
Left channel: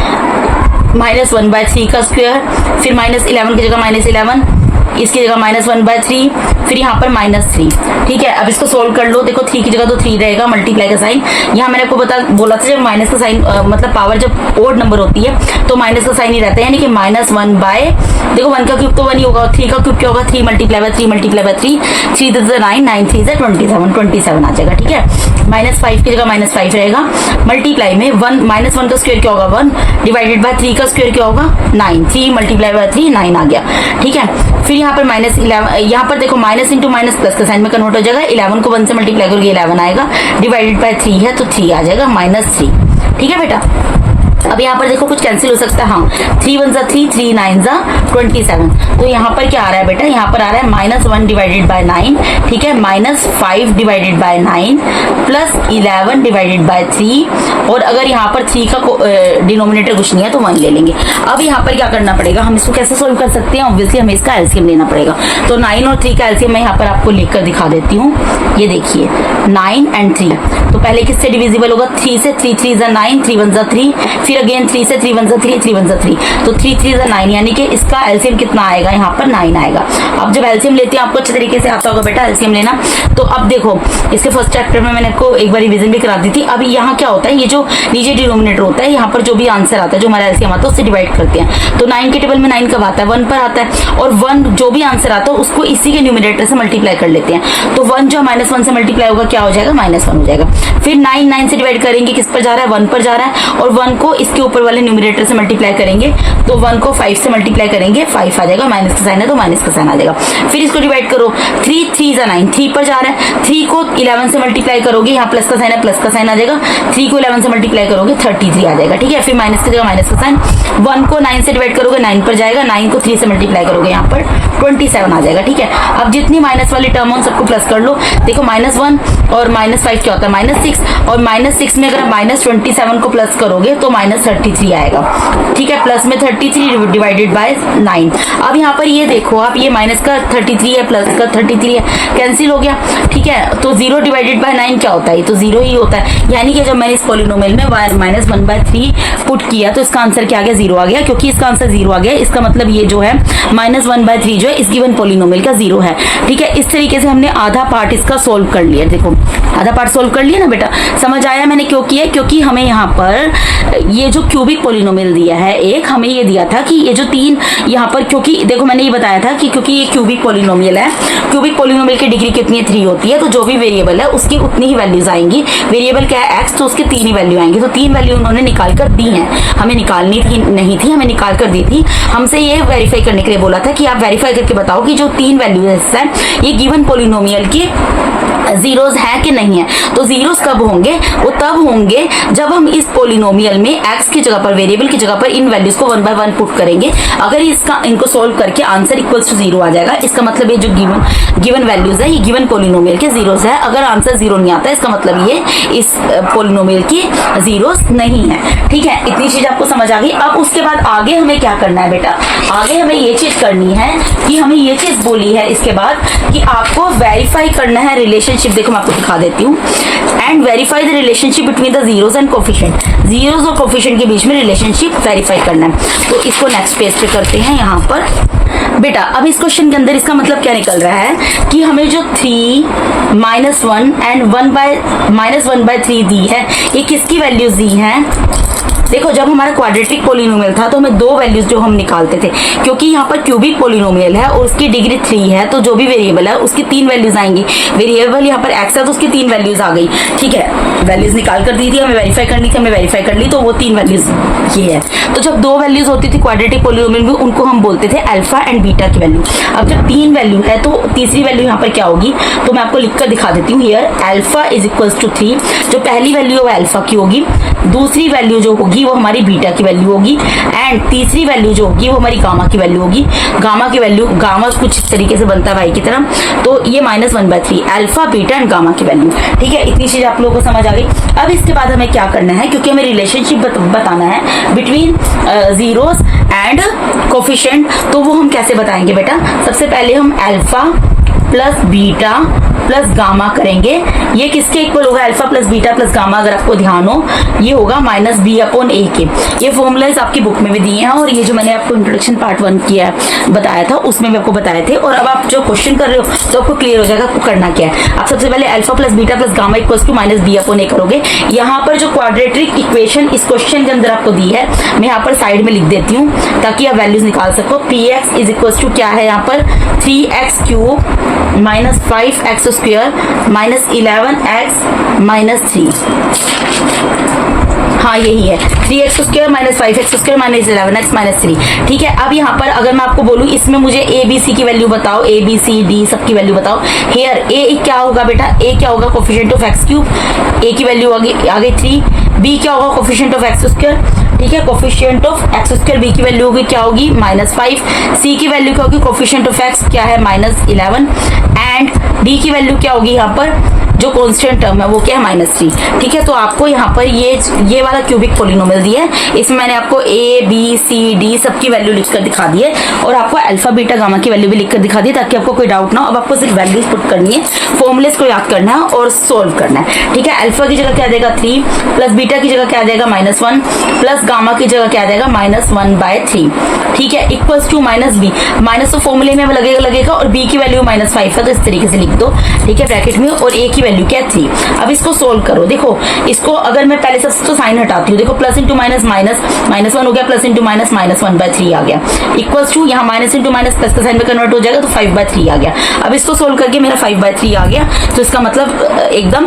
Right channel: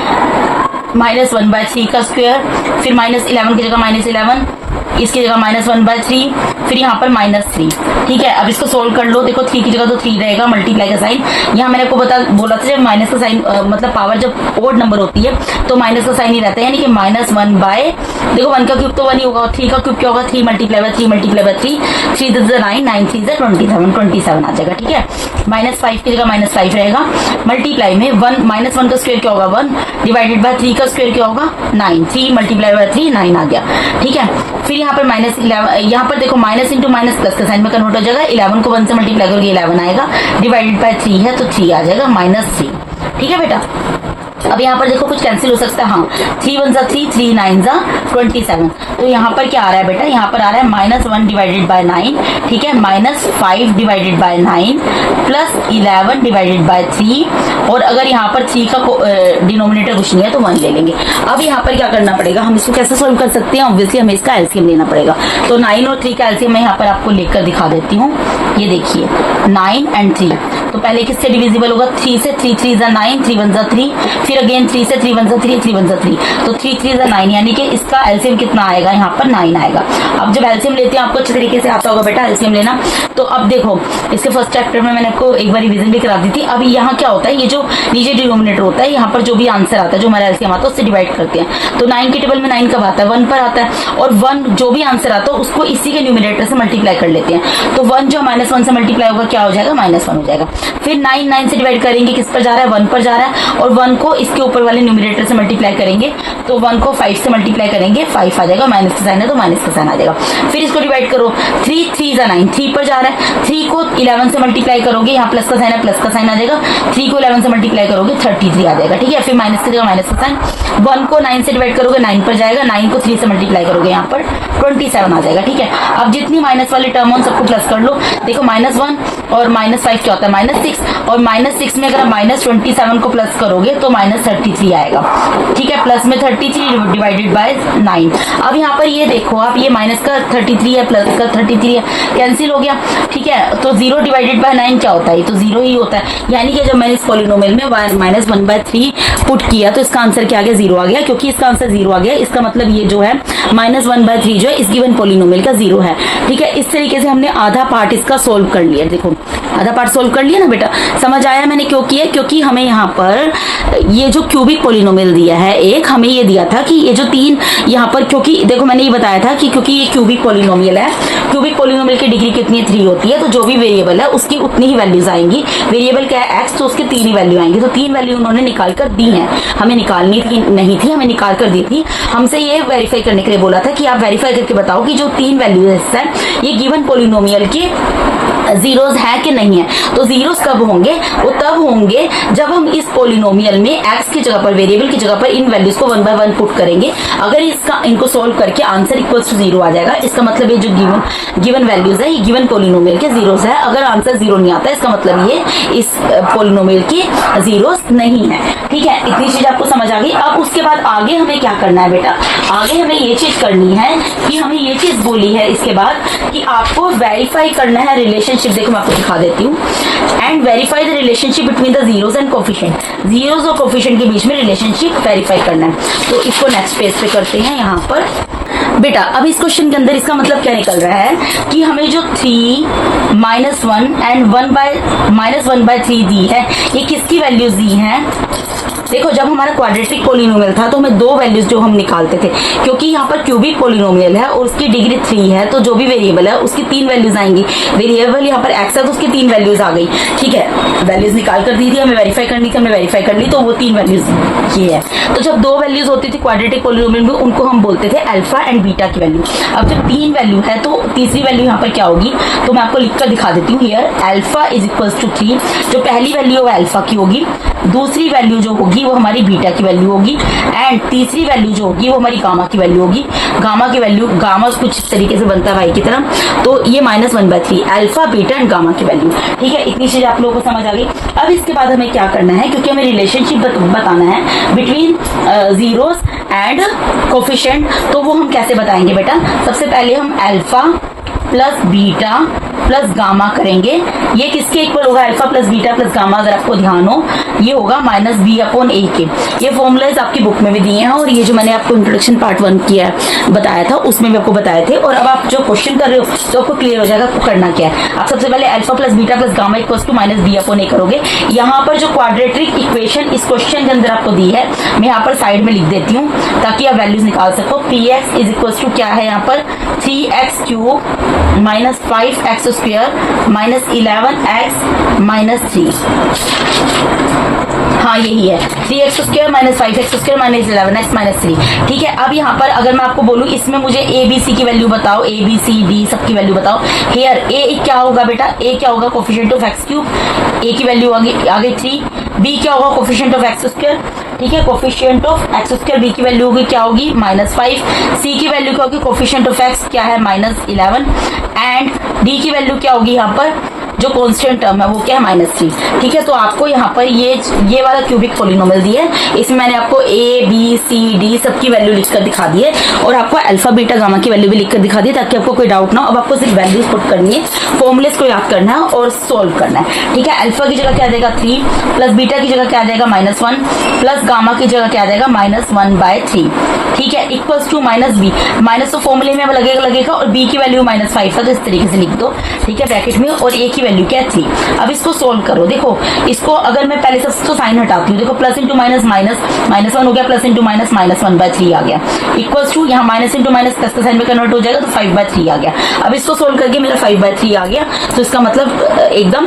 -1/3 का स्क्वायर, फिर -11 की जगह -11, इसकी जगह -1/3, फिर यहाँ पर -3। ठीक है, अब इसको सोल्व कर लो। देखो 3 की जगह तो 3 रहेगा, मल्टीप्लाई का साइन। यहाँ मैंने आपको बोला था जब माइनस का साइन मतलब पावर जब ओड नंबर होती है तो माइनस का साइन ही रहता है, यानी कि -1/, देखो 1 का क्यूब तो 1 ही होगा, 3 का क्यूब क्या होगा, 3 × 3 × 3, 3 × 9 9 3 27 आ जाएगा। ठीक है, -5 की जगह -5 रहेगा, मल्टीप्लाई में 1 का स्क्वायर क्या होगा, 1 डिवाइडेड बाय 3 का स्क्वायर क्या होगा, 9, 3 × 3 9 आ गया। ठीक है, फिर यहाँ पर -11, यहाँ पर देखो माइनस इंटू माइनस प्लस का साइन में कन्वर्ट हो जाएगा, 11 को 1 से मल्टीप्लाई करोगे 11 आएगा, डिवाइडेड बाय 3 है तो 3 आ जाएगा, -3। ठीक है बेटा, अब यहाँ पर देखो कुछ कैंसिल हो सकता है, हाँ 3 1 3, 3 9 27। तो यहाँ पर क्या आ रहा है बेटा, यहाँ पर आ रहा है -1 डिवाइडेड बाय 9, ठीक है, -5 divided by 9 plus 11 divided by 3, और अगर यहाँ पर 3 का डिनोमिनेटर कुछ नहीं है तो 1 ले लेंगे। अब यहाँ पर क्या करना पड़ेगा, हम इसको कैसे सोल्व कर सकते हैं, ऑब्वियसली हमें इसका एलसीएम लेना पड़ेगा। तो 9 और 3 का एलसीएम मैं यहाँ पर आपको लेकर दिखा देती हूँ। ये देखिए 9 और 3, तो पहले किससे डिविजिबल होगा, 3 से, 3 3 9, 3 1 3, फिर अगेन 3 से, 3 1 3, 3 1 3, तो 3 3 9, यानी कि इसका एलसीएम कितना आएगा, यहाँ पर 9 आएगा। अब जब एलसीएम लेते हैं आपको अच्छे तरीके से आता होगा बेटा एलसीएम लेना। तो अब देखो इससे फर्स्ट चैप्टर में मैंने आपको एक बार रिवीजन भी करा दी थी। अब यहाँ क्या होता है, ये जो नीचे डिनोमिनेटर होता है, यहाँ पर जो भी आंसर आता है, जो हमारा एलसीएम आता है उससे डिवाइड करते हैं। तो 9 के टेबल में 9 कब आता है, 1 पर आता है, और 1 जो भी आंसर आता है उसको इसी के न्यूमरेटर से मल्टीप्लाई कर लेते हैं। तो 1 जो -1 से मल्टीप्लाई होगा क्या हो जाएगा, -1 हो जाएगा। फिर 9 9 से डिवाइड करेंगे, किस पर जा रहा है, 1 पर जा रहा है, और 1 को इसके ऊपर वाले न्यूमरेटर से मल्टीप्लाई करेंगे, तो 1 को 5 से मल्टीप्लाई करेंगे, 5 आ जाएगा, माइनस का साइन है तो माइनस का साइन आ जाएगा। फिर इसको डिवाइड करो, 3 3 9, 3 पर जा रहा है, 3 को 11 से मल्टीप्लाई करोगे, यहाँ प्लस का साइन है प्लस का साइन आ जाएगा, 3 को 11 से मल्टीप्लाई करोगे 33 आ जाएगा। ठीक है, फिर माइनस की जगह माइनस का साइन, 1 को 9 से डिवाइड करोगे 9 पर जाएगा, 9 को 3 से मल्टीप्लाई करोगे यहाँ पर 27 आ जाएगा। ठीक है, अब जितनी माइनस वाली टर्म हो सबको प्लस कर लो। देखो -1 और -5 क्या होता है, -6, और -6 में अगर -27 को प्लस करोगे तो -33 आएगा। ठीक है, प्लस में 33 डिवाइडेड बाय 9। अब यहाँ पर ये देखो आप, ये माइनस का 33 है प्लस का 33 है, कैंसिल हो गया। ठीक है, तो 0 डिवाइडेड बाय 9 क्या होता है, तो 0 ही होता है। यानी कि जब मैंने इस पॉलिनोमियल में -1/3 पुट किया तो इसका आंसर क्या आ गया, 0 आ गया। क्योंकि इसका आंसर 0 आ गया, इसका मतलब ये जो है -1/3 जो है इस गिवन पॉलिनोमियल का 0 है। ठीक है, इस तरीके से हमने आधा पार्ट इसका सोल्व कर लिया। देखो आधा पार्ट सोल्व कर लिया ना बेटा, समझ आया मैंने क्यों किया, क्योंकि हमें यहाँ पर ये जो क्यूबिक पॉलिनोमियल दिया है, एक हमें ये दिया था कि ये जो 3 यहाँ पर, क्योंकि देखो मैंने ये बताया था कि क्योंकि ये क्यूबिक पॉलिनोमियल है, क्यूबिक पॉलिनोमियल की डिग्री कितनी है, 3 होती है, तो जो भी वेरिएबल है उसकी उतनी ही वैल्यूज आएंगी। वेरिएबल क्या है, x, तो उसके 3 ही वैल्यू आएंगी। तो 3 वैल्यू उन्होंने निकाल कर दी है, हमें निकालनी थी नहीं थी, हमें निकाल कर दी थी। हमसे ये वेरीफाई करने के लिए बोला था कि आप वेरीफाई करके बताओ कि जो 3 वैल्यूज है ये गिवन पॉलिनोमियल की जीरोज है कि नहीं नहीं है। तो जीरोस कब होंगे? वो तब होंगे जब हम इस पोलिनोमियल में एक्स की जगह पर, वेरिएबल की जगह पर इन वैल्यूज को 1 by 1 पुट करेंगे। अगर इनको सोल्व करके आंसर इक्वल्स टू 0 आ जाएगा, इसका मतलब ये जो गिवन वैल्यूज है, ये गिवन पोलिनोमियल के जीरोस है। अगर आंसर 0 नहीं आता, इसका मतलब ये इस पोलिनोमियल की जीरोस नहीं है। ठीक है, इतनी चीज आपको समझ आ गई। अब उसके बाद आगे हमें क्या करना है बेटा? आगे हमें ये चीज करनी है कि हमें ये चीज बोली है इसके बाद कि आपको वेरीफाई करना है रिलेशनशिप। देखो मैं आपको दिखा देती हूँ। And verify the relationship between the zeros and coefficient. Zeros और कोफिशिएंट के बीच में रिलेशनशिप वेरीफाई करना है। तो इसको नेक्स्ट पेज पे करते हैं। यहाँ पर बेटा अब इस क्वेश्चन के अंदर इसका मतलब क्या निकल रहा है कि हमें जो 3 -1 एंड -1/3 दी है, ये किसकी वैल्यूज दी है? देखो जब हमारा क्वाड्रेटिक पोलिनोमियल था तो हमें 2 वैल्यूज जो हम निकालते थे, क्योंकि यहाँ पर क्यूबिक पोलिनोमियल है और उसकी डिग्री 3 है, तो जो भी वेरिएबल है उसकी 3 वैल्यूज आएंगी। वेरिएबल यहाँ पर एक्स है तो उसकी 3 वैल्यूज आ गई। ठीक है, वैल्यूज निकाल कर दी थी, हमें वेरीफाई करनी थी, हमें वेरीफाई कर ली, तो वो 3 वैल्यूज ये है। तो जब 2 वैल्यूज होती थी क्वाड्रेटिक पोलिनोमियल में, उनको हम बोलते थे अल्फा एंड बीटा की वैल्यू। अब जब 3 वैल्यू है तो तीसरी वैल्यू यहाँ पर क्या होगी? तो मैं आपको लिख कर दिखा देती हूँ। Here alpha is equals to 3। जो पहली वैल्यू है वो अल्फा की होगी, दूसरी वैल्यू जो होगी वो हमारी बीटा की वैल्यू होगी, एंड तीसरी वैल्यू जो होगी वो हमारी गामा की वैल्यू होगी। गामा की वैल्यू, गामा कुछ इस तरीके से बनता है भाई की तरह, तो ये -1/3 अल्फा, बीटा एंड गामा की वैल्यू। ठीक है, इतनी चीज आप लोगों को समझ आ गई। अब इसके बाद हमें क्या करना है, क्योंकि हमें रिलेशनशिप बताना है बिटवीन जीरोस एंड कोफिशिएंट, तो वो हम कैसे बताएंगे बेटा? सबसे पहले हम alpha plus beta plus gamma करेंगे। ये किसके इक्वल होगा? Alpha plus beta plus gamma. अगर आपको ध्यान हो, ये होगा -b/a के। ये फॉर्मूलाज आपकी बुक में भी दिए हैं, और ये जो मैंने आपको इंट्रोडक्शन पार्ट 1 किया बताया था उसमें भी आपको बताए थे। और अब आप जो क्वेश्चन कर रहे हो तो आपको क्लियर हो जाएगा आपको करना क्या है। आप सबसे पहले alpha plus beta plus gamma equals to -b/a करोगे। यहाँ पर जो क्वाड्रेटिक इक्वेशन इस क्वेश्चन के अंदर आपको दी है, मैं यहाँ पर साइड में लिख देती हूँ ताकि आप वैल्यूज निकाल सको। px इज इक्वल्स टू क्या है यहाँ पर? 3x³ -5x² -11x -3। हाँ यही है, 3x² -5x² -11x -3। ठीक है, अब यहाँ पर अगर मैं आपको बोलूँ इसमें मुझे a b c की वैल्यू बताओ, a b c d सबकी वैल्यू बताओ। हेयर a क्या होगा बेटा? a क्या होगा? Coefficient of x³। a की वैल्यू आ गई 3। b क्या होगा? Coefficient of x²। ठीक है, कोफिशिएंट ऑफ x² b की वैल्यू होगी क्या होगी? -5। c की वैल्यू क्या होगी? कोफिशिएंट ऑफ x क्या है? -11। एंड d की वैल्यू क्या होगी यहाँ पर? जो कांस्टेंट टर्म है वो क्या है? -3। ठीक है, तो आपको यहाँ पर ये वाला क्यूबिक पोलिनोमियल दिया है, इसमें मैंने आपको a b c d सबकी वैल्यू लिखकर दिखा दी है, और आपको अल्फा बीटा गामा की वैल्यू भी लिखकर दिखा दी है, ताकि आपको कोई डाउट ना हो। अब आपको सिर्फ वैल्यूज पुट करनी है, फॉर्मूलेस को याद करना है और सोल्व करना है। ठीक है, अल्फा की जगह क्या देगा? 3 प्लस बीटा की जगह क्या देगा? -1 प्लस गामा की जगह क्या देगा? -1/3। ठीक है, इक्वल्स टू -b। माइनस तो फॉर्मूले में लगेगा और b की वैल्यू -5 है, तो इस तरीके से लिख दो। ठीक है, ब्रैकेट में, और a की वैल्यू क्या? 3। अब इसको सोल्व करो। देखो इसको अगर मैं पहले सबसे तो साइन हटाती हूँ, देखो प्लस इंटू माइनस माइनस -1 हो गया, प्लस इंटू माइनस -1/3 आ गया, इक्वल्स टू यहाँ माइनस इंटू माइनस प्लस का साइन में कन्वर्ट हो जाएगा, तो 5/3 आ गया। अब इसको सोल्व करके मेरा 5/3 आ गया, तो इसका मतलब एकदम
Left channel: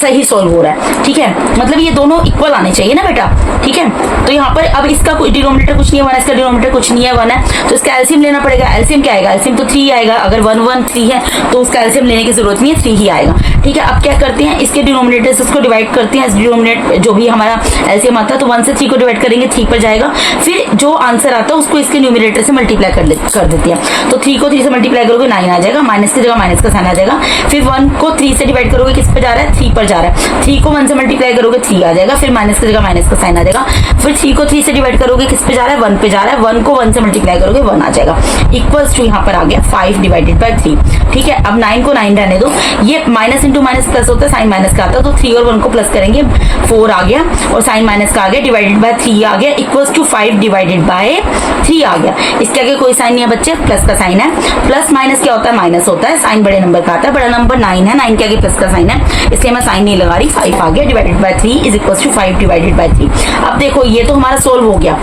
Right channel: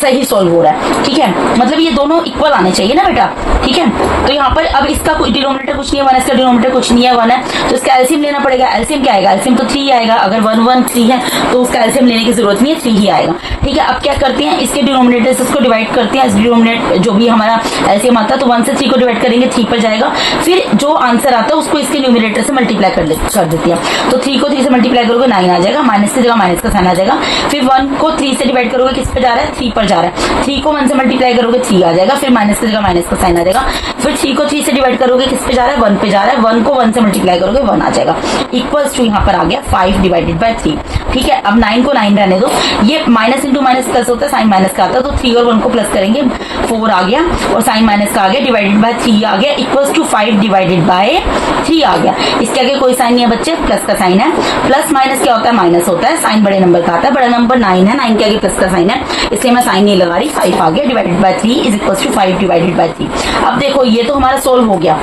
सही सोल्व हो रहा है। ठीक है, मतलब ये दोनों इक्वल आने चाहिए ना बेटा। ठीक है, तो यहाँ पर अब इसका कोई डिनोमिनेटर कुछ नहीं है, 1 इसका डिनोमिनेटर कुछ नहीं है, 1 है, तो इसका एलसीएम लेना पड़ेगा। एलसीएम क्या आएगा? एलसीएम तो 3 आएगा। अगर 1 1 3 है तो उसका एलसीएम लेने की जरूरत नहीं है, 3 ही आएगा। ठीक है, अब क्या करते हैं, इसके डिनोमिनेटर से इसको डिवाइड करते हैं। इस डिनोमिनेटर जो भी हमारा एलसीएम आता है, तो 1 से 3 को डिवाइड करेंगे, 3 पर जाएगा। फिर जो आंसर आता है उसको इसके न्यूमिनेटर से मल्टीप्लाई कर देते हैं, तो 3 को 3 से मल्टीप्लाई करोगे 9 आ जाएगा, माइनस की जगह माइनस का साइन आ जाएगा। फिर 1 को 3 से डिवाइड करोगे, किस पे जा रहा है? 3 पर जा रहा है। 3 को 1 से मल्टीप्लाई करोगे 3 आ जाएगा, फिर माइनस की जगह माइनस का साइन आ जाएगा। फिर 3 को 3 से डिवाइड करोगे, किस पे जा रहा है? 1 पे जा रहा है। 1 को 1 से मल्टीप्लाई करोगे 1 आ जाएगा, इक्वल्स टू यहाँ पर आ गया 5/3। ठीक है, अब 9 को 9 रहने दो, ये माइनस इंटू माइनस प्लस होता है, साइन माइनस का आता है, तो 3 और 1 को प्लस करेंगे, 4 आ गया, और साइन माइनस का आ गया, /3 आ गया, इक्वल्स टू 5/3 आ गया। इसके आगे कोई साइन नहीं है बच्चे, प्लस का साइन है। प्लस माइनस क्या होता है? माइनस होता है, साइन बड़े नंबर का आता है, बड़ा नंबर 9 है, 9 के आगे प्लस का साइन है, इसलिए मैं साइन नहीं लगा रही, 5 आ गया, /3 इज इक्वल्स टू 5/3। अब देखो ये तो हमारा सोल्व हो गया।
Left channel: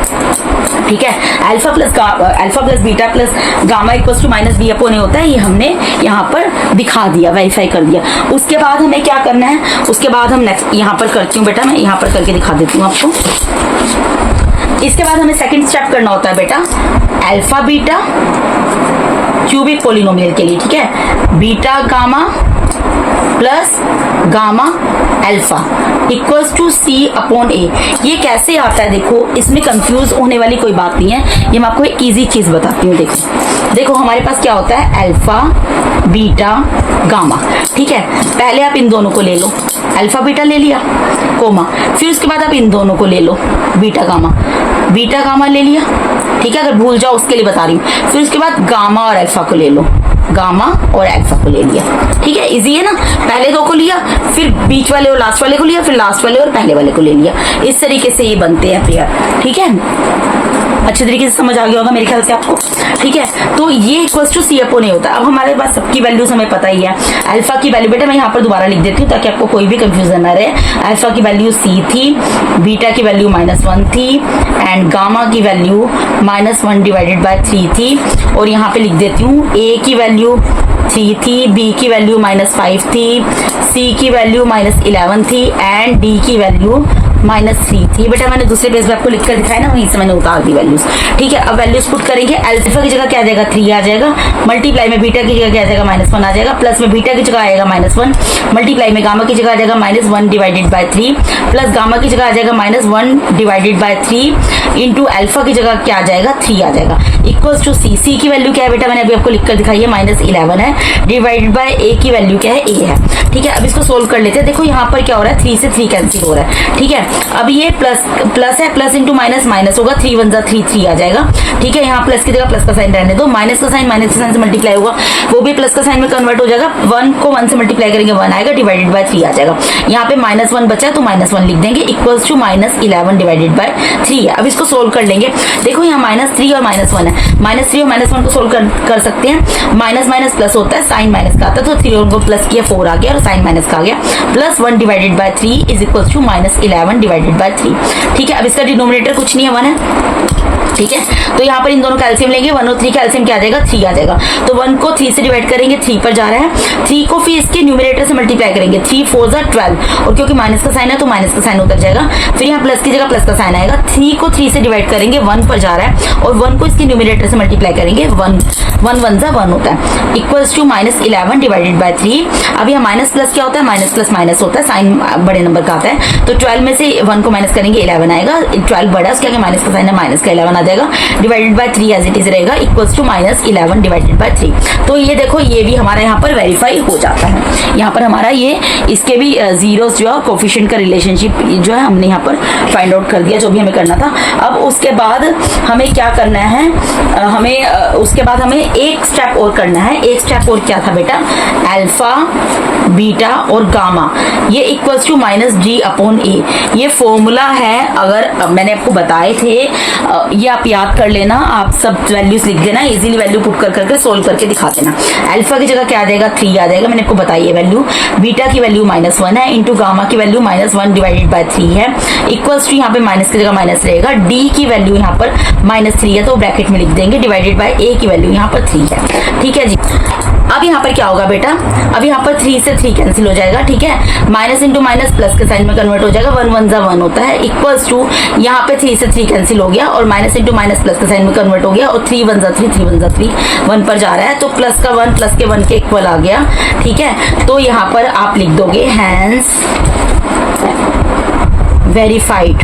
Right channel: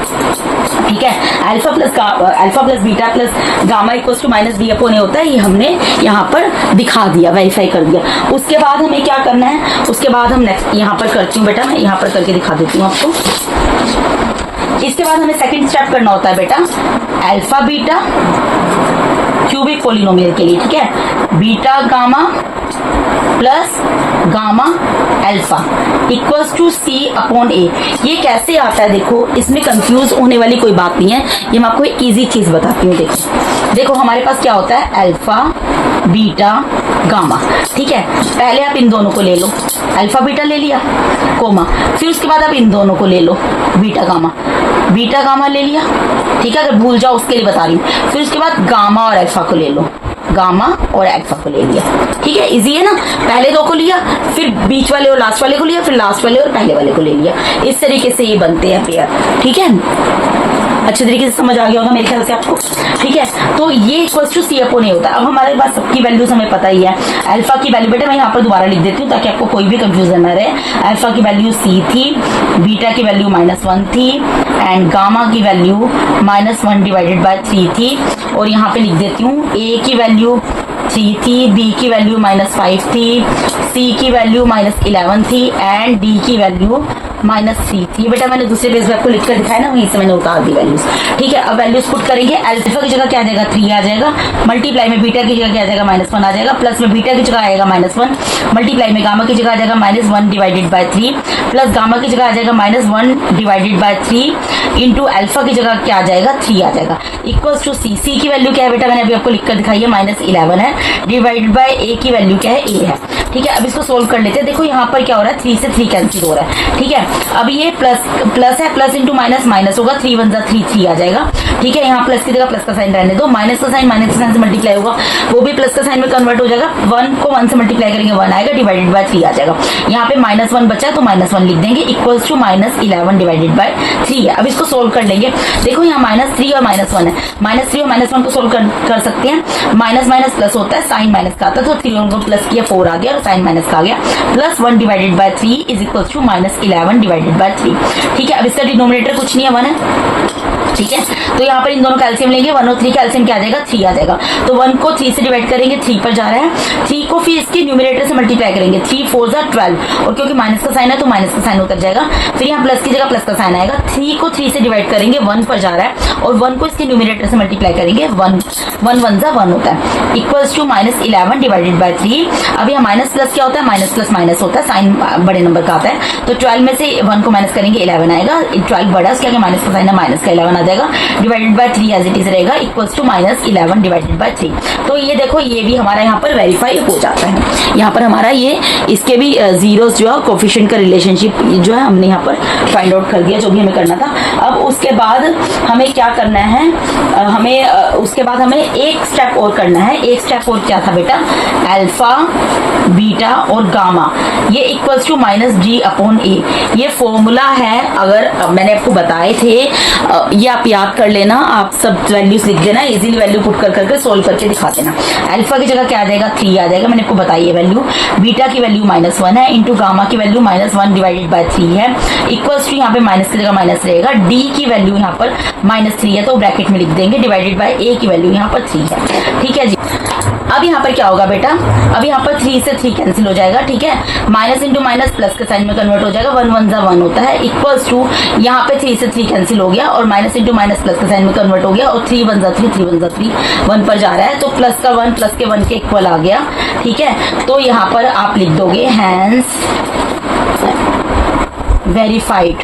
ठीक है, alpha plus beta plus gamma equals to -b/a होता है, ये हमने यहाँ पर दिखा दिया, वेरीफाई कर दिया। उसके बाद हमें क्या करना है? उसके बाद हम नेक्स्ट यहाँ पर करती हूँ बेटा, मैं यहाँ पर करके दिखा देती हूँ आपको। इसके बाद हमें सेकंड स्टेप करना होता है बेटा, अल्फा बीटा क्यूबिक पोलिनोमियल के लिए। ठीक है, beta gamma plus gamma alpha equals to c upon a. ये कैसे आता है देखो, इसमें कंफ्यूज होने वाली कोई बात नहीं है, ये मैं आपको एक इजी चीज बताती हूँ। देखो हमारे पास क्या होता है, अल्फा बीटा गामा, ठीक है। पहले आप इन दोनों को ले लो, अल्फा बीटा ले लिया कोमा, फिर उसके बाद आप इन दोनों को ले लो बीटा गामा ले लिया, ठीक है। अगर भूल जाओ उसके लिए बता रही हूँ। फिर उसके बाद गामा और अल्फा को ले लो, गामा और अल्फा को ले लिया, ठीक है। इजी है ना, पहले दो को लिया, फिर बीच वाले और लास्ट वाले को लिया, फिर लास्ट वाले और पहले वाले को ले लिया। इस तरीके से ये बनते हैं पेयर, ठीक है। अच्छे तरीके से समझ आ गया होगा मेरे ख्याल से आपको, ठीक है। तो ये इक्वल्स टू सी अपॉन ए होता है। अब हमारे पास सबकी वैल्यूज हमें पता ही है। अल्फा की वैल्यू बेटा मैं यहाँ पर दोबारा लिख देती हूँ ताकि आपको कोई भी कंफ्यूजन ना रहे। अल्फा की वैल्यू सी थी, बीटा की वैल्यू -1 थी, एंड गामा की वैल्यू -1 डिवाइडेड बाय 3 थी। और यहाँ पे लिख देती हूँ ए की वैल्यू 3 थी, बी की वैल्यू -5 थी, सी की वैल्यू -11 थी, एंड डी की वैल्यू -3 थी। बेटा मैंने दूसरे पेज पे आपको लिखकर दिखाया ना, वहीं से मैंने उतार दी वैल्यूज, ठीक है। अब वैल्यूज पुट करेंगे, अल्फा की जगह क्या आ जाएगा 3 आ जाएगा, मल्टीप्लाई में बीटा की जगह क्या आ जाएगा -1 आ जाएगा, प्लस में बीटा की जगह आएगा -1, मल्टीप्लाई में गामा की जगह आ जाएगा -1 डिवाइडेड बाय 3, प्लस गामा की जगह आ जाएगा -1 डिवाइडेड बाय 3 इंटू अल्फा की जगह क्या आ जाएगा 3 आ जाएगा, इक्वल्स टू सी। सी की वैल्यू क्या है बेटा मैंने अभी आपको लिखकर दिखाई है -11 है, डिवाइडेड बाय ए की वैल्यू क्या है ए है, ठीक है। अब इसको सोल्व कर लेते हैं। देखो यहाँ पर क्या हो रहा है, 3 से 3 कैंसिल हो रहा है, ठीक है। अब ये प्लस है, प्लस इंटू माइनस होगा, 3 1 3 आ जाएगा, ठीक है। यहाँ प्लस की जगह प्लस का साइन रहने दो, माइनस का साइन से मल्टीप्लाई होगा, वो भी प्लस का साइन में कन्वर्ट हो जाएगा। 1 को 1 से मल्टीप्लाई करेंगे 1 आएगा, डिवाइडेड बाय 3 आ जाएगा। यहाँ पे -1 बचा है तो -1 लिख देंगे, इक्वल्स टू -11 डिवाइडेड बाय 3 है। अब इसको सोल्व कर लेंगे। देखो यहाँ -3 और -1 है, -3 और -1 को सोल्व कर सकते हैं। माइनस प्लस होता है, साइन माइनस का आता है, तो 3 को प्लस किया 4 आ गया और साइन माइनस का आ गया, plus 1 divided by 3 is equals to -11 divided by 3, ठीक है। अब इसका डिनोमिनेटर कुछ नहीं है, 1 है, ठीक है। तो यहाँ पर इन दोनों का एलसीएम लेंगे, 1 और 3 का एलसीएम क्या आ जाएगा 3 आ जाएगा। तो 1 को 3 से डिवाइड करेंगे, 3 पर जा रहा है, 3 को फिर इसके न्यूमरेटर से मल्टीप्लाई करेंगे, 3 4 जा 12, और क्योंकि माइनस का साइन है तो माइनस का साइन उतर जाएगा। फिर यहाँ प्लस की जगह प्लस का साइन आएगा, 3 को 3 से डिवाइड करेंगे, 1 पर जा रहा है, और 1 को इसके न्यूमरेटर से मल्टीप्लाई करेंगे, 1 1 जा 1 होता है, इक्वल्स टू -11 डिवाइडेड बाय 3। अब यहाँ माइनस प्लस क्या होता है, माइनस प्लस माइनस होता है, साइन बड़े नंबर का आता है, तो 12 में से 1 को माइनस करेंगे 11 आएगा, 12 बड़ा उसके आगे माइनस का साइन है, माइनस का 11 आ जाएगा, divided by 3 as it is रहेगा, इक्वल्स टू -11 डिवाइडेड बाय 3। तो ये देखो ये भी हमारा यहाँ पर वेरीफाई हो जाता है। यहाँ पर हमारा ये इसके भी जीरोस जो है कोफिशिएंट का रिलेशनशिप जो है हमने यहाँ पर फाइंड आउट कर दिया, जो भी हमें करना था। अब उसके बाद हमें क्या करना है, उसके बाद हमें एक स्टेप और करना है। एक स्टेप और क्या था बेटा, अल्फा बीटा और गामा ये equals to -g upon a, ये फॉर्मूला है। अगर मैंने आपको बताए थे, ये आप याद कर लेना, आप सब वैल्यूज लिख देना, इजीली वैल्यू पुट करके सोल्व करके दिखा देना। अल्फा की जगह क्या आ जाएगा 3 आ जाएगा, मैंने आपको बताई है वैल्यू। बीटा की वैल्यू -1 है, इंटू गामा की वैल्यू -1 डिवाइडेड बाय 3 है, इक्वल्स टू यहाँ पे माइनस की जगह माइनस रहेगा, डी की वैल्यू यहाँ पर -3 है तो ब्रैकेट में लिख देंगे, डिवाइडेड बाय ए की वैल्यू यहाँ पर 3 है, ठीक है जी। अब यहाँ पर क्या होगा बेटा, अब यहाँ पर 3 से 3 कैंसिल हो जाएगा, ठीक है। माइनस इंटू माइनस प्लस के साइन में कन्वर्ट हो जाएगा, 1 1 जा 1 होता है, इक्वल्स टू यहाँ पे 3 से 3 कैंसिल हो गया और माइनस इंटू माइनस प्लस के साइन में कन्वर्ट हो गया, और 3 1 जा 3 3 1 जा 3 1 पर जा रहा है, तो प्लस का 1 प्लस के 1 के इक्वल आ गया, ठीक है। तो यहाँ पर आप लिख दोगे हैंस वेरीफाइड,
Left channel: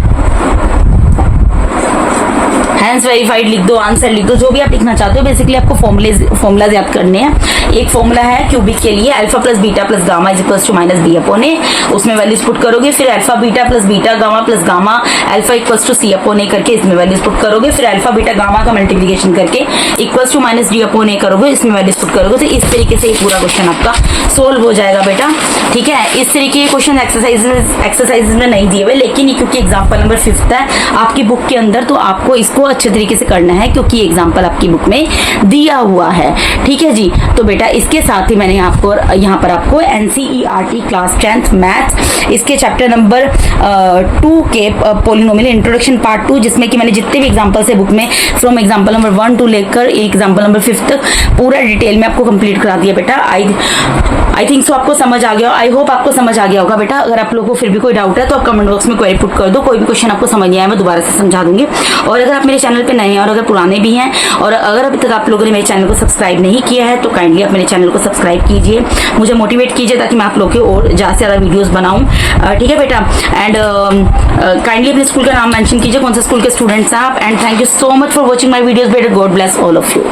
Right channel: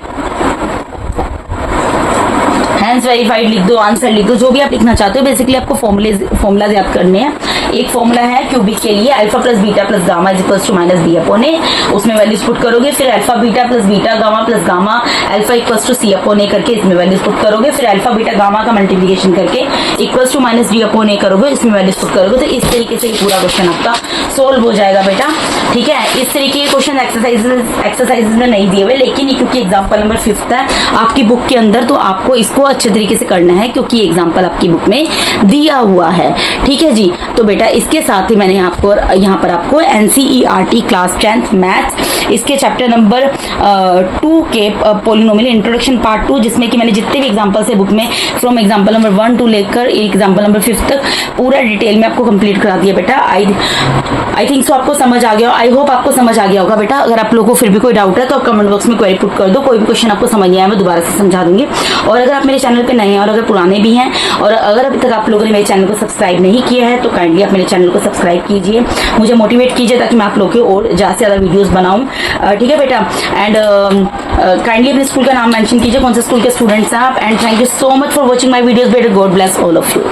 हैंस वेरीफाइड लिख दो, आंसर लिख दो, जो भी आप लिखना चाहते हो। बेसिकली आपको फॉर्मूलाज याद करने हैं। एक फॉर्मूला है क्यूबिक के लिए, alpha plus beta plus gamma is equals to -b upon a, उसमें वैल्यूज पुट करोगे, फिर alpha beta plus beta gamma plus gamma alpha equals to c upon a करके इसमें वैल्यूज पुट करोगे, फिर अल्फा बीटा गामा का multiplication करके equals to -g upon a करोगे, इसमें वैल्यूज पुट करोगे। तो इस तरीके से पूरा क्वेश्चन आपका सोल्व हो जाएगा बेटा, ठीक है। इस तरीके के क्वेश्चन एक्सरसाइजेज में नहीं दिए हुए, लेकिन क्योंकि एग्जाम्पल नंबर 5 है आपकी बुक के अंदर, तो आपको इसको अच्छे तरीके से करना है क्योंकि एग्जाम्पल आपकी बुक में दिया हुआ है, ठीक है जी। तो बेटा इसके साथ ही मैंने यहाँ पर आपको NCERT क्लास 10th मैथ्स इसके चैप्टर नंबर 2 के पोलिनोमियल इंट्रोडक्शन पार्ट 2, जिसमें कि मैंने जितने भी एग्जाम्पल्स है बुक में फ्रॉम एग्जाम्पल नंबर 1 टू लेकर एग्जाम्पल नंबर 5 तक पूरा डिटेल में आपको कंप्लीट करा दिया बेटा। आई थिंक सो आपको समझ आ गया, आई होप आपको समझ आ गया होगा बेटा। अगर आप लोगों को फिर भी कोई डाउट है तो आप कमेंट बॉक्स में क्वेरी पुट कर दो, कोई भी क्वेश्चन आपको समझ नहीं आया मैं दोबारा से समझा दूंगी। और अगर आप मेरे चैनल पे नए हैं और अगर पुराने भी हैं और अगर अभी तक आप लोगों ने मेरे चैनल को सब्सक्राइब नहीं किया है तो काइंडली आप आप मेरे चैनल को सब्सक्राइब कीजिए, मुझे मोटिवेट कीजिए ताकि मैं आप लोग के और ज़्यादा से ज़्यादा वीडियोस बनाऊं। ठीक है बेटा, एंड काइंडली अपने स्कूल का नाम मेंशन कीजिए, कौन से स्कूल के स्टूडेंट्स हैं आप। And thank you so much for watching my videos बेटा, God bless all of you.